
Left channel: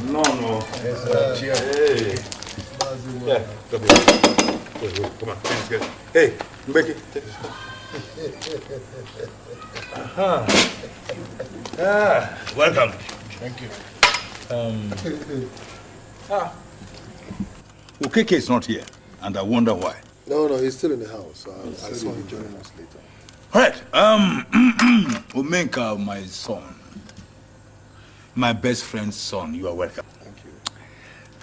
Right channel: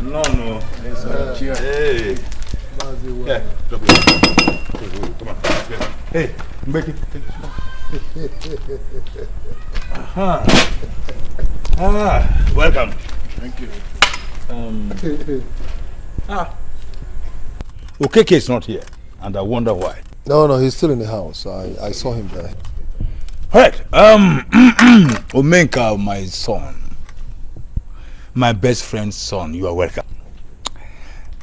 No. Hey. Yeah. Come on. Let's go. Hey, make it. Welcome. Thank you. Okeke is not here, and I wonder why. No, he's still in the house. I saw him there. Right. Omenka, my son. My best friend's son, you are welcome.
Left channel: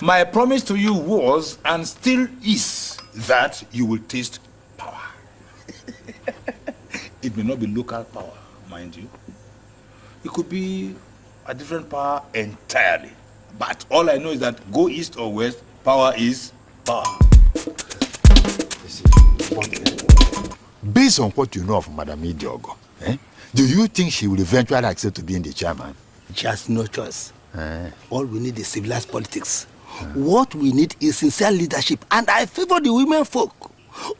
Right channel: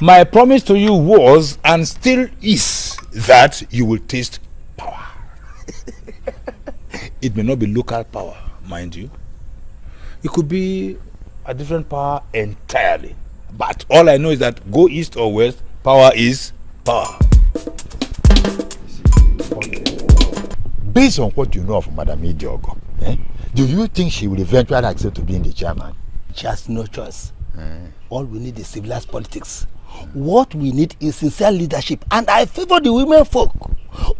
My promise to you was, and still is, that you will taste power. It may not be local power, mind you. It could be a different power entirely. But all I know is that go east or west, power is power. Based on what you know of Madam Idiogo, do you think she will eventually accept to be in the chairman? She has no choice. All we need is civilized politics. What we need is sincere leadership, and I favor the women folk.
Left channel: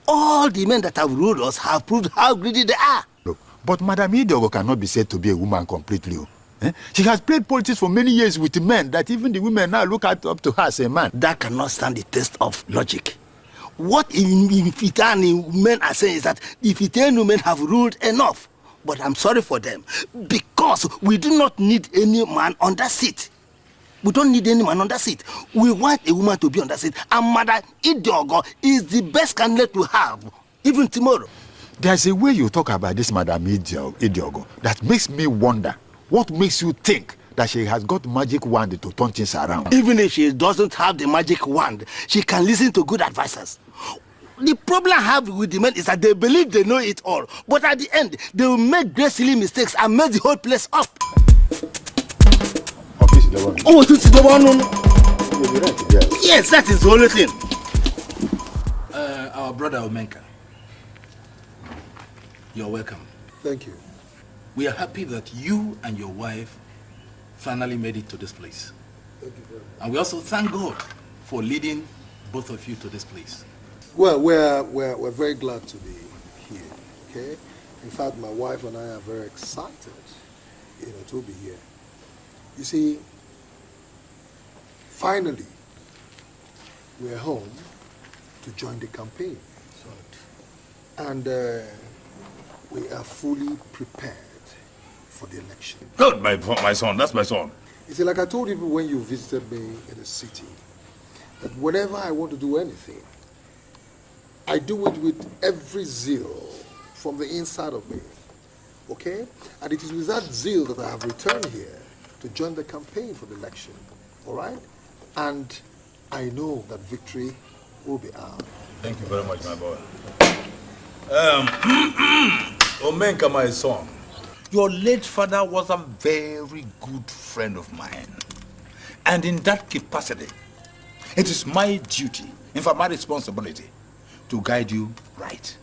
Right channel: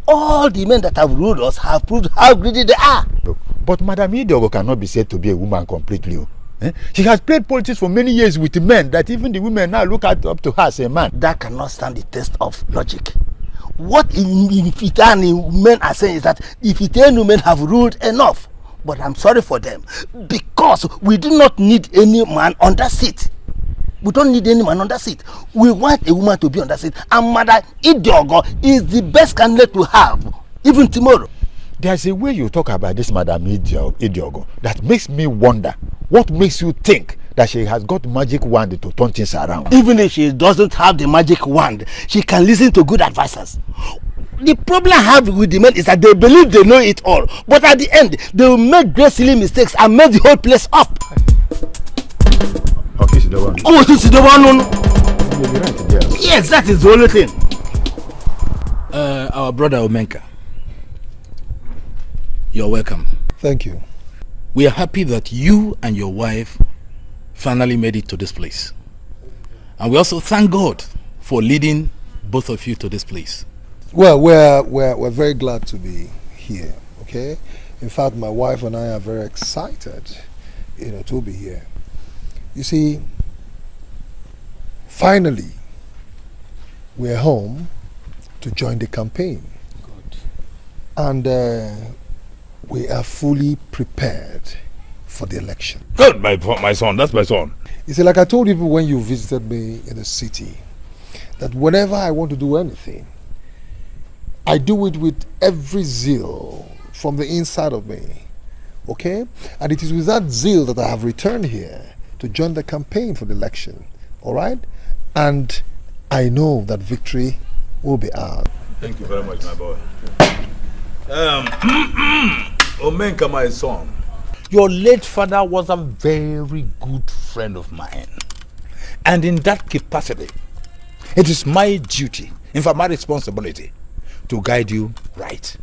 All the men that have ruled us have proved how greedy they are. But Madam Idiogo cannot be said to be a woman completely. She has played politics for many years with men that even the women now look up to her as a man. That cannot stand the test of logic. What if it and men are saying is that if it and women have ruled enough, but I'm sorry for them, because we do not need any man on that seat. We don't need any man on that seat. We want a woman to be on that seat, and Madam Idiogo is the best candidate to have, even tomorrow. There's a way you talk about this Madam Idiogo that makes me wonder. What makes you think that she has got magic wand to turn things around? Even if she doesn't have the magic wand, she can listen to good advisors. The problem I have with the men is that they believe they know it all, but at the end, they will make great silly mistakes and mess the whole place up. Yes, that is the only thing. Our brother Omenka, you're welcome. Thank you. We are happy that you and your wife finally made it to this place. And we also thank God for leading both of you to this place. Well, we're very glad to be here, okay? In fact, my wife and I are very excited, to be here. You see, finally, we're home to join the campaign. And we are fully prepared for the election. Good, my son. That's my son. You see, like I told you when you visited me in the city, that whenever I want to do anything, I do it with every zeal from the inside of me. Okay? And it is with that zeal that I have returned here to join the campaign for the election. All right? And I know that victory will be ours. Thank you very much, my boy. Omenka, my son. Your late father was a very good friend of mine. And in that capacity, it is my duty, in fact my responsibility, to guide you right.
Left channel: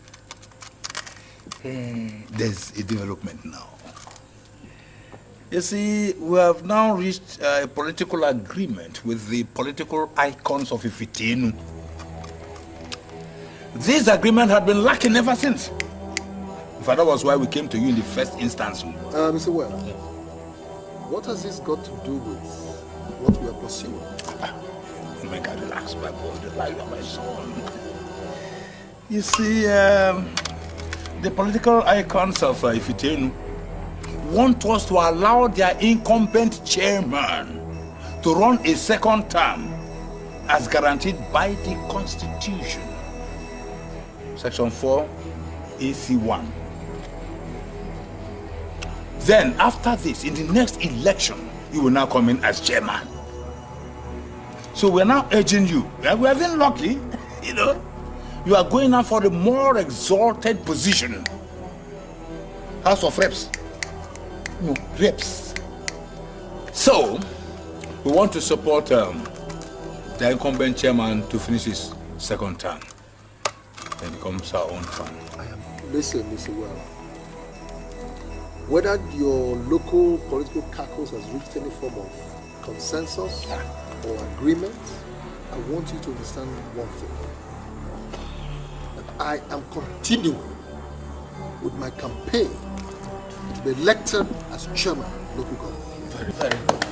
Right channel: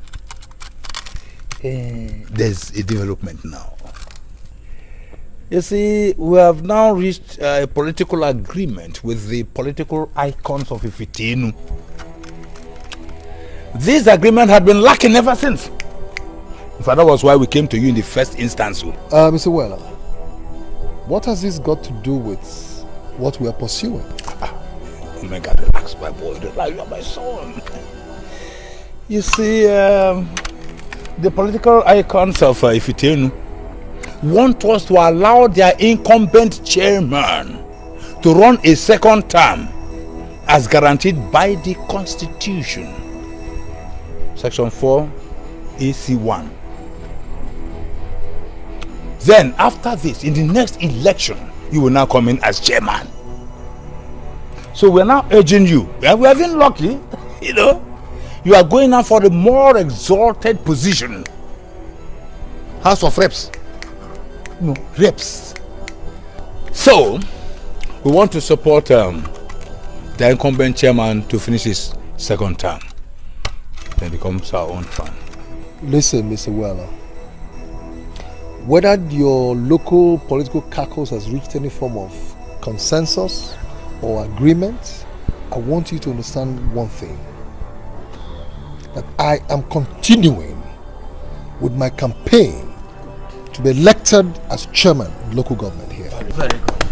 There's a development now. You see, we have now reached a political agreement with the political icons of Ifitinu. This agreement had been lacking ever since. In fact, that was why we came to you in the first instance. Mr. Weller, what has this got to do with what we are pursuing? Make her relax, my boy. Relax, my son. You see, the political icons of Ifitenu want us to allow their incumbent chairman to run a second term as guaranteed by the Constitution. Section 4, EC1. Then after this, in the next election, you will now come in as chairman. So we're now urging you, and we have been lucky, you know, you are going now for a more exalted position. House of Reps. No, Reps. So, we want to support the incumbent chairman to finish his second term. Then becomes our own turn. Listen, Mr. Weller. Whether your local political caucus has reached any form of consensus or agreement, I want you to understand one thing. That I am continuing with my campaign to be elected as chairman of local government here. Very good.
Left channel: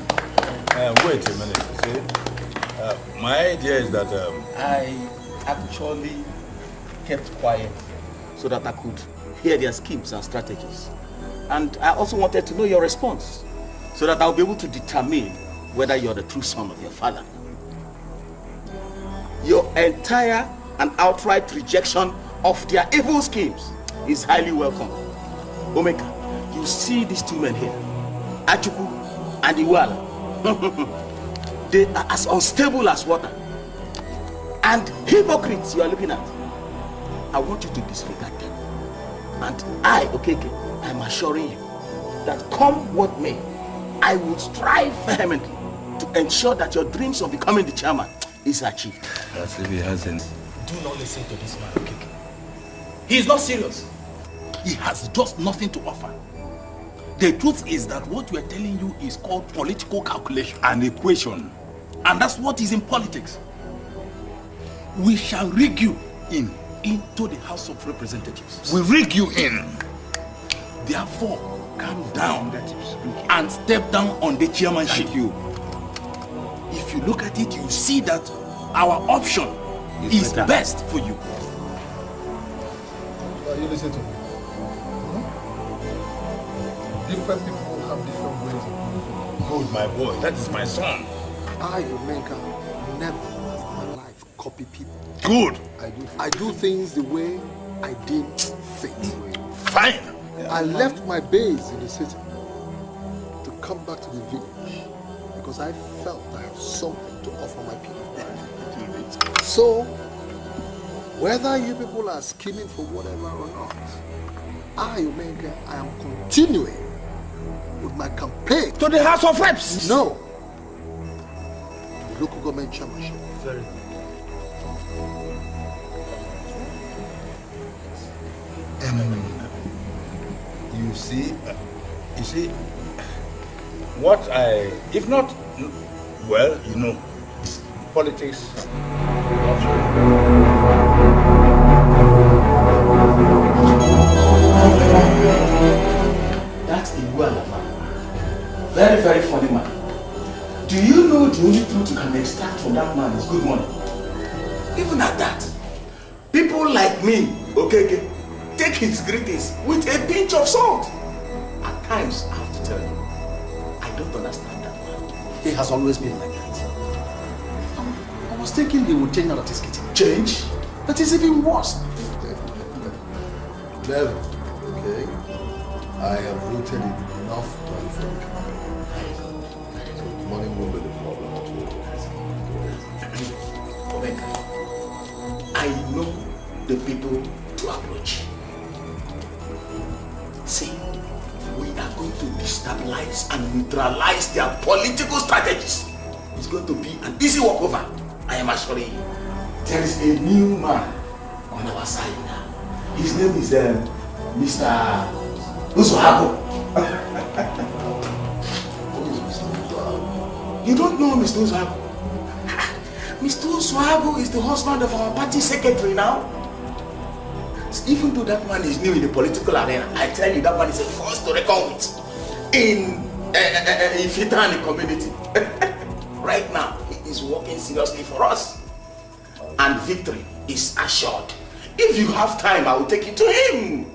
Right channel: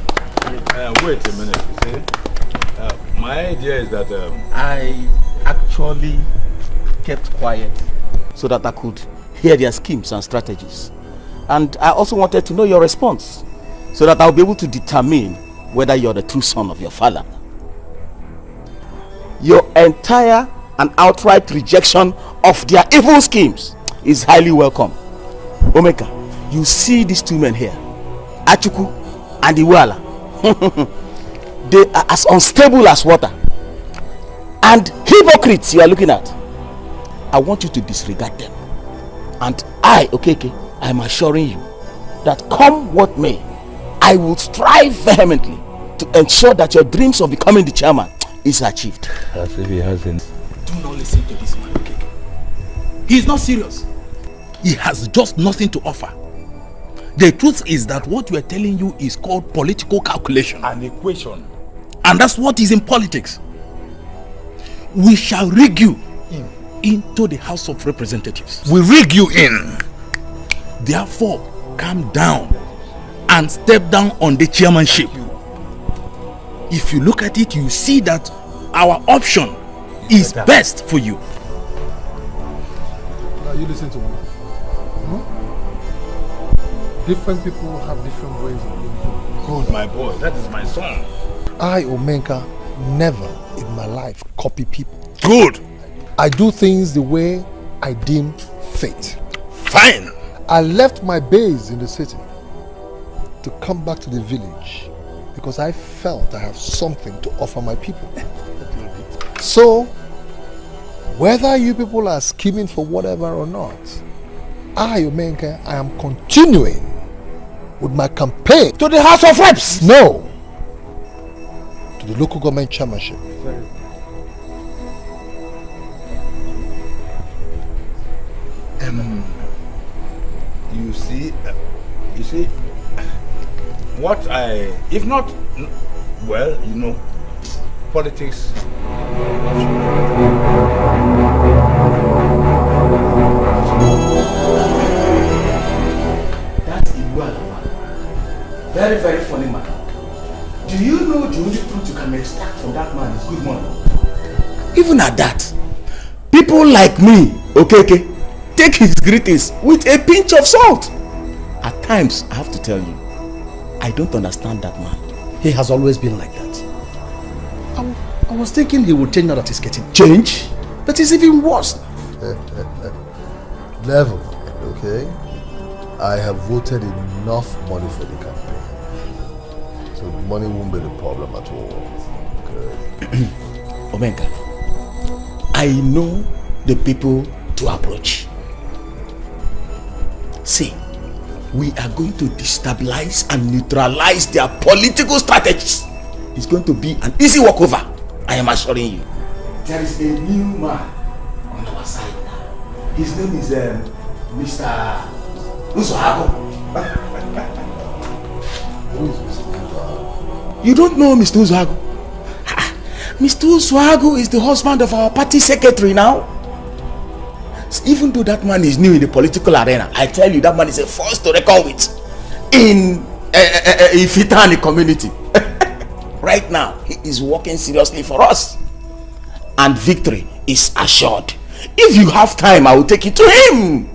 Wait a minute. See? My idea is that I actually kept quiet so that I could hear their schemes and strategies. And I also wanted to know your response so that I'll be able to determine whether you're the true son of your father. Your entire and outright rejection of their evil schemes is highly welcome. Omeka, you see these two men here, Achuku and Iwala. They are as unstable as water. And hypocrites you are looking at. I want you to disregard them. And I, Okeke, I am assuring you that come what may, I will strive vehemently to ensure that your dreams of becoming the chairman is achieved. As if he hasn't. Do not listen to this man, Okeke. He is not serious. He has just nothing to offer. The truth is that what we are telling you is called political calculation and equation. And that's what is in politics. We shall rig you into the House of Representatives. We rig you in. Therefore, calm down and step down on the chairmanship. If you look at it, you see that our option is best for you. Now you listen to me. Different people have different ways of Good, my boy. That is my son. I, Omenka, never in my life copy people. Good. I do things the way I deem fit. Fine. I left my base in the city to come back to the village because I felt I have something to offer my people. So, whether you people are scheming for whatever or not, I, Omenka, I am continuing with my campaign to the House of Reps. No, to the local government chairmanship. You see, what if not, well, you know, politics. That's Iwala. Very, very funny man. Do you know the only truth you can extract from that man is good money? Even at that, people like me, okay, take his greetings with a pinch of salt. At times, I have to tell you, I don't understand that man. He has always been like that. I was thinking he would change now that he's getting change. That is even worse. Level, okay? I have voted enough money for the campaign. So money won't be the problem at all. Omega, I know the people to approach. See, we are going to destabilize and neutralize their political strategies. It's going to be an easy walkover, I am assuring you. There is a new man on our side now. His name is Mr. Uzohago. Who is Mr. Uzohago? You don't know Mr. Uzohago? Mr. Uzohago is the husband of our party secretary now. Even though that man is new in the political arena, I tell you, that man is a force to reckon with in Ifitani community. Right now, he is working seriously for us. And victory is assured. If you have time, I will take it to him.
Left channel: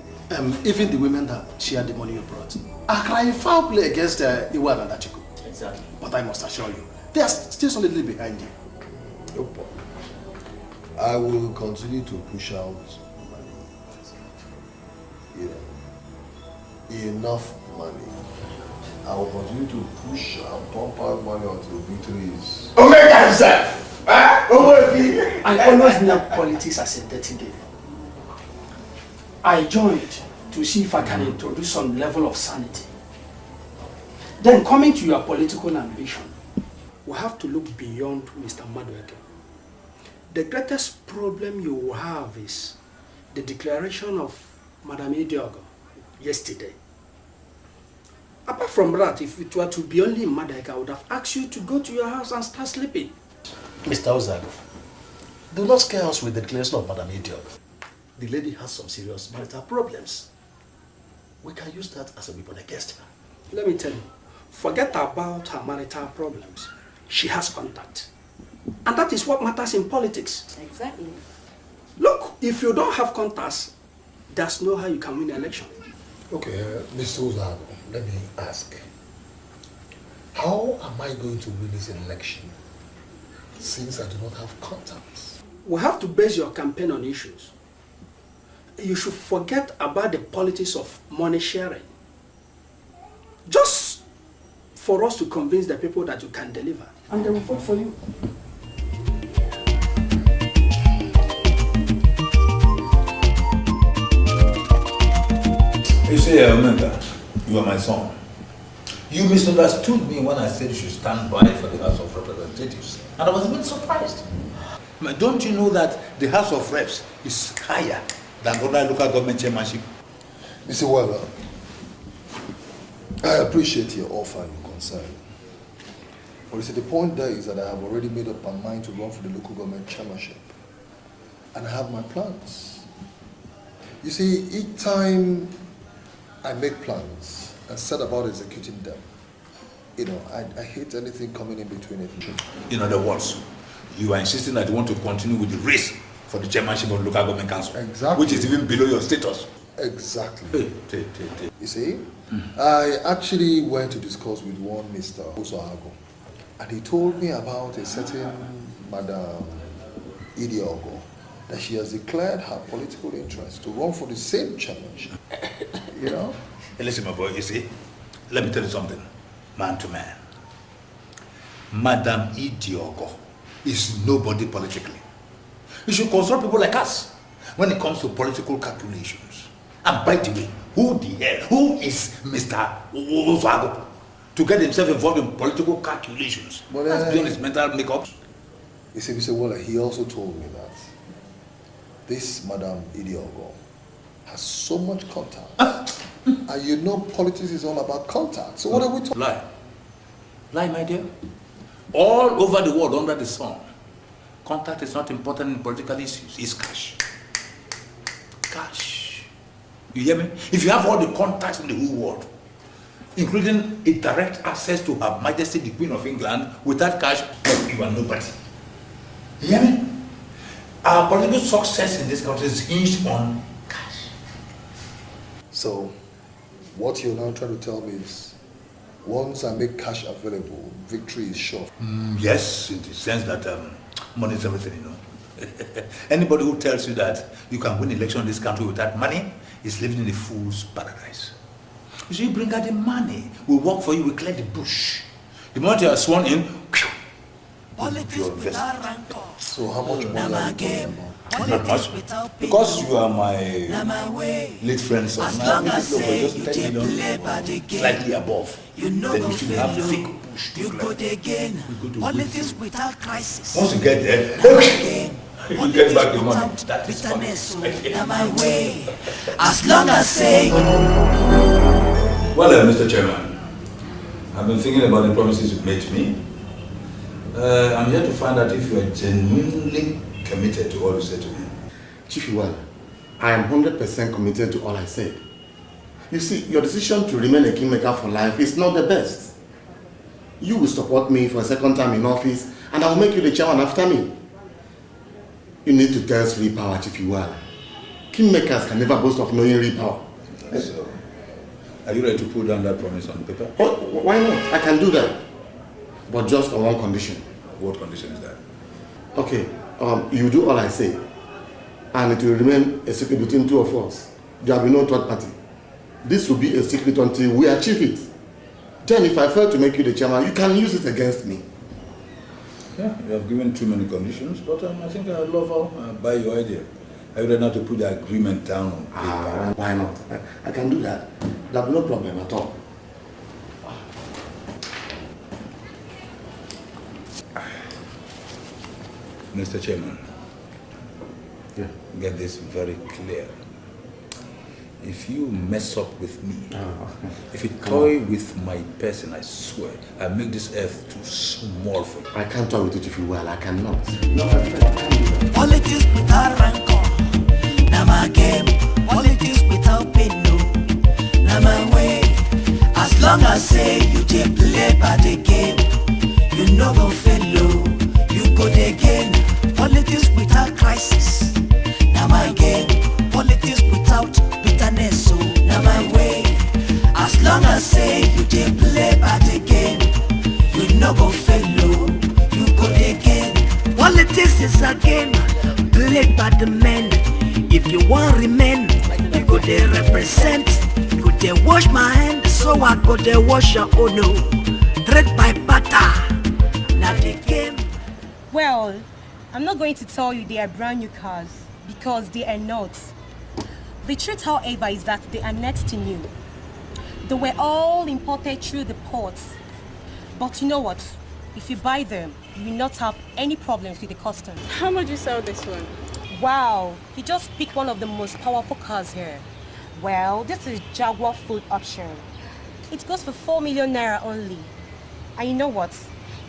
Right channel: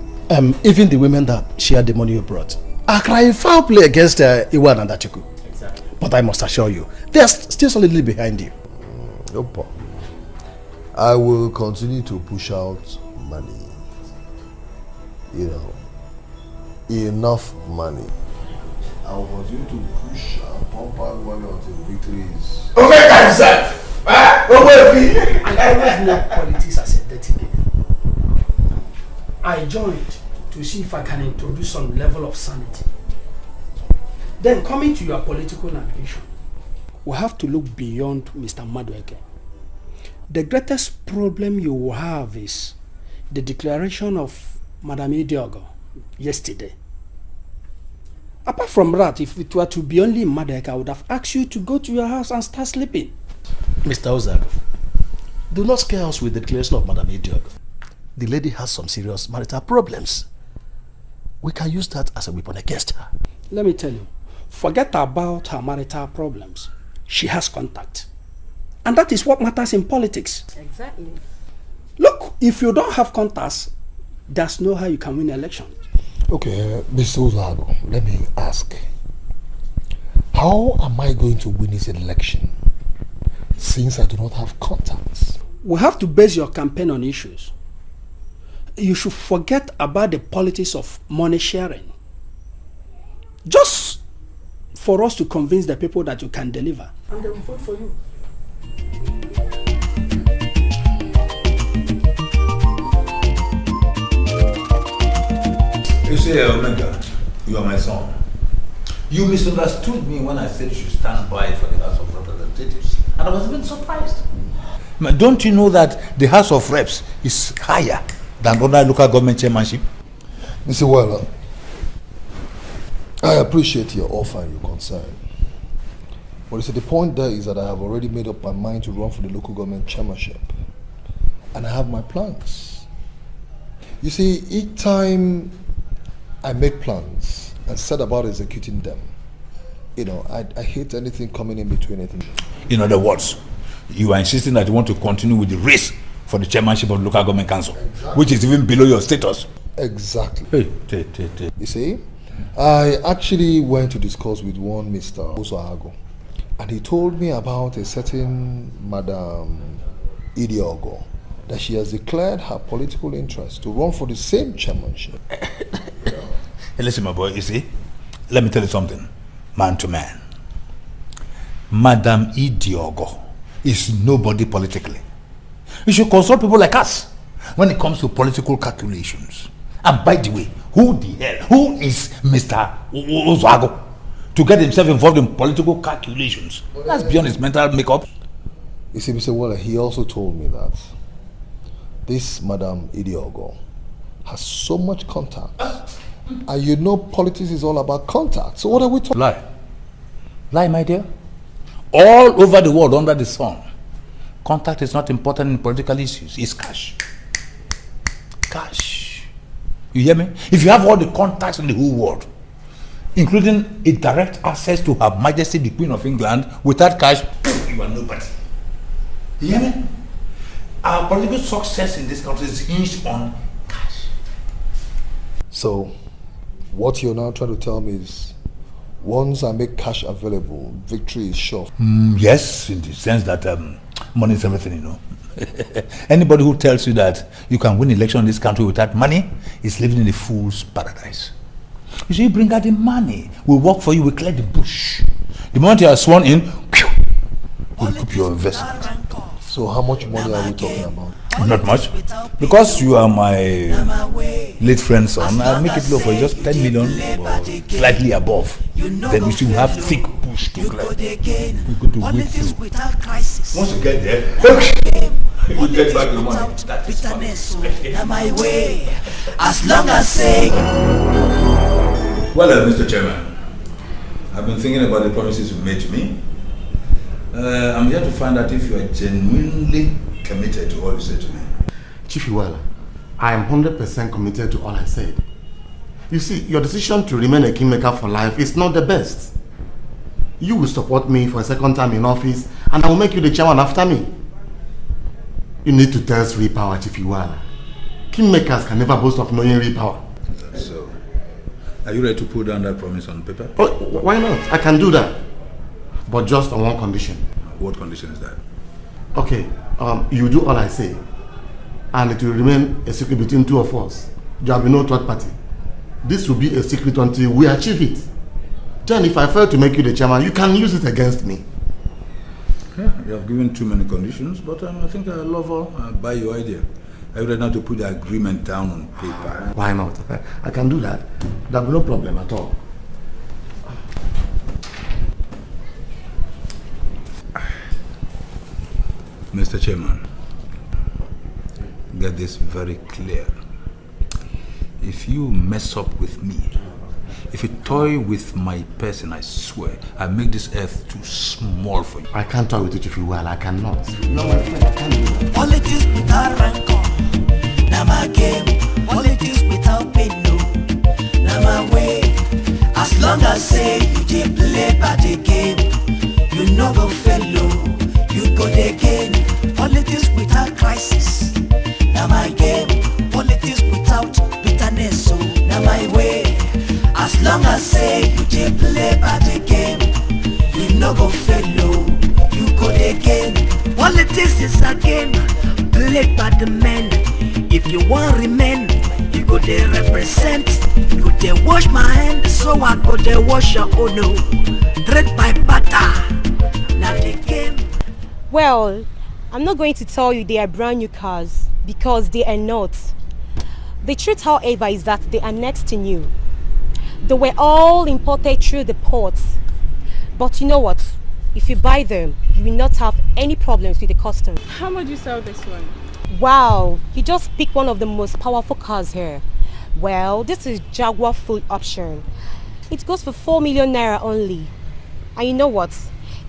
Even the women that shared the money you brought are crying foul play against Iwan and Atiku. Exactly. But I must assure you, they are still solidly behind you. No problem. I will continue to push out money. You know, enough money I will continue to push and pump out money until victory is. Omega himself! I always knew politics as a dirty game. I joined to see if I can introduce some level of sanity. Then coming to your political ambition, we have to look beyond Mr. Madueke. The greatest problem you will have is the declaration of Madam Idiogo yesterday. Apart from that, if it were to be only Madueke, I would have asked you to go to your house and start sleeping. Mr. Ozago, do not scare us with the declaration of Madam Idiogo. The lady has some serious marital problems. We can use that as a weapon against her. Let me tell you, forget about her marital problems. She has contact. And that is what matters in politics. Exactly. Look, if you don't have contacts, there's no how you can win an election. Okay, Mr. Ozago, let me ask. How am I going to win this election since I do not have contacts? We have to base your campaign on issues. You should forget about the politics of money sharing. Just for us to convince the people that you can deliver. And they will vote for you. You say, remember, you are my son. You misunderstood me when I said you should stand by for the House of Representatives. And I was even surprised. Don't you know that the House of Reps is higher than other local government chairmanship? Mr. Weller, I appreciate your offer and your concern. But you see, the point there is that I have already made up my mind to run for the local government chairmanship. And I have my plans. You see, each time I make plans and set about executing them, you know, I hate anything coming in between it. In other words, you are insisting that you want to continue with the race for the chairmanship of the local government council, exactly, which is even below your status. Exactly. You see, I actually went to discuss with one Mr. Ozoago, and he told me about a certain Madam Idiogo, that she has declared her political interest to run for the same chairmanship. You know? Hey, listen, my boy, you see, let me tell you something, man to man. Madam Idiogo is nobody politically. You should consult people like us when it comes to political calculations. And by the way, who is Mr. Ozago to get himself involved in political calculations? But, that's beyond his mental makeup. You see, Mr. Waller, he also told me that this Madam Idiogo has so much contact. And you know politics is all about contact. So what are we talking about? Lie, my dear. All over the world under the sun, contact is not important in political issues. It's cash. Cash. You hear me? If you have all the contacts in the whole world, including a direct access to Her Majesty the Queen of England, without cash, you are nobody. You hear me? Our political success in this country is hinged on cash. So, what you're now trying to tell me is, once I make cash available, victory is sure. Yes, in the sense that money is everything, you know. Anybody who tells you that you can win election in this country without money is living in a fool's paradise. You see, you bring out the money, we work for you, we clear the bush. The moment you are sworn in, your investment. So how much money are you talking about? Not much. Because you are my late friend's son, I'll make it look for just 10 million or slightly above. Then you should have thick push to clear. Politics without crisis. Once you get there, you get back the money. Bitterness, so now my way. As long as say. Well, Mr. Chairman, I've been thinking about the promises you made to me. I'm here to find out if you are genuinely committed to all you said to me. Chief Iwala, I am 100% committed to all I said. You see, your decision to remain a kingmaker for life is not the best. You will support me for a second time in office, and I will make you the chairman after me. You need to test real power, Chief Iwala. Kingmakers can never boast of knowing real power. So, are you ready to put down that promise on paper? Oh, why not? I can do that. But just on one condition. What condition is that? Okay, you do all I say, and it will remain a secret between two of us. There will be no third party. This will be a secret until we achieve it. Then if I fail to make you the chairman, you can use it against me. Yeah, you have given too many conditions, but I think I love all. I buy your idea. I would not to put the agreement down on paper. Why not? I can do that. There'll be no problem at all. Mr. Chairman, get this very clear. If you mess up with me, if you toy with my person, I swear, I make this earth too small for you. I can't toy with it if you will. I cannot. Politics without rancor, na my game. Politics without pain, no, na my way. As long as say you dey play by the game, you no go fail, you go dey gain. Politics without crisis, na my game. Politics without bitterness, so na my way. As long as say you dey play by the game, you no go fail, you go dey gain. Politics is a game played by the men. If you want remain, you go dey represent. You go dey wash my hand, so I go dey wash your own. No, trade by barter, na the game. Well, I'm not going to tell you they are brand new cars, because they are not. The truth, however, is that they are next to new. They were all imported through the ports. But you know what? If you buy them, you will not have any problems with the customs. How much do you sell this one? Wow, you just picked one of the most powerful cars here. Well, this is Jaguar full option. It goes for 4 million naira only. And you know what?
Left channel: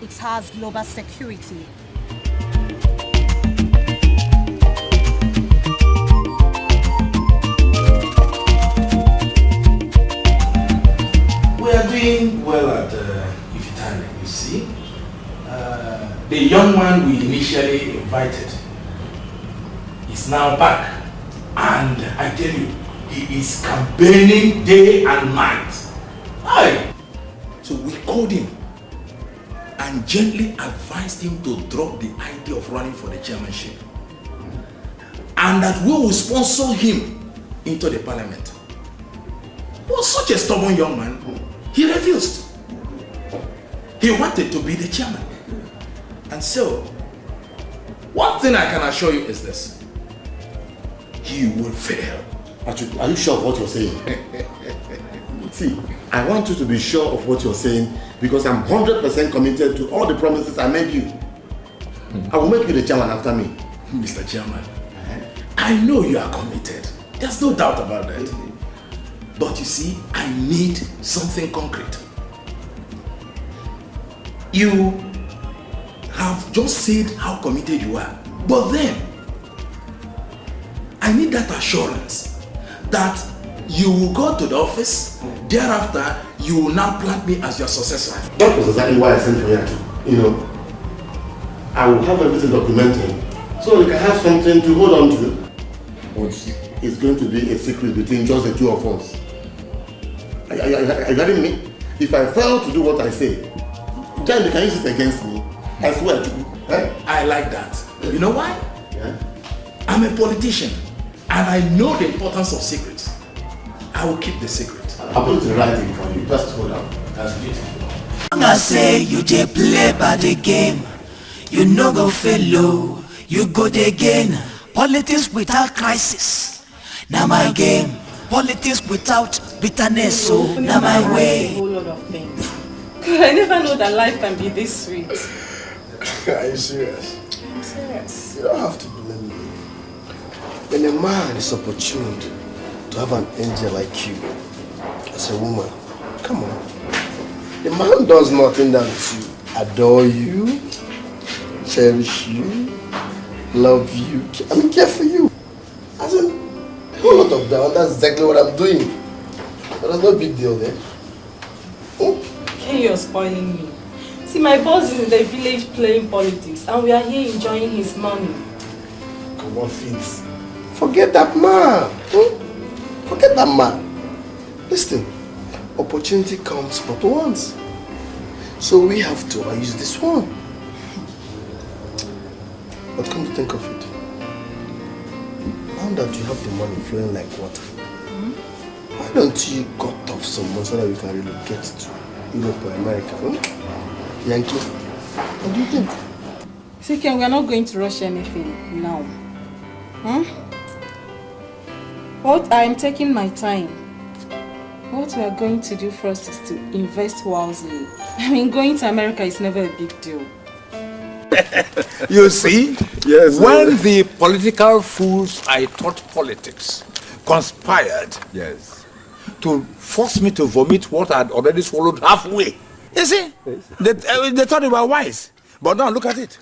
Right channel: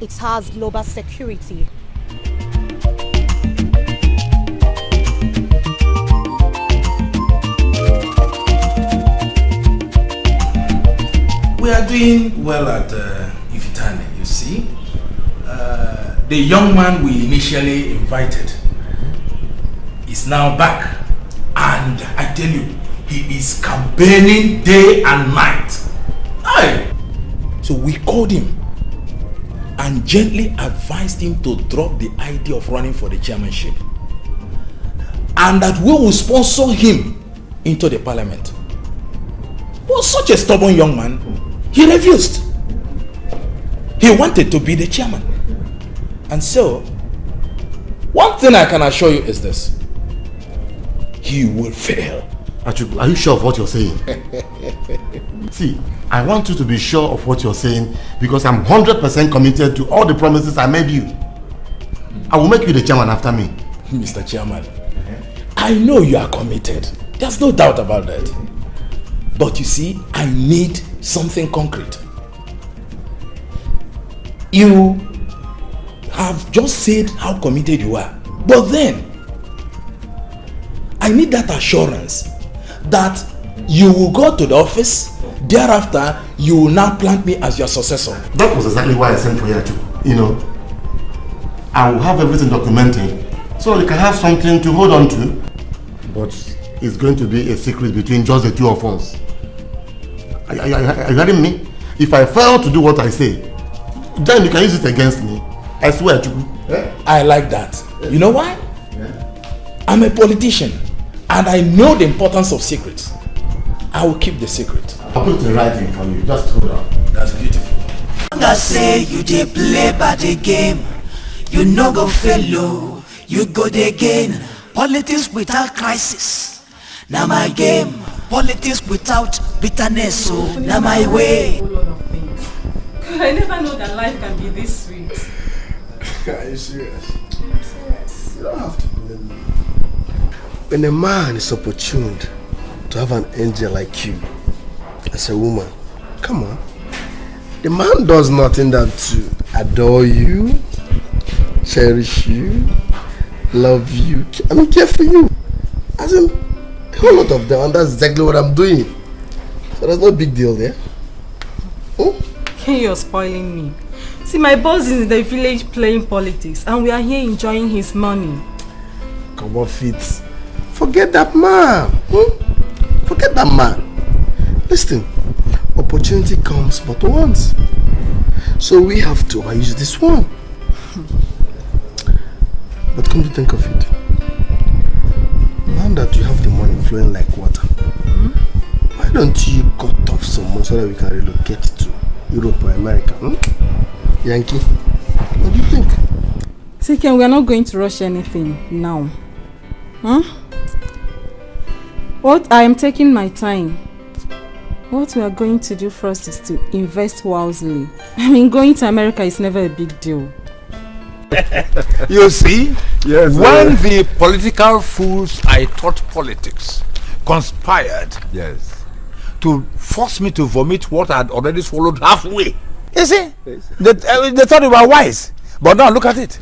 It has global security. We are doing well at Ifitane, you see. The young man we initially invited is now back, and I tell you, he is campaigning day and night. Aye. So we called him and gently advised him to drop the idea of running for the chairmanship, and that we will sponsor him into the parliament. He was such a stubborn young man. He refused. He wanted to be the chairman. And so, one thing I can assure you is this: he will fail. Achubu, are you sure of what you're saying? See, I want you to be sure of what you're saying, because I'm 100% committed to all the promises I made you. I will make you the chairman after me. Mr. Chairman, I know you are committed. There's no doubt about that. But you see, I need something concrete. You have just said how committed you are, but then I need that assurance that you will go to the office, thereafter you will now plant me as your successor. That was exactly why I sent for you. You know, I will have everything documented so you can have something to hold on to. But it's going to be a secret between just the two of us. Are you hearing me? If I fail to do what I say, then you can use it against me. I swear to you. I like that. You know why? I'm a politician and I know the importance of secrets. I will keep the secret. I'll put the writing for you. Just hold on. That's beautiful. I say you dey play by the game, you no go fail, you go dey gain. Politics without crisis, na my game. Politics without bitterness, so na my way. A whole lot of things. I never know that life can be this sweet. Are you serious? I'm serious. You don't have to blame me. When a man is opportune to have an angel like you as a woman, come on. The man does nothing than to adore you, cherish you, love you, care for you. As in, a whole lot of that, and that's exactly what I'm doing. So there's no big deal there. Oh? You're spoiling me. See, my boss is in the village playing politics, and we are here enjoying his money. Come on, Fitz. Forget that man. Forget that man. Listen, opportunity comes but once. So we have to use this one. But come to think of it, now that you have the money flowing like water, why don't you cut off some more so that we can relocate to Europe or America. Yankee, what do you think? Siken, we are not going to rush anything now. What I am taking my time. What we are going to do first is to invest wisely. I mean, going to America is never a big deal. You see, yes, when the political fools I taught politics conspired to force me to vomit what I had already swallowed halfway. You see, they thought they were wise, but now look at it.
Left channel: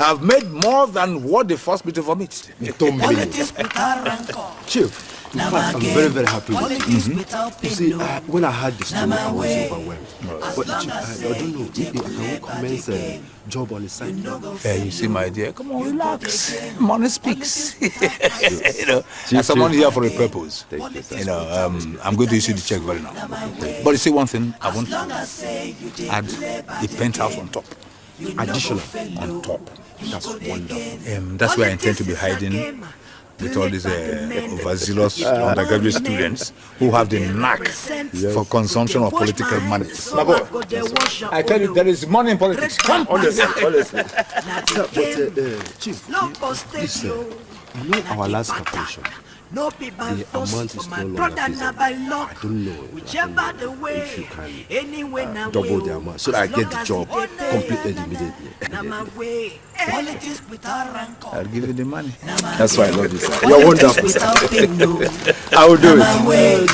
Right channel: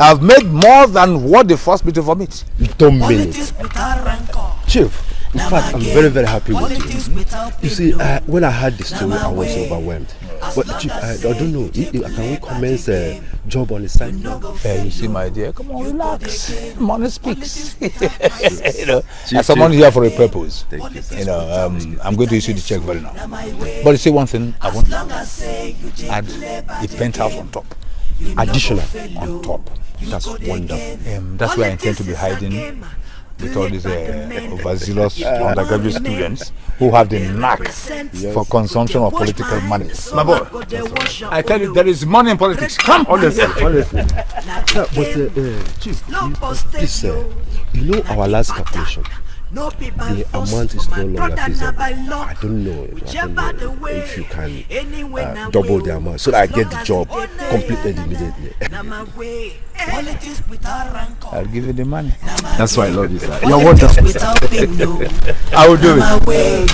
I've made more than what they forced me to vomit. Politics without rancor. Chief, in fact, I'm very, very happy with you. You see, when I heard the story, I was overwhelmed. But Chief, I don't know, maybe I can commence a job on the side. You see, my dear, come on, relax. Money speaks. You know, as someone here for a purpose. You know, I'm going to issue the check very now. But you see one thing, I want to add a penthouse on top. Additional on top. That's wonderful. That's where I intend to be hiding with all these overzealous undergraduate students who have the knack for consumption of political money. My boy, I tell you, there is money in politics. Come on, Chief, you know our last vacation. No be by The force, amount is but my no brother longer not by feasible. luck. I don't know Whichever the if way, you can anyway now double the amount so that I get the job completed immediately. Now my way, politics without rancor. I'll give you the money. That's why I love you, sir. You're wonderful. Without pain, no. I will do it. My way,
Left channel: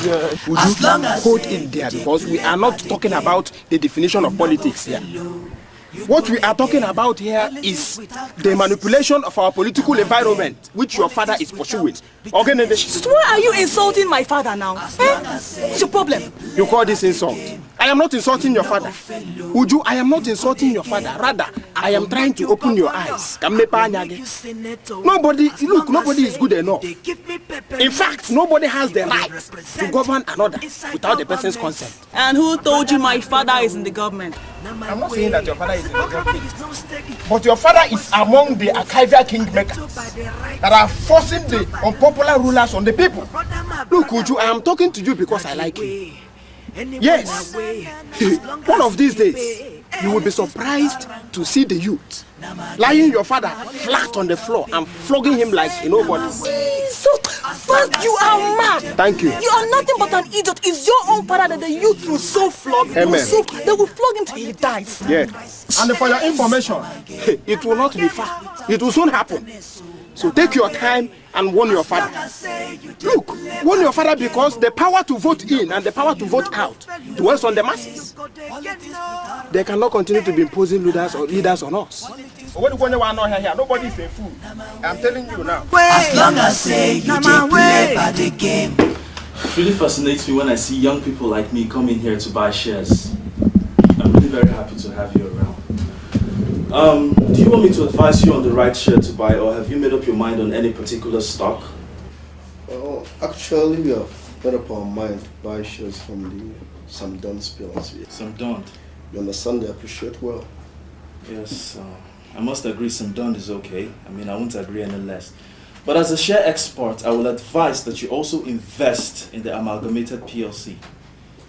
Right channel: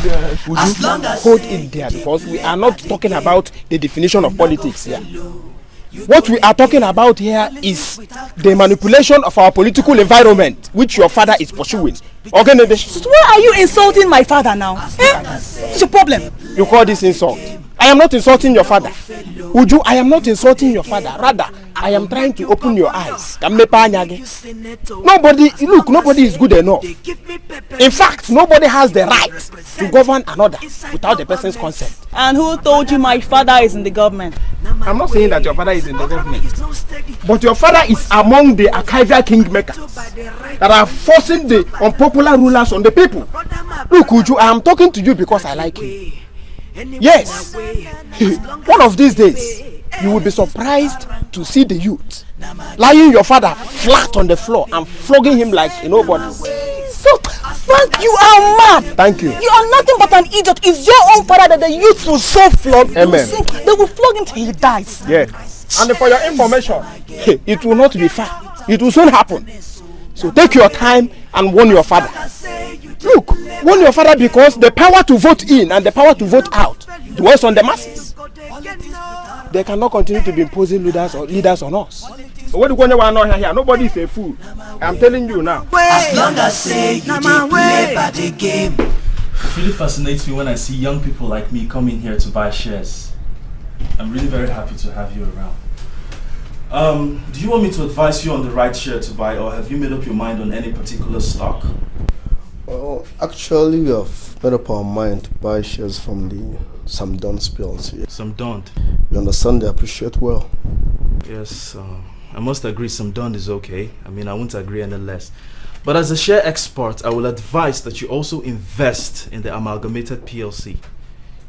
as long as hold in there, because we are not talking about the definition of politics here. What we are talking about here is the manipulation of our political environment, which your father is pursuing. Okay, So why are you insulting my father now? What's your problem? You call this insult? I am not insulting your father. Uju, I am not insulting your father. Rather, I am trying to open your eyes. Nobody is good enough. In fact, nobody has the right to govern another without the person's consent. And who told you my father is in the government? I'm not saying that your father is in the government, but your father is among the archival kingmakers that are forcing the unpopular rulers on the people. Look, Uju, I am talking to you because I like you. Yes, one of these days, you will be surprised to see the youth lying your father flat on the floor and flogging him like a nobody. So, Frank, you are mad. Thank you. You are nothing but an idiot. It's your own father that the youth will so flog. Amen. They will flog him till he dies. Yes. And for your information, it will not be far. It will soon happen. So take your time and warn your father. Look, warn your father because the power to vote in and the power to vote out dwells on the masses. They cannot continue to be imposing leaders on us. Nobody is a fool. I'm telling you now. As long as say you did play by the game. It really fascinates me when I see young people like me come in here to buy shares. I'm really very happy to have you around. Do you want me to advise you on the right share to buy, or have you made up your mind on any particular stock? Oh, actually, we have made up our mind to buy shares from the Samdon PLC. Samdon? We understand they appreciate well. Yes, I must agree Samdon is okay. I mean, I won't agree any less. But as a share expert, I will advise that you also invest in the Amalgamated PLC.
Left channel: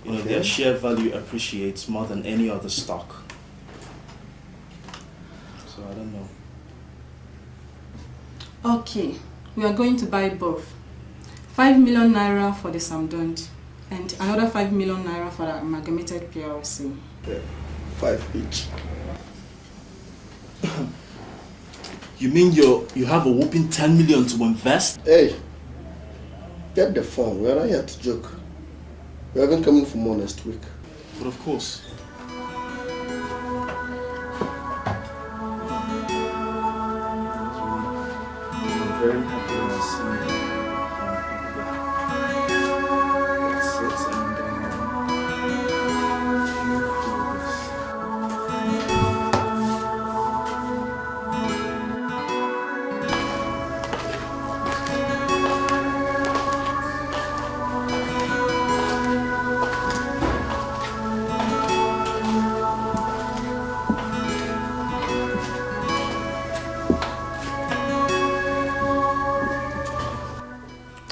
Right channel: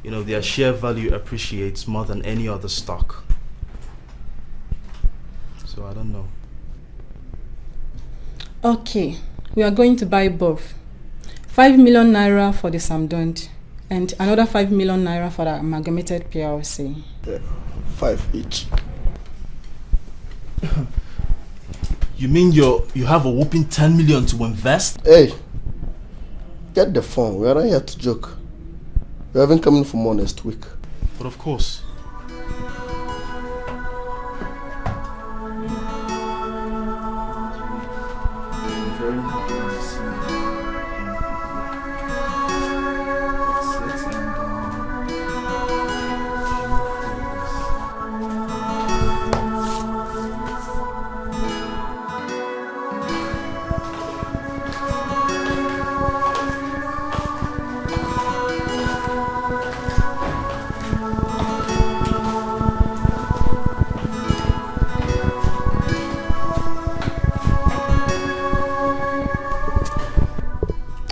You know, their share value appreciates more than any other stock. So I don't know. Okay, we are going to buy both. 5 million naira for the Samdon and another 5 million naira for the Amalgamated PLC. 5 each. You mean you have a whopping 10 million to invest? Hey, get the phone. We are not here to joke. We haven't come in for more next week. But of course. Very happy to see you.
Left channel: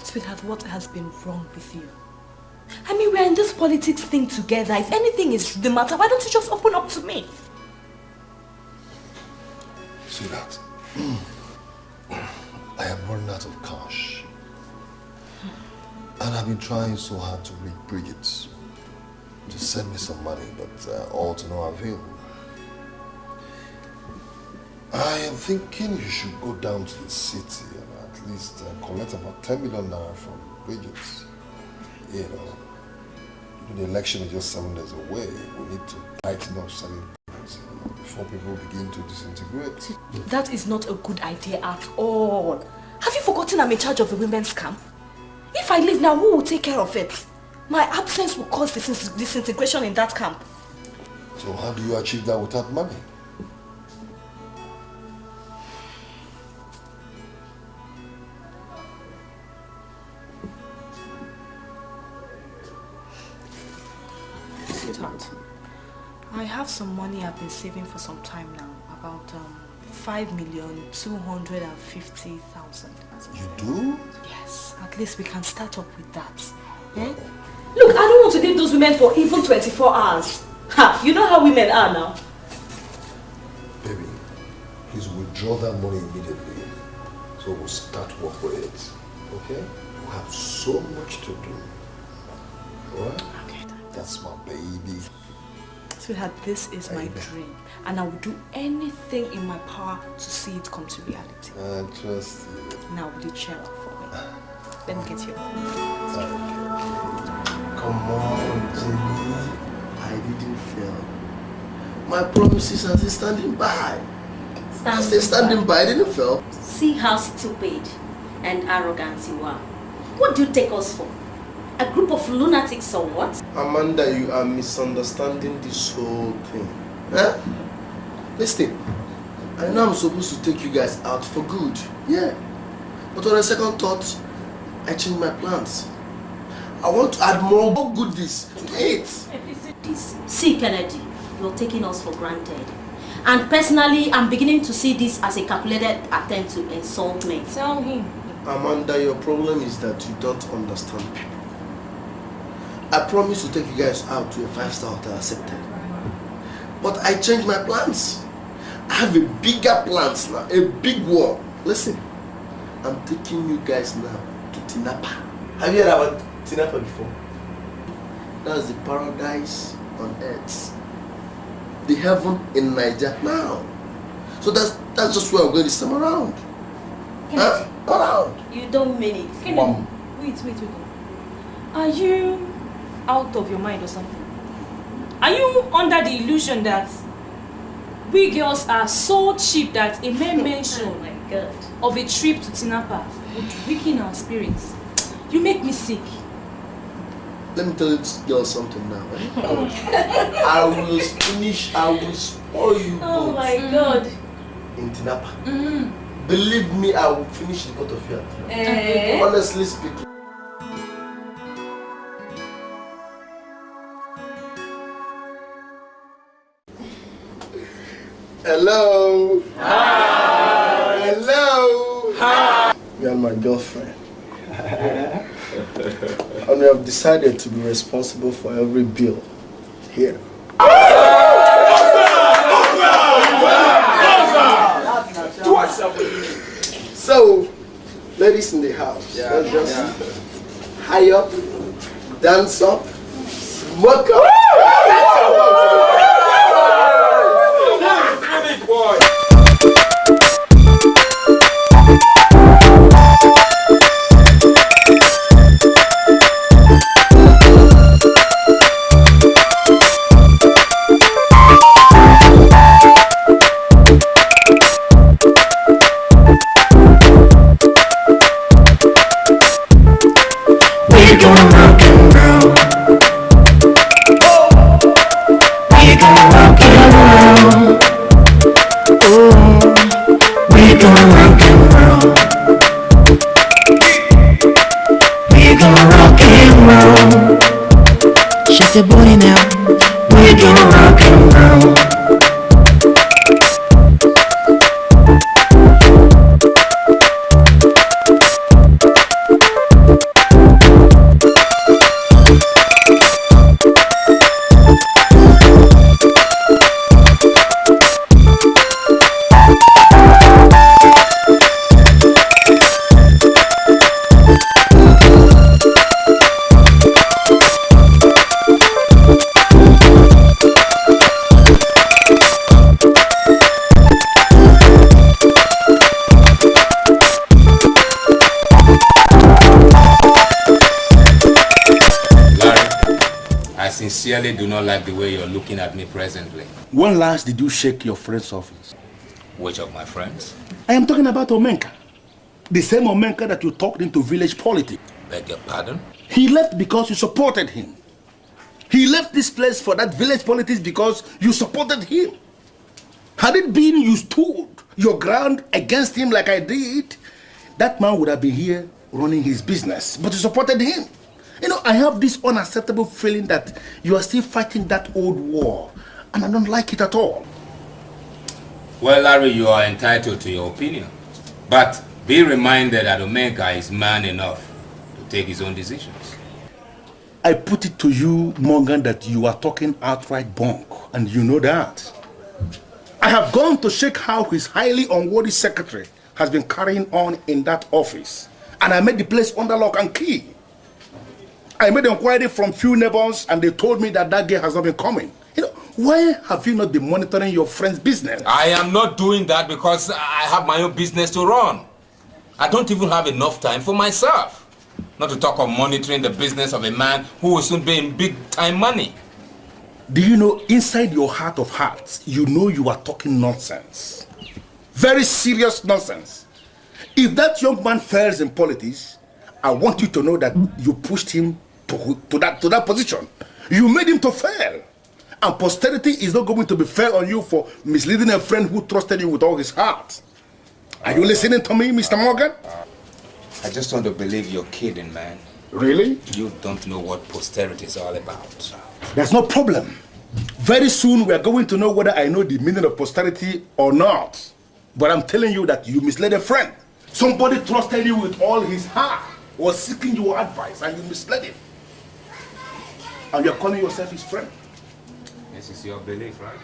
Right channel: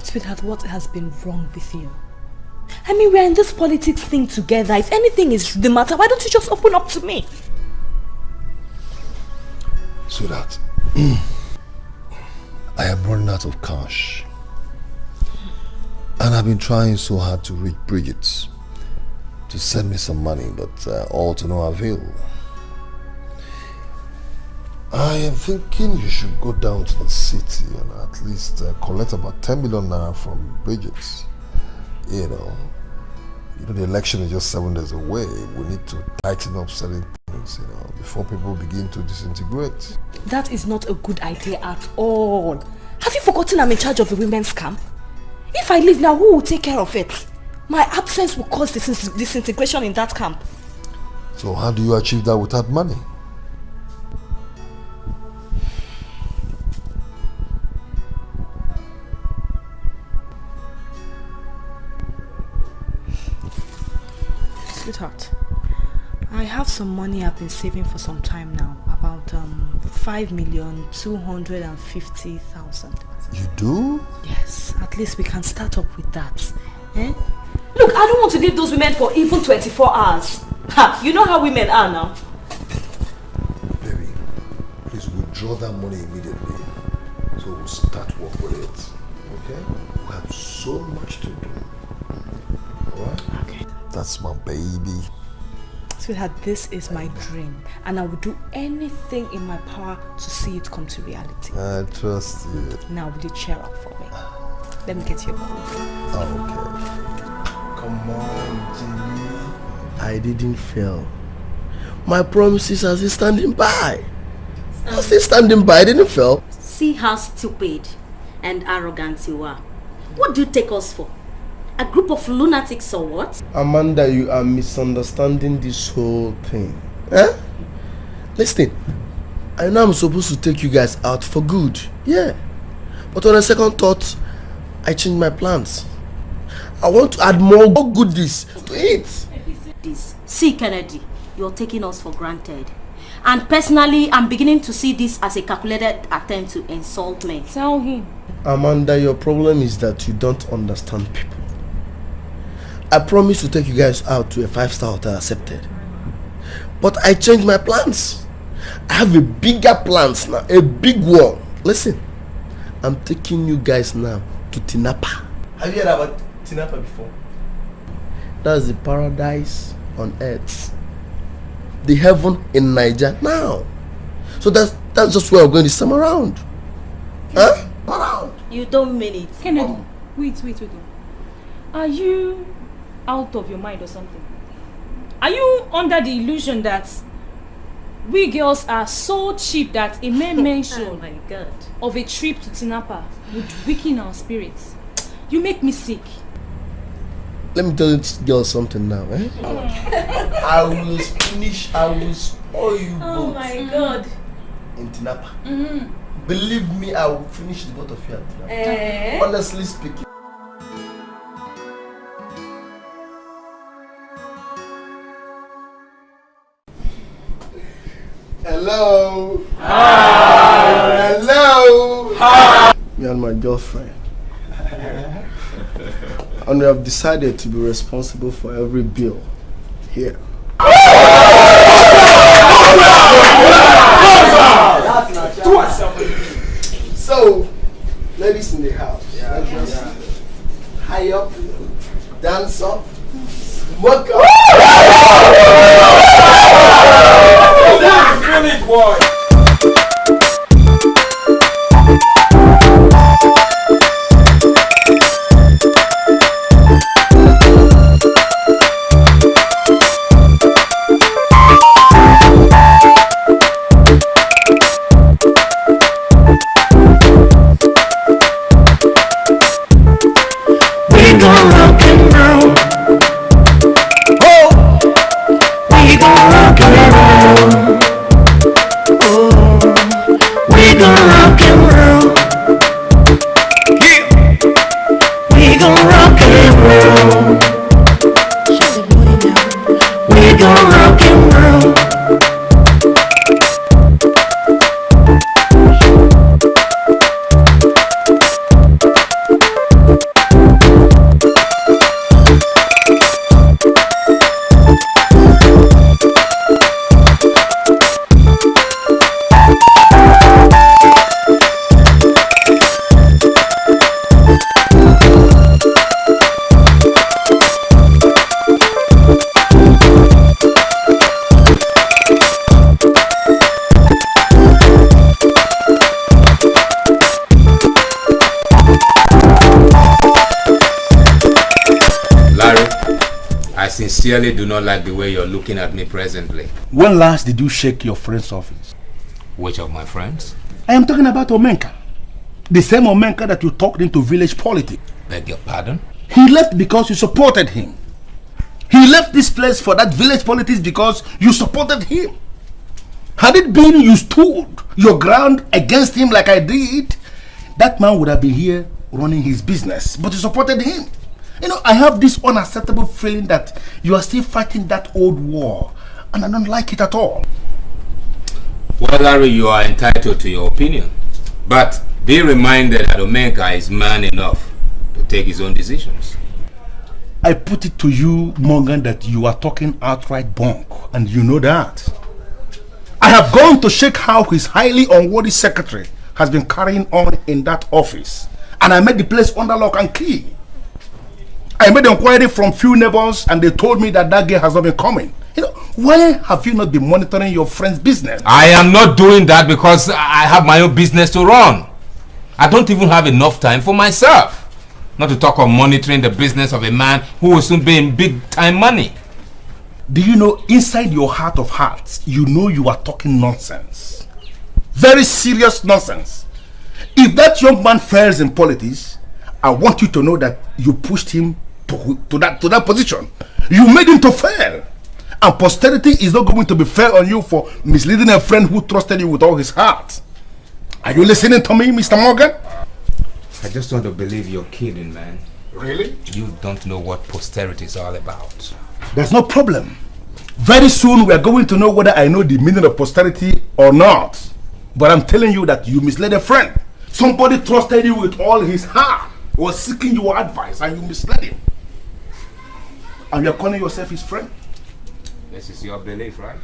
Sweetheart, what has been wrong with you? I mean, we're in this politics thing together. If anything is the matter, why don't you just open up to me? Sweetheart, I am running out of cash. And I've been trying so hard to reach Bridget to send me some money, but all to no avail. I am thinking you should go down to the city and at least collect about 10 million naira from Bridget. You know, the election is just 7 days away. We need to tighten up certain things, before people begin to disintegrate. That is not a good idea at all. Have you forgotten I'm in charge of the women's camp? If I leave now, who will take care of it? My absence will cause disintegration in that camp. So how do you achieve that without money? Sweetheart, I have some money I've been saving for some time now. About 5,250,000. You do? Yes, at least we can start up with that. Eh? Look, I don't want to leave those women for even 24 hours. Ha! You know how women are now. Baby, please withdraw that money immediately. So we'll start work with it. Okay? We have so much to do. Alright? Okay. That's my baby. Sweetheart, this is my dream. And I will do anything in my power to see it come to reality. I trust you. Now, will you cheer up for me? Let me get you. Come on, Jimmy. I didn't fail. My promises are still standing by. I'm still standing by. I didn't fail. See how stupid and arrogant you are. What do you take us for? A group of lunatics or what? Amanda, you are misunderstanding this whole thing. Eh? Listen, I know I'm supposed to take you guys out for good. Yeah. But on a second thought, I changed my plans. I want to add more goodies to it. See, Kennedy, you're taking us for granted. And personally, I'm beginning to see this as a calculated attempt to insult me. Tell him. Amanda, your problem is that you don't understand people. I promised to take you guys out to a 5-star hotel accepted. But I changed my plans. I have a bigger plans now, a big one. Listen, I'm taking you guys now to Tinapa. Have you heard about Tinapa before? That's the paradise on earth. The heaven in Niger now. So that's just where I'm going this time around. Huh? Around. You don't mean it. Kennedy, wait. Are you out of your mind or something? Are you under the illusion that we girls are so cheap that a mere mention of a trip to Tinapa would weaken our spirits? You make me sick. Let me tell you girls something now, eh? I will spoil you both. Oh my God. In Tinapa. Believe me, I will finish the both of you. Honestly speaking. Hello. Hi. Hello. Hi. Me and my girlfriend. And we have decided to be responsible for every bill here. So, ladies in the house, let's just high up, dance up, smoke up. Finish, boy. sincerely do not like the way you're looking at me presently. When last did you shake your friend's office? Which of my friends? I am talking about Omenka. The same Omenka that you talked into village politics. Beg your pardon? He left because you supported him. He left this place for that village politics because you supported him. Had it been you stood your ground against him like I did, that man would have been here running his business. But you supported him. You know, I have this unacceptable feeling that you are still fighting that old war. And I don't like it at all. Well, Larry, you are entitled to your opinion. But be reminded that Omenka is man enough to take his own decisions. I put it to you, Morgan, that you are talking outright bunk. And you know that. I have gone to check how his highly unworthy secretary has been carrying on in that office. And I made the place under lock and key. I made inquiry from few neighbors and they told me that that girl has not been coming. You know, why have you not been monitoring your friend's business? I am not doing that because I have my own business to run. I don't even have enough time for myself. Not to talk of monitoring the business of a man who will soon be in big time money. Do you know, inside your heart of hearts, you know you are talking nonsense. Very serious nonsense. If that young man fails in politics, I want you to know that you pushed him to that position. You made him to fail. And posterity is not going to be fair on you for misleading a friend who trusted you with all his heart. Are you listening to me, Mr. Morgan? I just want to believe you're kidding, man. Really? You don't know what posterity is all about. There's no problem. Very soon we are going to know whether I know the meaning of posterity or not. But I'm telling you that you misled a friend. Somebody trusted you with all his heart, was seeking your advice, and you misled him. And you're calling yourself his friend? This is your belief, right?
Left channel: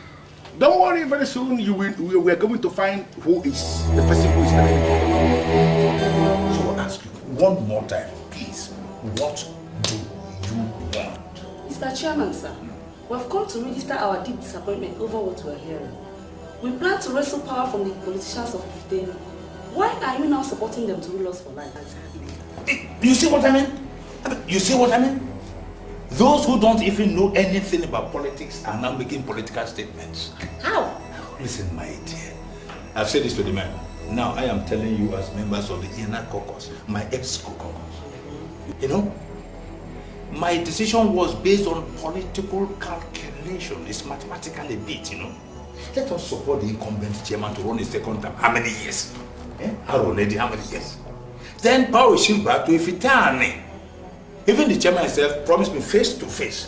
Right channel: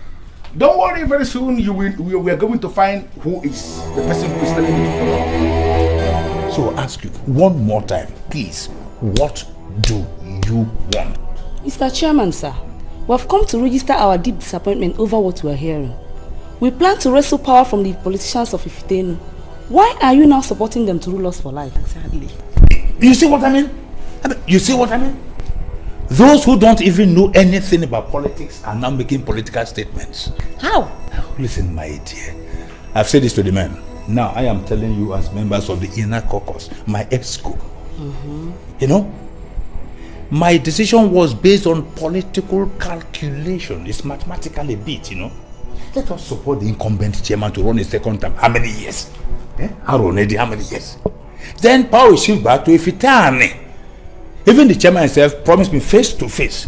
Don't worry, very soon we are going to find who is the person who is telling you. So I'll ask you one more time, please. What do you want? Mr. Chairman, sir, we have come to register our deep disappointment over what we are hearing. We plan to wrestle power from the politicians of Ifitenu. Why are you now supporting them to rule us for life? Exactly. You see what I mean? You see what I mean? Those who don't even know anything about politics are now making political statements. How? Listen, my dear. I've said this to the men. Now I am telling you as members of the inner caucus, my ESCO. You know, my decision was based on political calculation. It's mathematically beat, you know. Let us support the incumbent chairman to run a second term. How many years? How many years? Then power will shift back to Ifitani. Even the chairman himself promised me face to face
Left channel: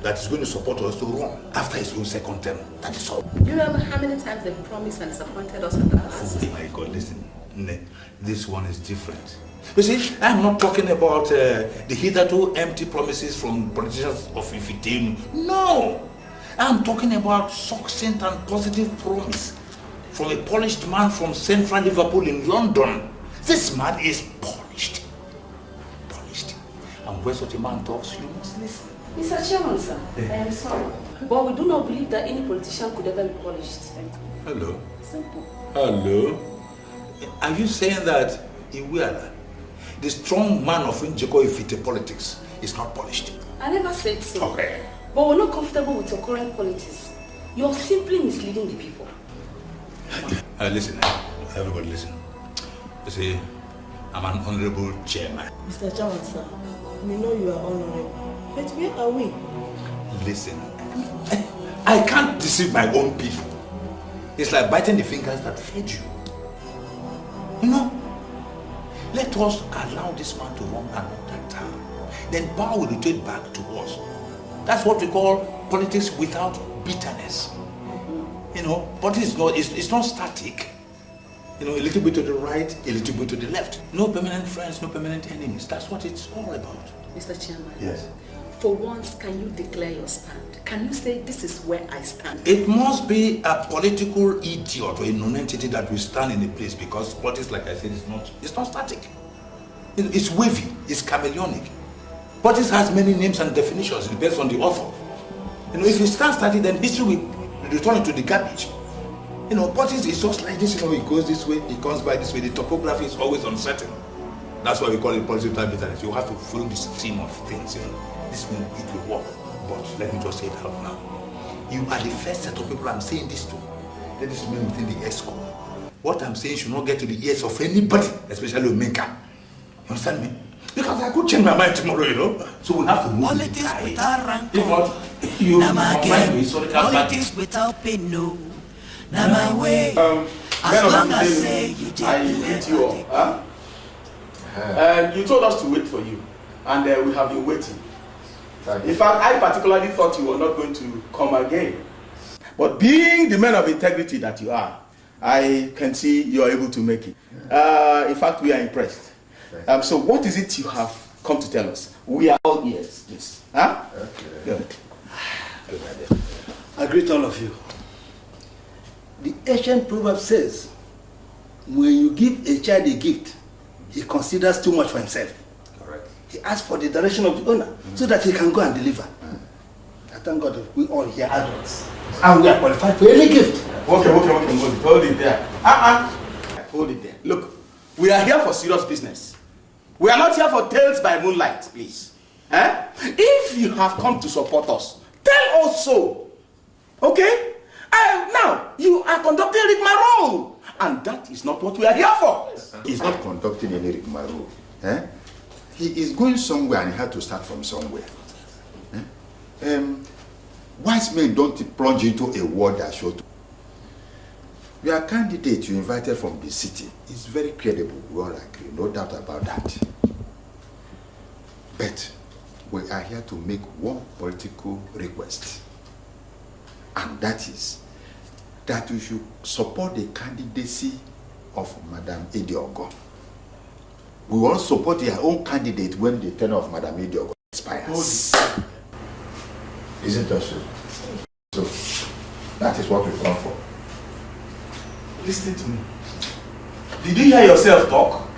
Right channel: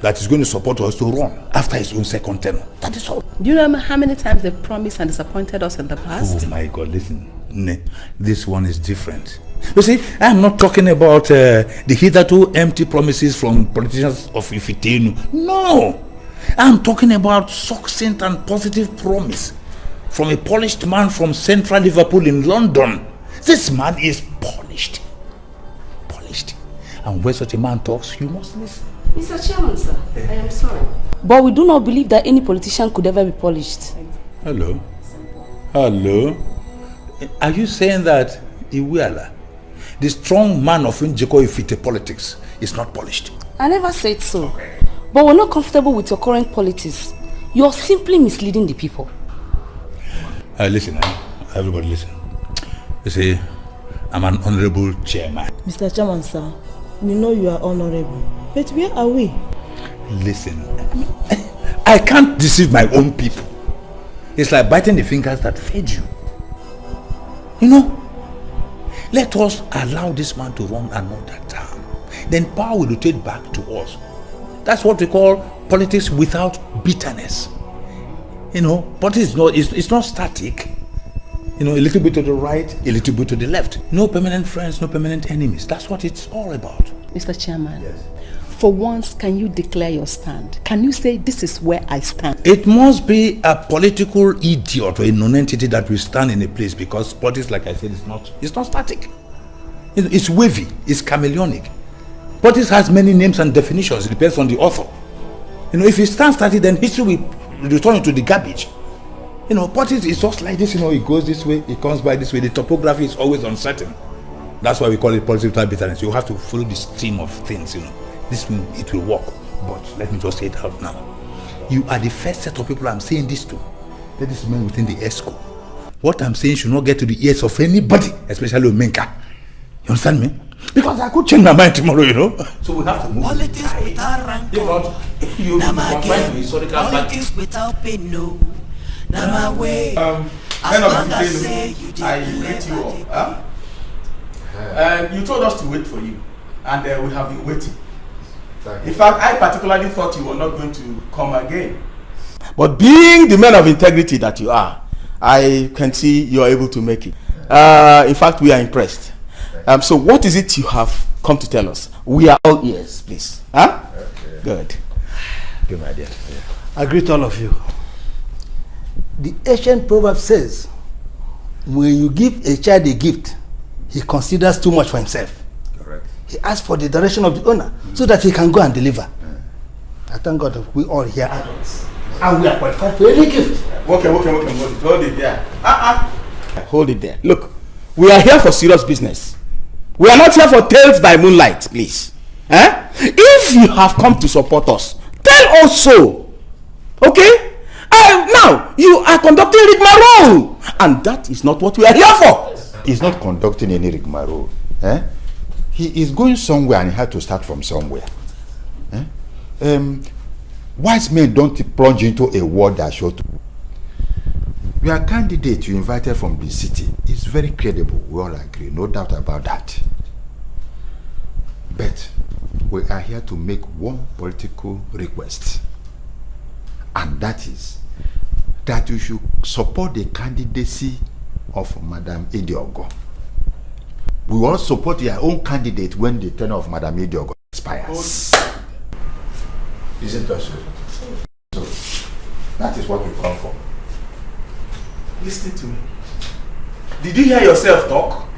that he's going to support us to run after his own second term. That is all. Do you remember how many times they've promised and disappointed us in the past? Oh my God, listen. This one is different. You see, I'm not talking about the hitherto empty promises from politicians of Ifitenu. No! I'm talking about succinct and positive promise from a polished man from central Liverpool in London. This man is polished. And when such a man talks, you must listen. Mr. Chairman, sir, I am sorry. But we do not believe that any politician could ever be polished. Hello? Hello? Are you saying that Iweala, the strong man of Njeko Ifite politics, is not polished? I never said so. Okay. But we're not comfortable with your current politics. You're simply misleading the people. Listen, everybody listen. You see, I'm an honorable chairman. Mr. Chairman, sir, we know you are honorable. But where are we? Listen, I can't deceive my own people. It's like biting the fingers that feed you. You know, let us allow this man to run another term. Then power will rotate back to us. That's what we call politics without bitterness. You know, politics it's not static. You know, a little bit to the right, a little bit to the left. No permanent friends, no permanent enemies. That's what it's all about. Mr. Chairman. Yes. For once, can you declare your stand? Can you say, this is where I stand? It must be a political idiot or a non-entity that will stand in a place, because politics, like I said, it's not static. It's wavy, it's chameleonic. Politics has many names and definitions. It depends on the author. You know, if it stands static, then history will return into the garbage. You know, politics is just like this, you know, it goes this way, it comes by this way. The topography is always uncertain. That's why we call it politics without bitterness. You have to follow the stream of things, you know. This means it will work. But let me just say it out now. You are the first set of people I'm saying this to. Let this remain within the ESCO. What I'm saying should not get to the ears of anybody, especially Omenka. You understand me? Because I could change my mind tomorrow, you know. So we have to move. Politics without rancor. Politics without pain, no. Now my way. As long as say you did you told us to wait for you, and we have been waiting. In fact, I particularly thought you were not going to come again. But being the man of integrity that you are, I can see you are able to make it. In fact, we are impressed. So what is it you have come to tell us? We are all ears, please. Huh? Okay. Good. Good idea. I greet all of you. The ancient proverb says, when you give a child a gift, he considers too much for himself. Correct. He asks for the direction of the owner so that he can go and deliver. I thank God that we all here adults. And we are qualified for any gift. Okay. Hold it there. Hold it there. Look, we are here for serious business. We are not here for tales by moonlight, please. If you have come to support us, tell us so. Okay? Now, you are conducting rigmarole. And that is not what we are here for. He's not conducting any rigmarole. He is going somewhere and he had to start from somewhere. Wise men don't plunge into a war that short. Your candidate you invited from the city is very credible. We all agree, no doubt about that. But we are here to make one political request. And that is that you should support the candidacy of Madam Idiogo. We will support your own candidate when the tenure of Madam Idiogo expires. Isn't that so? So, that is what we come for. Listen to me. Did you hear yourself talk?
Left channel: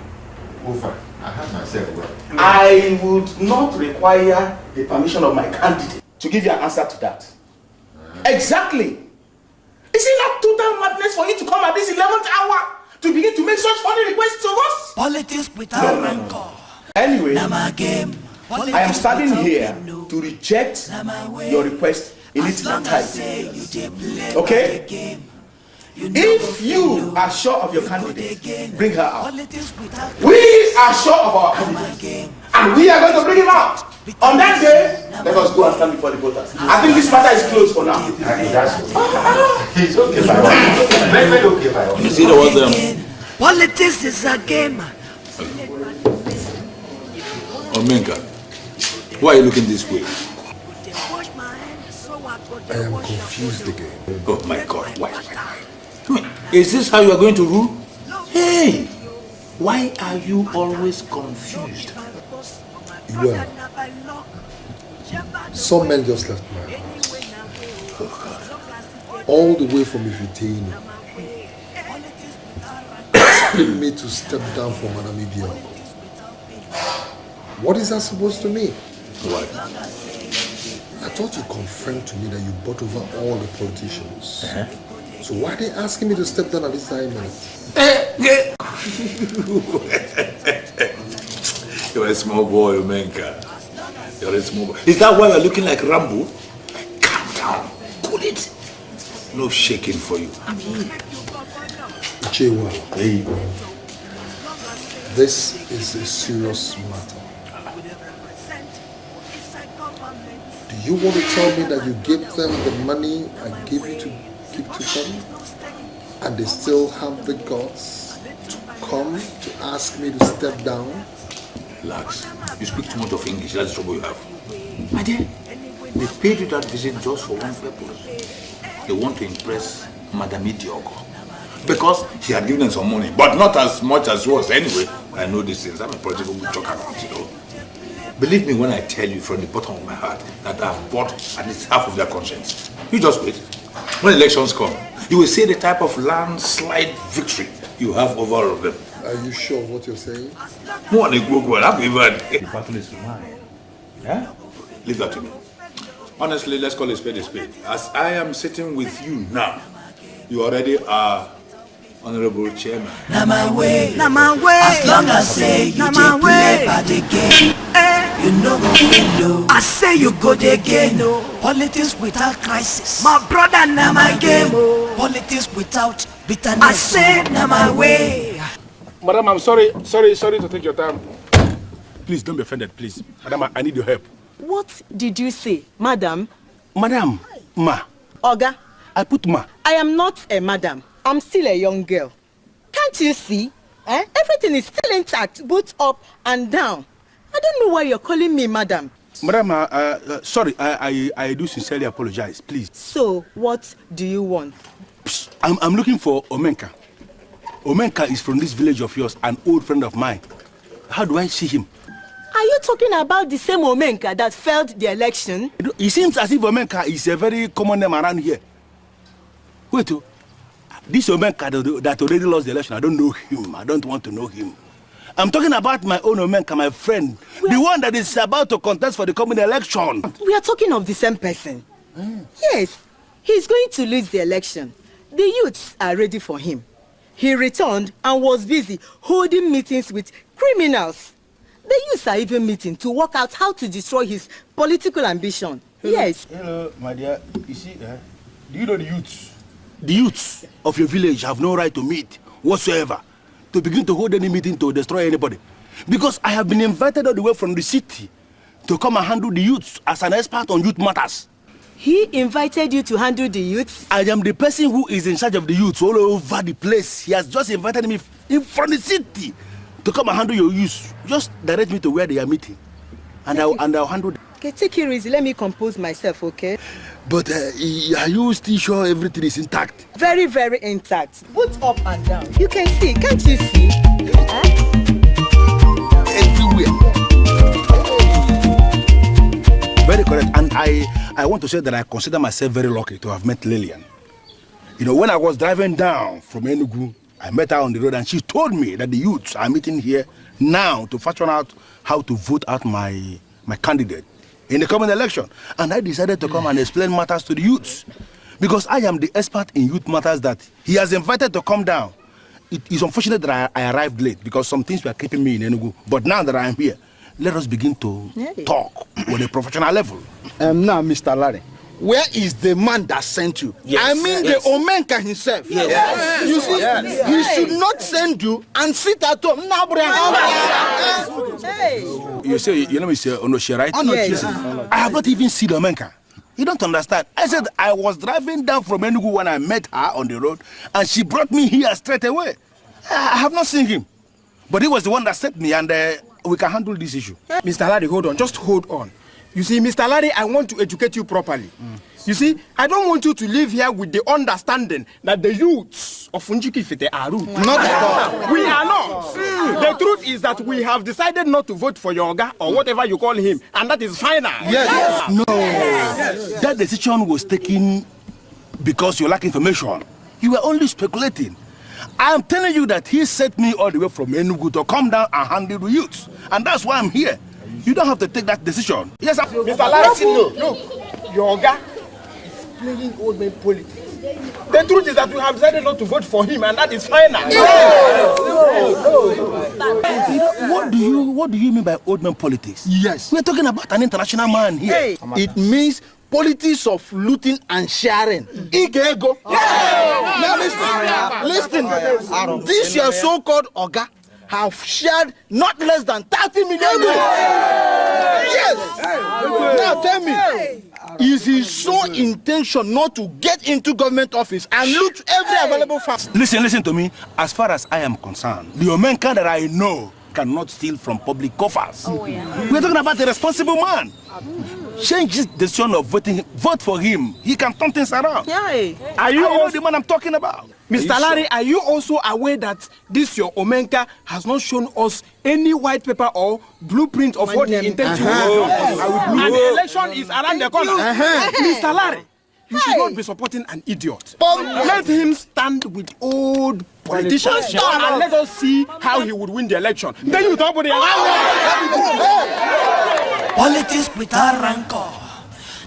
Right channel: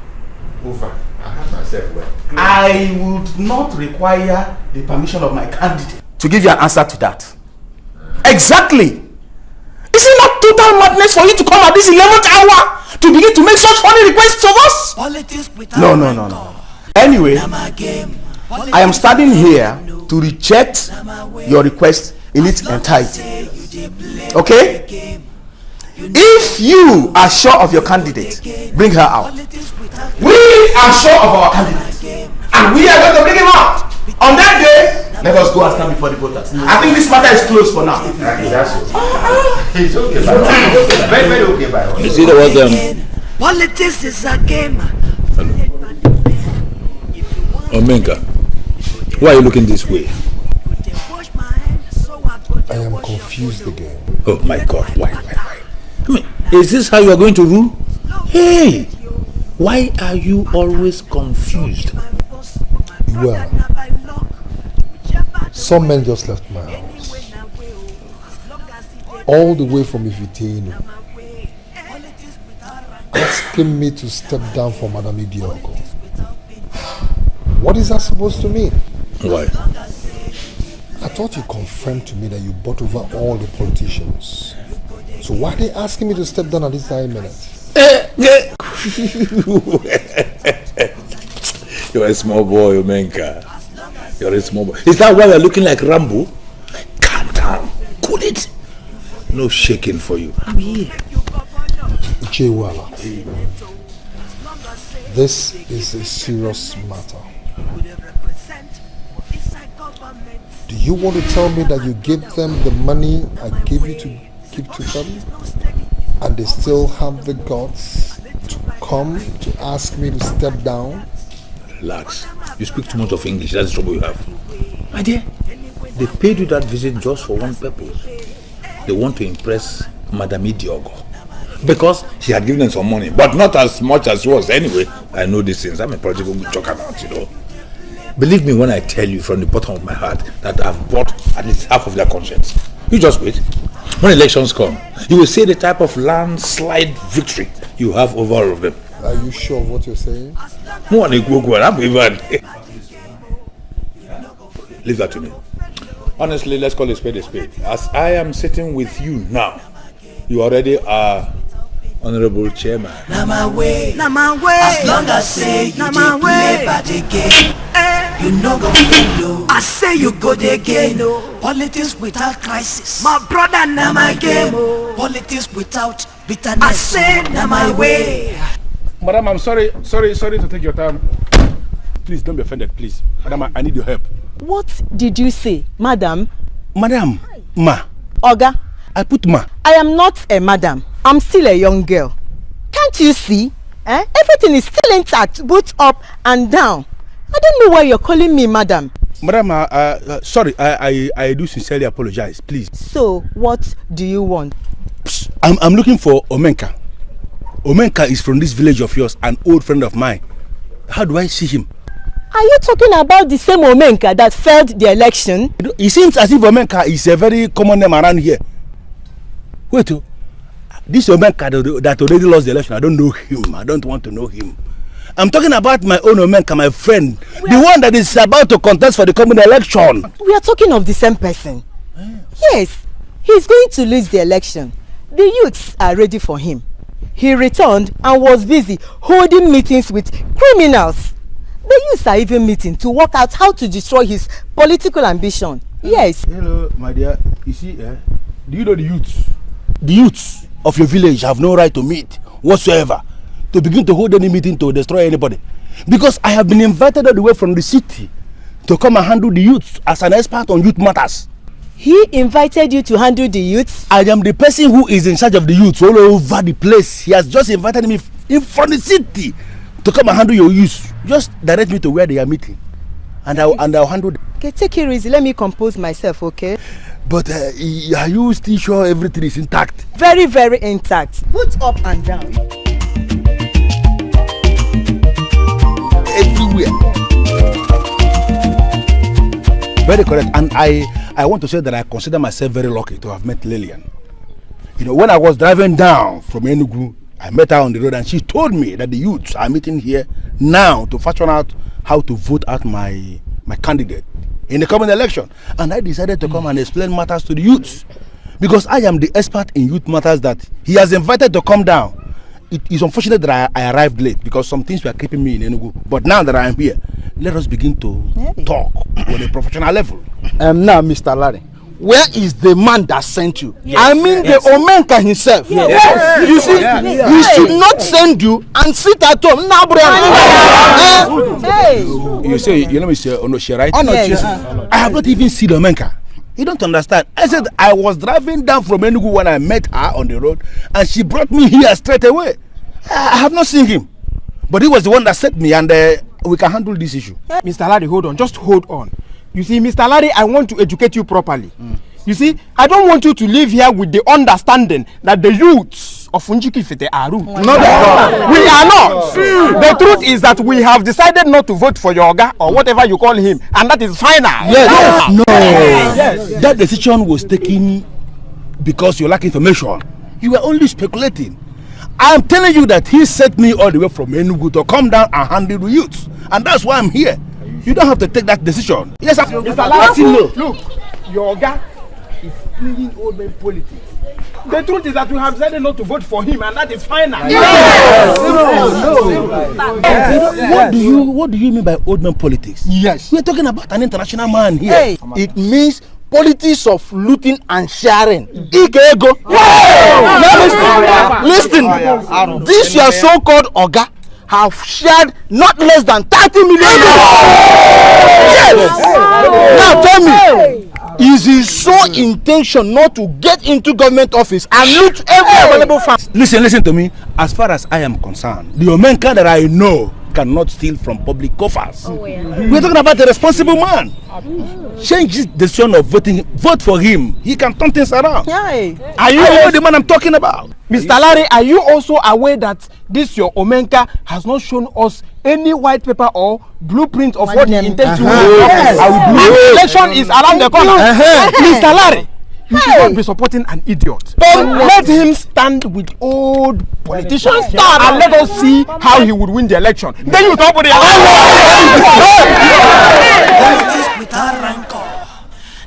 Ufa, I heard myself well. I would not require the permission of my candidate to give you an answer to that. Exactly. Is it not total madness for you to come at this 11th hour to begin to make such funny requests of us? Politics without No. Anyway, I am standing here to reject your request in its entirety. Okay? If you are sure of your candidate, bring her out. We are sure of our candidate, and we are going to bring him out. On that day, let us go and stand before the voters. I think this matter is closed for now. It's okay. Very okay, by the way. You see the one Politics is a game. Omenka, why are you looking this way? I am confused again. Oh my God, why? Is this how you are going to rule? Hey, why are you always confused? Well, some men just left my house. All the way from Ifitino, asking me to step down for Madam Idiogo. What is that supposed to mean? Why? I thought you confirmed to me that you bought over all the politicians. So why are they asking me to step down at this time minute? You're a small boy, Omenka. You're a small boy. Is that why you're looking like Rambo? Calm down. Cool it. No shaking for you. I'm here. Chihuahua. This is a serious matter. Do you want to tell me that you gave them the money I gave you to give to them, and they still have the guts to come to ask me to step down? Relax. You speak too much of English. That's the trouble you have. My dear, they paid you that visit just for one purpose. They want to impress Madam Idiogo. Because he had given them some money, but not as much as yours anyway. I know these things. I'm a political we talk about, you know. Believe me when I tell you from the bottom of my heart that I've bought at least half of their conscience. You just wait. When elections come, you will see the type of landslide victory you have over all of them. Are you sure of what you're saying? Leave that to me. Honestly, let's call a spade a spade. As I am sitting with you now, you already are Honorable Chairman. Na my way. As long as say you dey play by the game, you no go follow. I say you go the game. Politics without crisis, my brother, na my game. Politics without bitterness, I say na my way. Madam, I'm sorry to take your time. Please don't be offended, please. Madam, I need your help. What did you say, madam? Madam, ma. Oga. I put ma. I am not a madam. I'm still a young girl. Can't you see? Everything is still intact, both up and down. I don't know why you're calling me madam. Madam, sorry, I do sincerely apologize, please. So, what do you want? I'm looking for Omenka. Omenka is from this village of yours, an old friend of mine. How do I see him? Are you talking about the same Omenka that failed the election? It seems as if Omenka is a very common name around here. Wait, this Omenka that already lost the election, I don't know him. I don't want to know him. I'm talking about my own Omenka, my friend. The one that is about to contest for the coming election. We are talking of the same person. Yes, he's going to lose the election. The youths are ready for him. He returned and was busy holding meetings with criminals. The youths are even meeting to work out how to destroy his political ambition. Yes. Hello, my dear. You see, do you know the youths? The youths of your village have no right to meet whatsoever, to begin to hold any meeting to destroy anybody. Because I have been invited all the way from the city to come and handle the youths as an expert on youth matters. He invited you to handle the youths? I am the person who is in charge of the youths all over the place. He has just invited me from the city to come and handle your youths. Just direct me to where they are meeting, and I'll handle them. Okay, take it easy. Let me compose myself, okay? But are you still sure everything is intact? Very, very intact. Both up and down. You can see, can't you see? Everywhere. Very correct. And I want to say that I consider myself very lucky to have met Lillian. You know, when I was driving down from Enugu, I met her on the road and she told me that the youths are meeting here now to fashion out how to vote out my candidate in the coming election. And I decided to come and explain matters to the youths, because I am the expert in youth matters that he has invited to come down. It is unfortunate that I arrived late because some things were keeping me in Enugu. But now that I am here, let us begin to talk on a professional level. Now, Mr. Larry, where is the man that sent you? Yes. I mean the Omenka himself. Yes. You see, he should not send you and sit at home. You say, you know, Mr. Onoche, right? Onoche. I have not even seen Omenka. You don't understand. I said I was driving down from Enugu when I met her on the road, and she brought me here straight away. I have not seen him, but he was the one that sent me, and we can handle this issue. Mr. Larry, hold on. Just hold on. You see, Mr. Larry, I want to educate you properly. You see, I don't want you to live here with the understanding that the youths of Unjikifite are rude. Not at all. We are not. The truth is that we have decided not to vote for your Oga or whatever you call him, and that is final. Yes. No. Yes. That decision was taken because you lack information. You were only speculating. I am telling you that he sent me all the way from Enugu to come down and handle the youths, and that's why I'm here. You don't have to take that decision. Yes, Mr. Larry, look, your Oga is playing old man politics. The truth is that we have decided not to vote for him, and that is final. Yes. What do you mean by old man politics? Yes. We're talking about an international man here. It means politics of looting and sharing. Listen, this your so-called Oga have shared not less than 30 million. Yes. Now tell me, is his sole intention not to get into government office and loot every available fund? Listen to me. As far as I am concerned, the Omenka that I know cannot steal from public coffers. We're talking about a responsible man. Change his decision of voting. Vote for him. He can turn things around. Are you the man I'm talking about? Mr. Larry, are you also aware that this your Omenka has not shown us any white paper or blueprint of what he intends to do? The election is around the corner. Mr. Larry, you should not be supporting an idiot. Let him stand with old politicians and let us see how he would win the election. Then you talk about the Politics without rancor.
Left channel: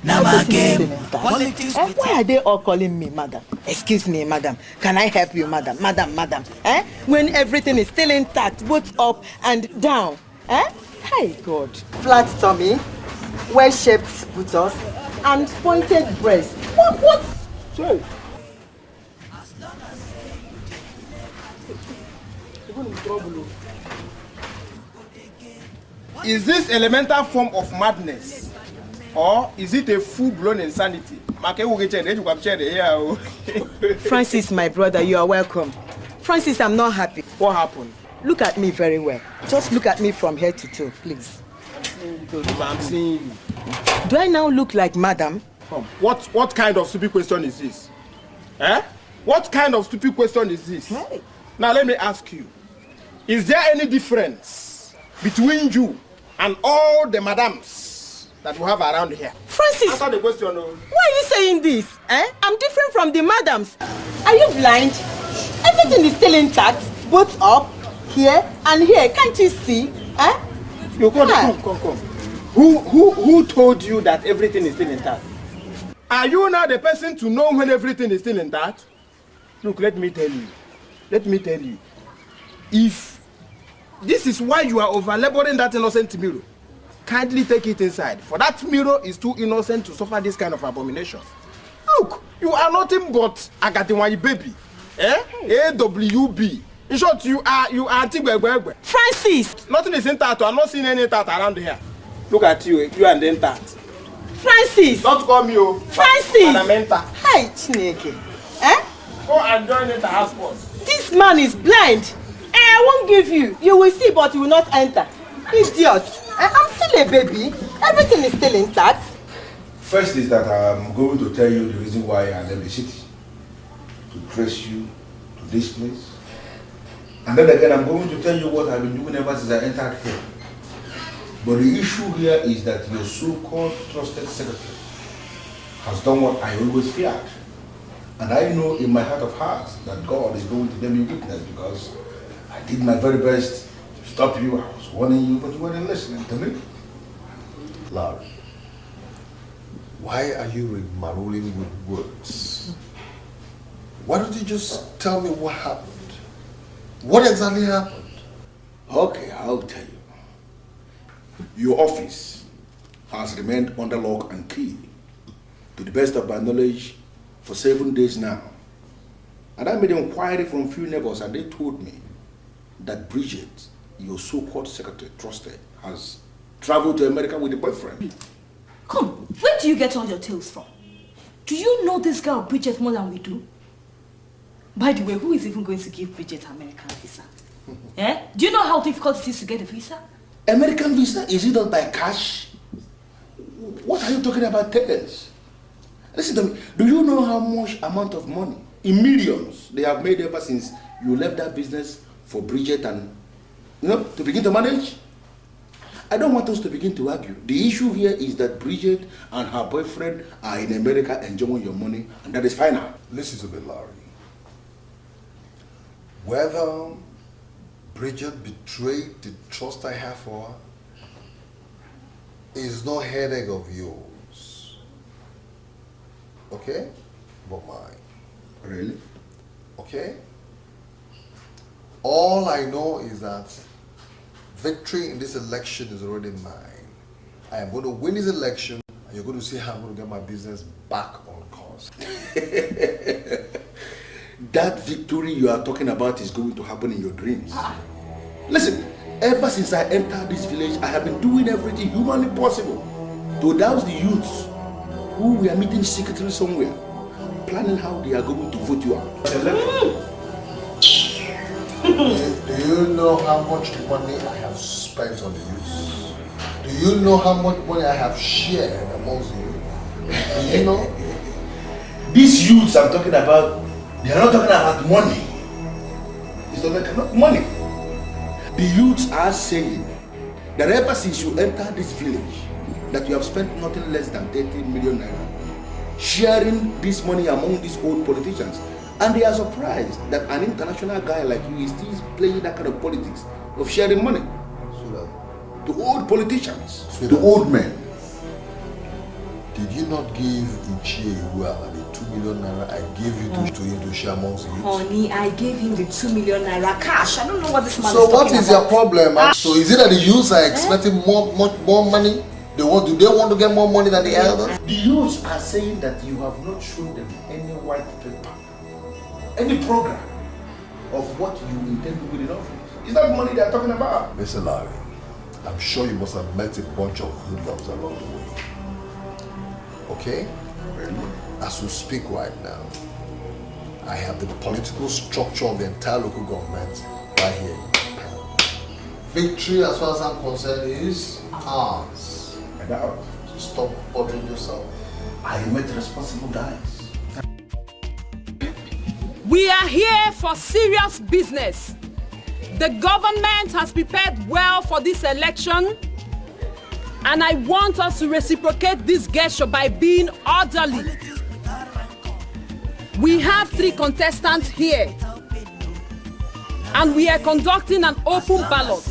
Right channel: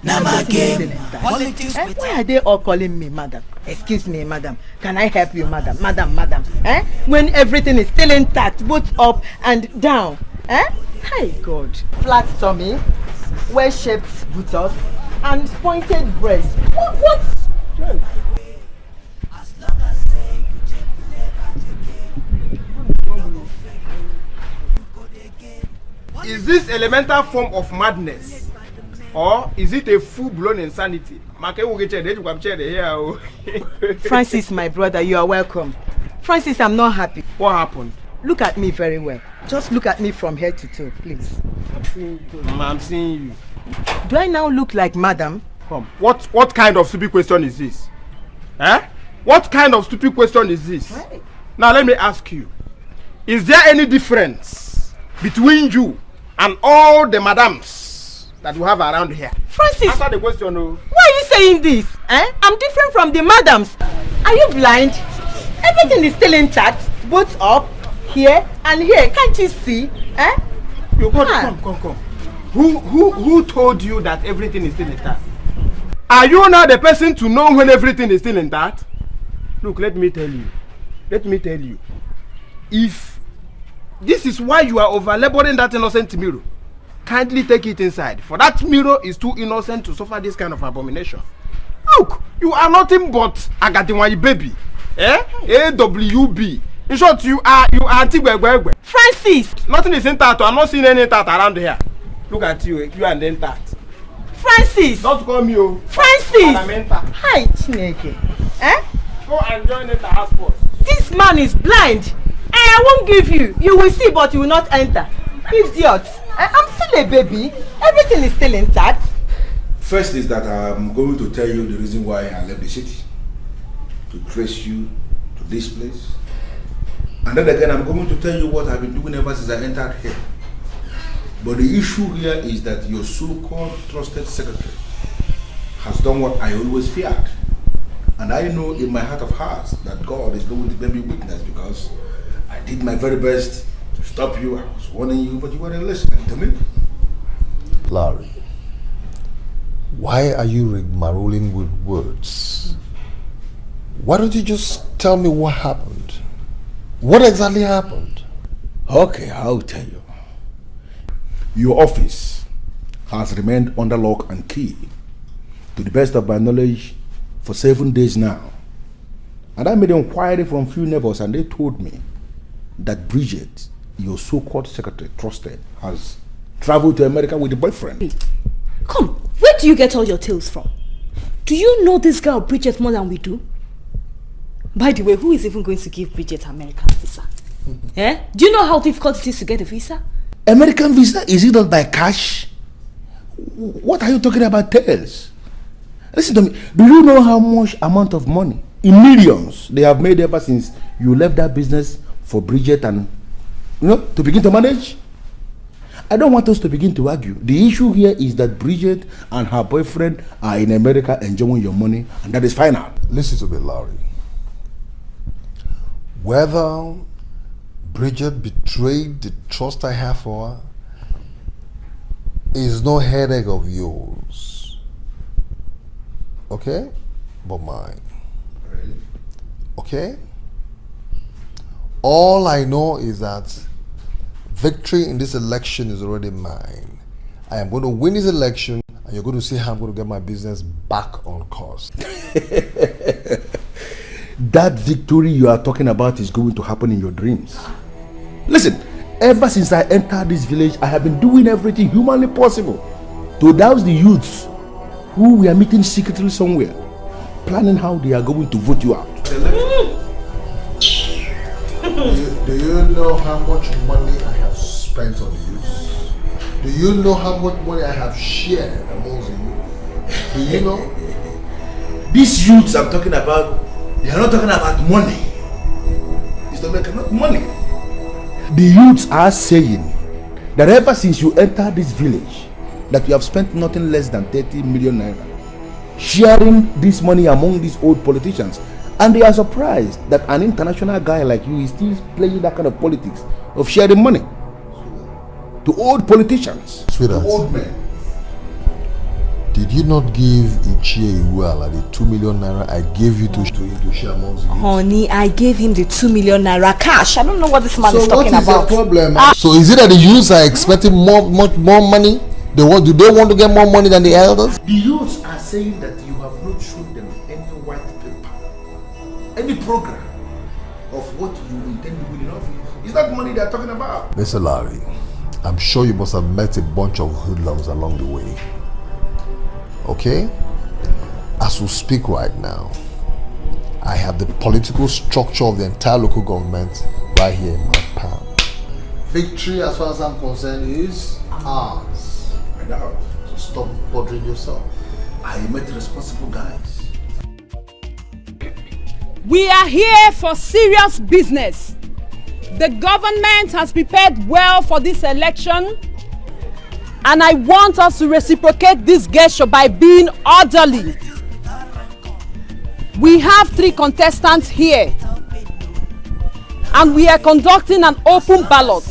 Now my game. Politics Why are they all calling me madam? Excuse me, madam. Can I help you, madam? Madam. When everything is still intact, both up and down. Hi, God. Flat tummy, well-shaped buttocks, and pointed breast. What? Sure. Is this elemental form of madness? Or is it a full-blown insanity? Francis, my brother, you are welcome. Francis, I'm not happy. What happened? Look at me very well. Just look at me from head to toe, please. I'm seeing you. Do I now look like madam? What kind of stupid question is this? What kind of stupid question is this? Hey. Now let me ask you. Is there any difference between you and all the madams that you have around here? Francis! Answer the question, no. Why are you saying this? I'm different from the madams. Are you blind? Everything is still intact. Both up, here, and here. Can't you see? You come. Who told you that everything is still intact? Are you not the person to know when everything is still intact? Look, let me tell you. If this is why you are over-laboring that innocent mirror, kindly take it inside. For that mirror is too innocent to suffer this kind of abomination. Look, you are nothing but Agatiwanyi baby. AWB. In short, you are Tigwegwegwe. Francis! Nothing is intact. I'm not seeing any intact around here. Look at you. You are the intact. Francis! Don't call me, Francis! Hi, Chineke. Go and join the house force. This man is blind. I won't give you. You will see, but you will not enter. Idiot. I'm still a baby. Everything is still intact. First is that I'm going to tell you the reason why I left the city. To trace you to this place. And then again, I'm going to tell you what I've been doing ever since I entered here. But the issue here is that your so-called trusted secretary has done what I always feared. And I know in my heart of hearts that God is going to bear me witness because I did my very best to stop you. I was warning you, but you weren't listening to me. Larry, why are you rigmaroling with words? Why don't you just tell me what happened? What exactly happened? Okay, I'll tell you. Your office has remained under lock and key, to the best of my knowledge, for 7 days now. And I made an inquiry from few neighbors and they told me that Bridget, your so-called secretary, trusted, has traveled to America with a boyfriend. Come, where do you get all your tales from? Do you know this girl Bridget more than we do? By the way, who is even going to give Bridget an American visa? Do you know how difficult it is to get a visa? American visa? Is it not by cash? What are you talking about, tales? Listen to me. Do you know how much amount of money, in millions, they have made ever since you left that business for Bridget and, to begin to manage? I don't want us to begin to argue. The issue here is that Bridget and her boyfriend are in America enjoying your money, and that is final. Listen to me, Larry. Whether Bridget betrayed the trust I have for her is no headache of yours. Okay? But mine. Really? Okay? All I know is that victory in this election is already mine. I am going to win this election and you're going to see how I'm going to get my business back on course. That victory you are talking about is going to happen in your dreams. Listen, ever since I entered this village, I have been doing everything humanly possible to douse the youths who we are meeting secretly somewhere, planning how they are going to vote you out. Do you know how much money I have spent on the youths? Do you know how much money I have shared amongst the youth? Do you know? These youths I'm talking about, they are not talking about money. It's not making money. The youths are saying that ever since you entered this village, that you have spent nothing less than 30 million naira sharing this money among these old politicians. And they are surprised that an international guy like you is still playing that kind of politics of sharing money to old politicians, to old men. The Did you not give Ichie Iwala the 2 million naira I gave you to share amongst you? Honey, I gave him the 2 million naira cash. I don't know what this man is So talking what is about. your problem? So is it that the youths are expecting much more money? Do they want to get more money than the elders? The youths are saying that you have not shown them any white paper, any program of what you intend to do in office. Is that money they are talking about? Mr. Larry, I'm sure you must have met a bunch of hoodlums along the way. Okay? As we speak right now, I have the political structure of the entire local government right here in my palm. Victory, as far as I'm concerned, is ours. Stop bothering yourself. I met responsible guys. We are here for serious business. The government has prepared well for this election, and I want us to reciprocate this gesture by being orderly. We have 3 contestants here, and we are conducting an open ballot.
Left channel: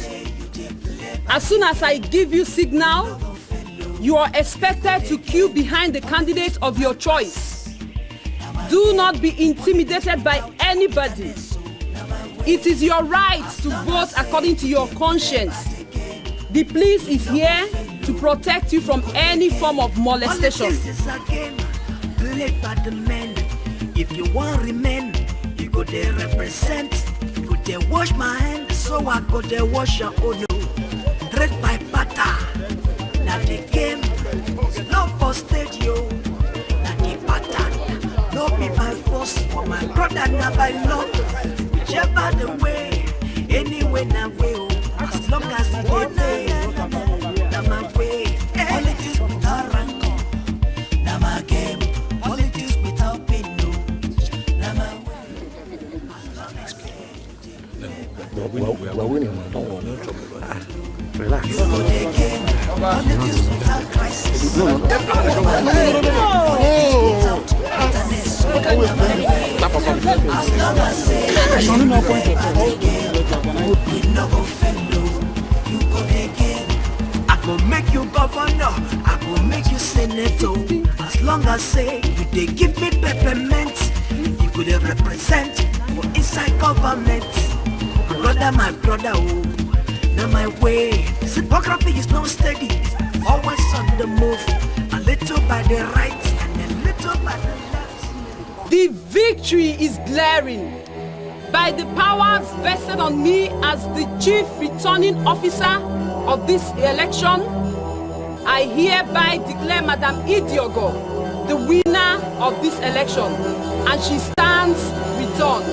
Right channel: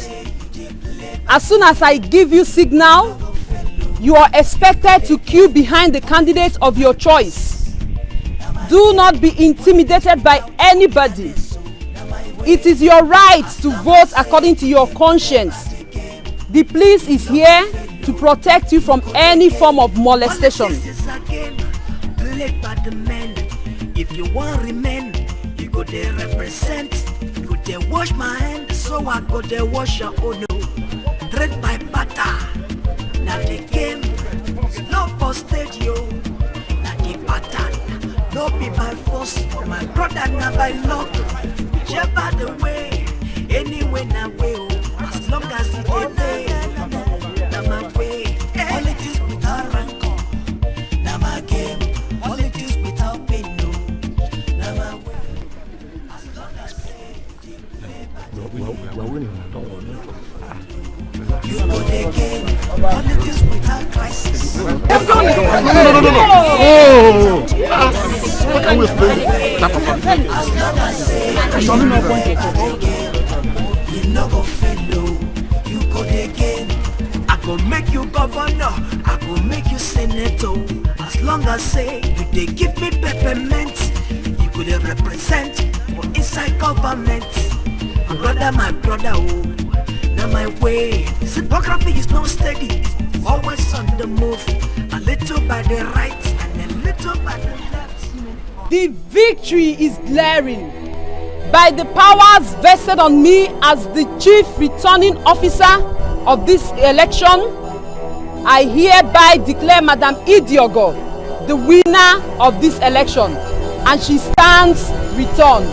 As soon as I give you signal, you are expected to queue behind the candidate of your choice. Do not be intimidated by anybody. It is your right to vote according to your conscience. The police is here to protect you from any form of molestation. Politics is a game played by the men. If you want remain, you go there represent. You go there wash my hand, so I go there wash your own. Trade by butter. Now the game is not for stadio. Now the pattern, no be by force, for my brother now by luck. Whichever the way, anyway now way, as long as it pay, now my way. Politics without rancor, now my game. Politics without pain, no, now my way. As long as we're winning. You go again. Politics without crisis. No. As long as say you no go fellow, you go again. I go make you governor, I go make you senator. As long as say you dey give me peppermint, you go dey represent for inside government. My brother, oh. Now my way, sympathy is not steady, always on the move, a little by the right and a little by the left. The victory is glaring. By the powers vested on me as the chief returning officer of this election, I hereby declare Madam Idiogo the winner of this election, and she stands returned.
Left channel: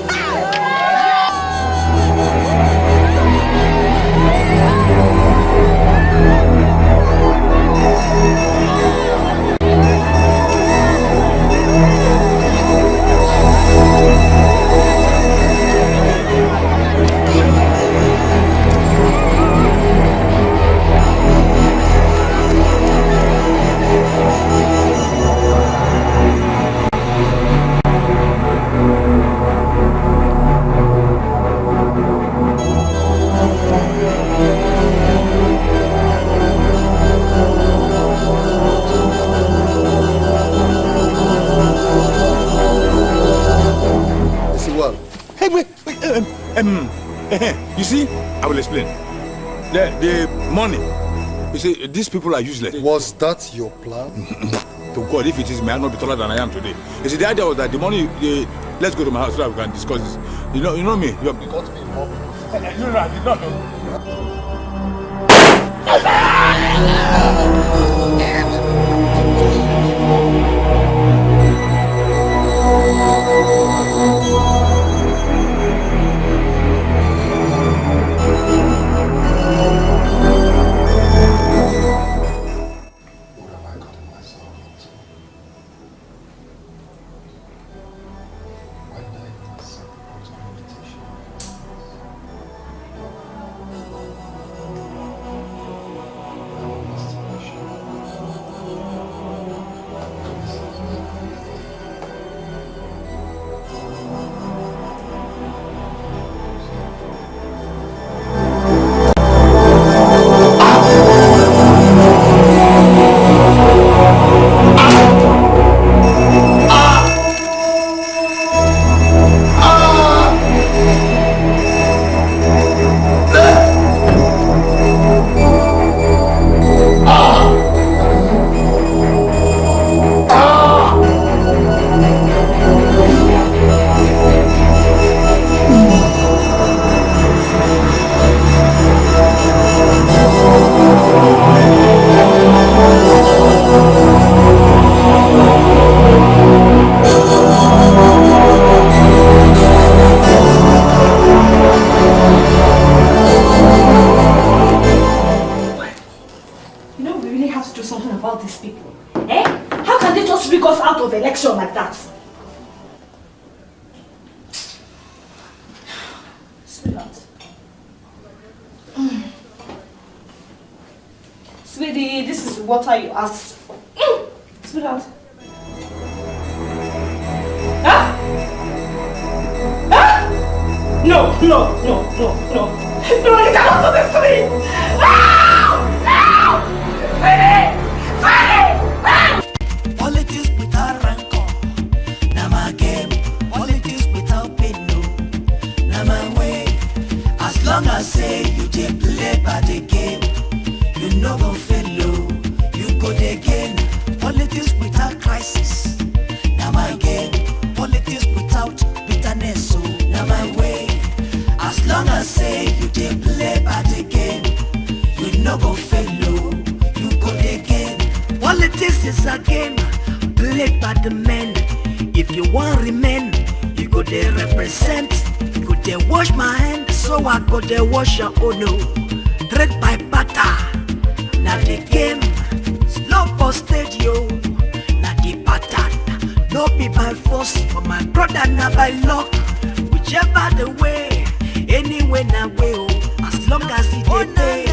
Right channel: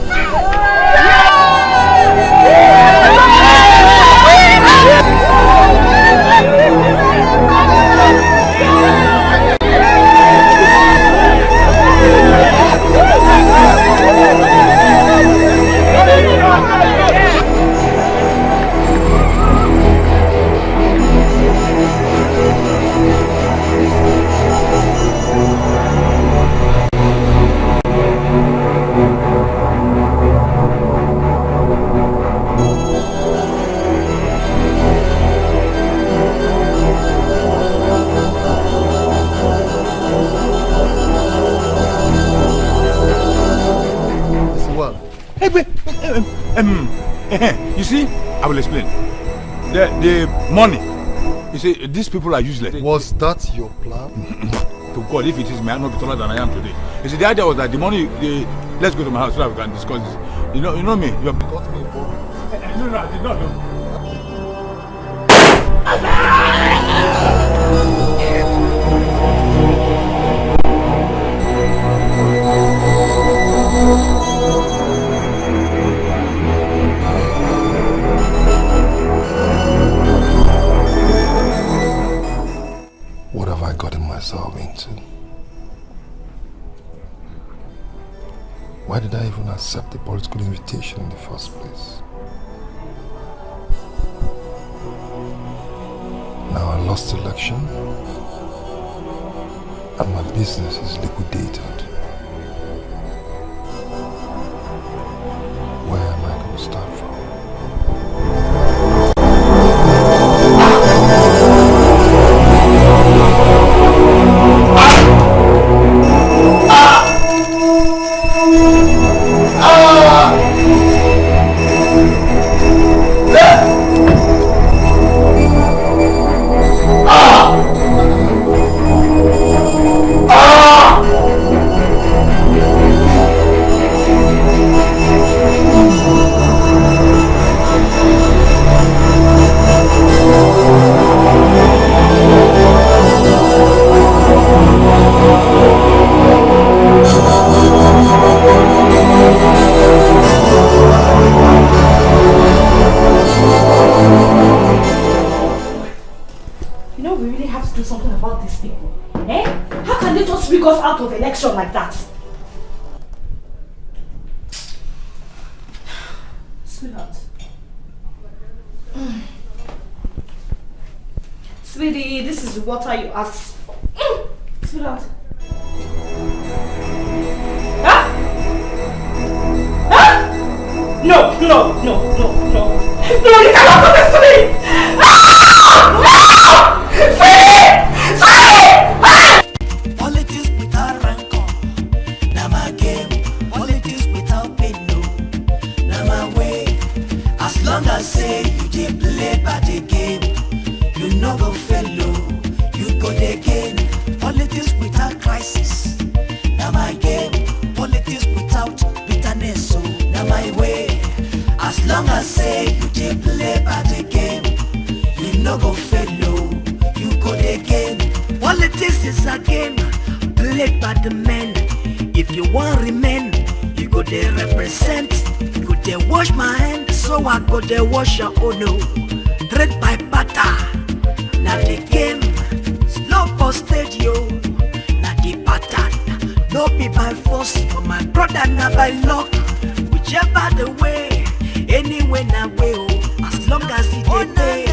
You see, I will explain. The money, you see, these people are useless. Was that your plan? To God, if it is, may I not be taller than I am today. You see, the idea was that the money, let's go to my house so that we can discuss this. You know me, you have got me involved. No, I did not know. What have I gotten myself into? Why did I even accept the political invitation in the first place? Now I lost the election and my business is liquidated. Where am I going to start from? protection like that. Sweetheart. Sweetie, this is water you asked for. Sweetheart. Ah! Ah! No, no, no, no, no. No, you cannot do this to me! Ah! No! Sweetie! Sweetie! Ah! Politics without rancor, na my game. Politics without pain, no, na my way. As long as say you dey play by the game, you no go fail, you go dey gain. Politics without crisis, na my game. Politics without bitterness, so na my way. As long as say you dey play by the game, you no go fail, you go dey gain. Politics is a game played by the men. If you want remain, you go dey represent. You go dey wash my hand, so I go dey wash your own. No, trade by barter. Na the game, slow for stage yo. Na the pattern, no be by force, but my brother na by luck. Whichever the way, anyway na way oh. As long as it dey pay.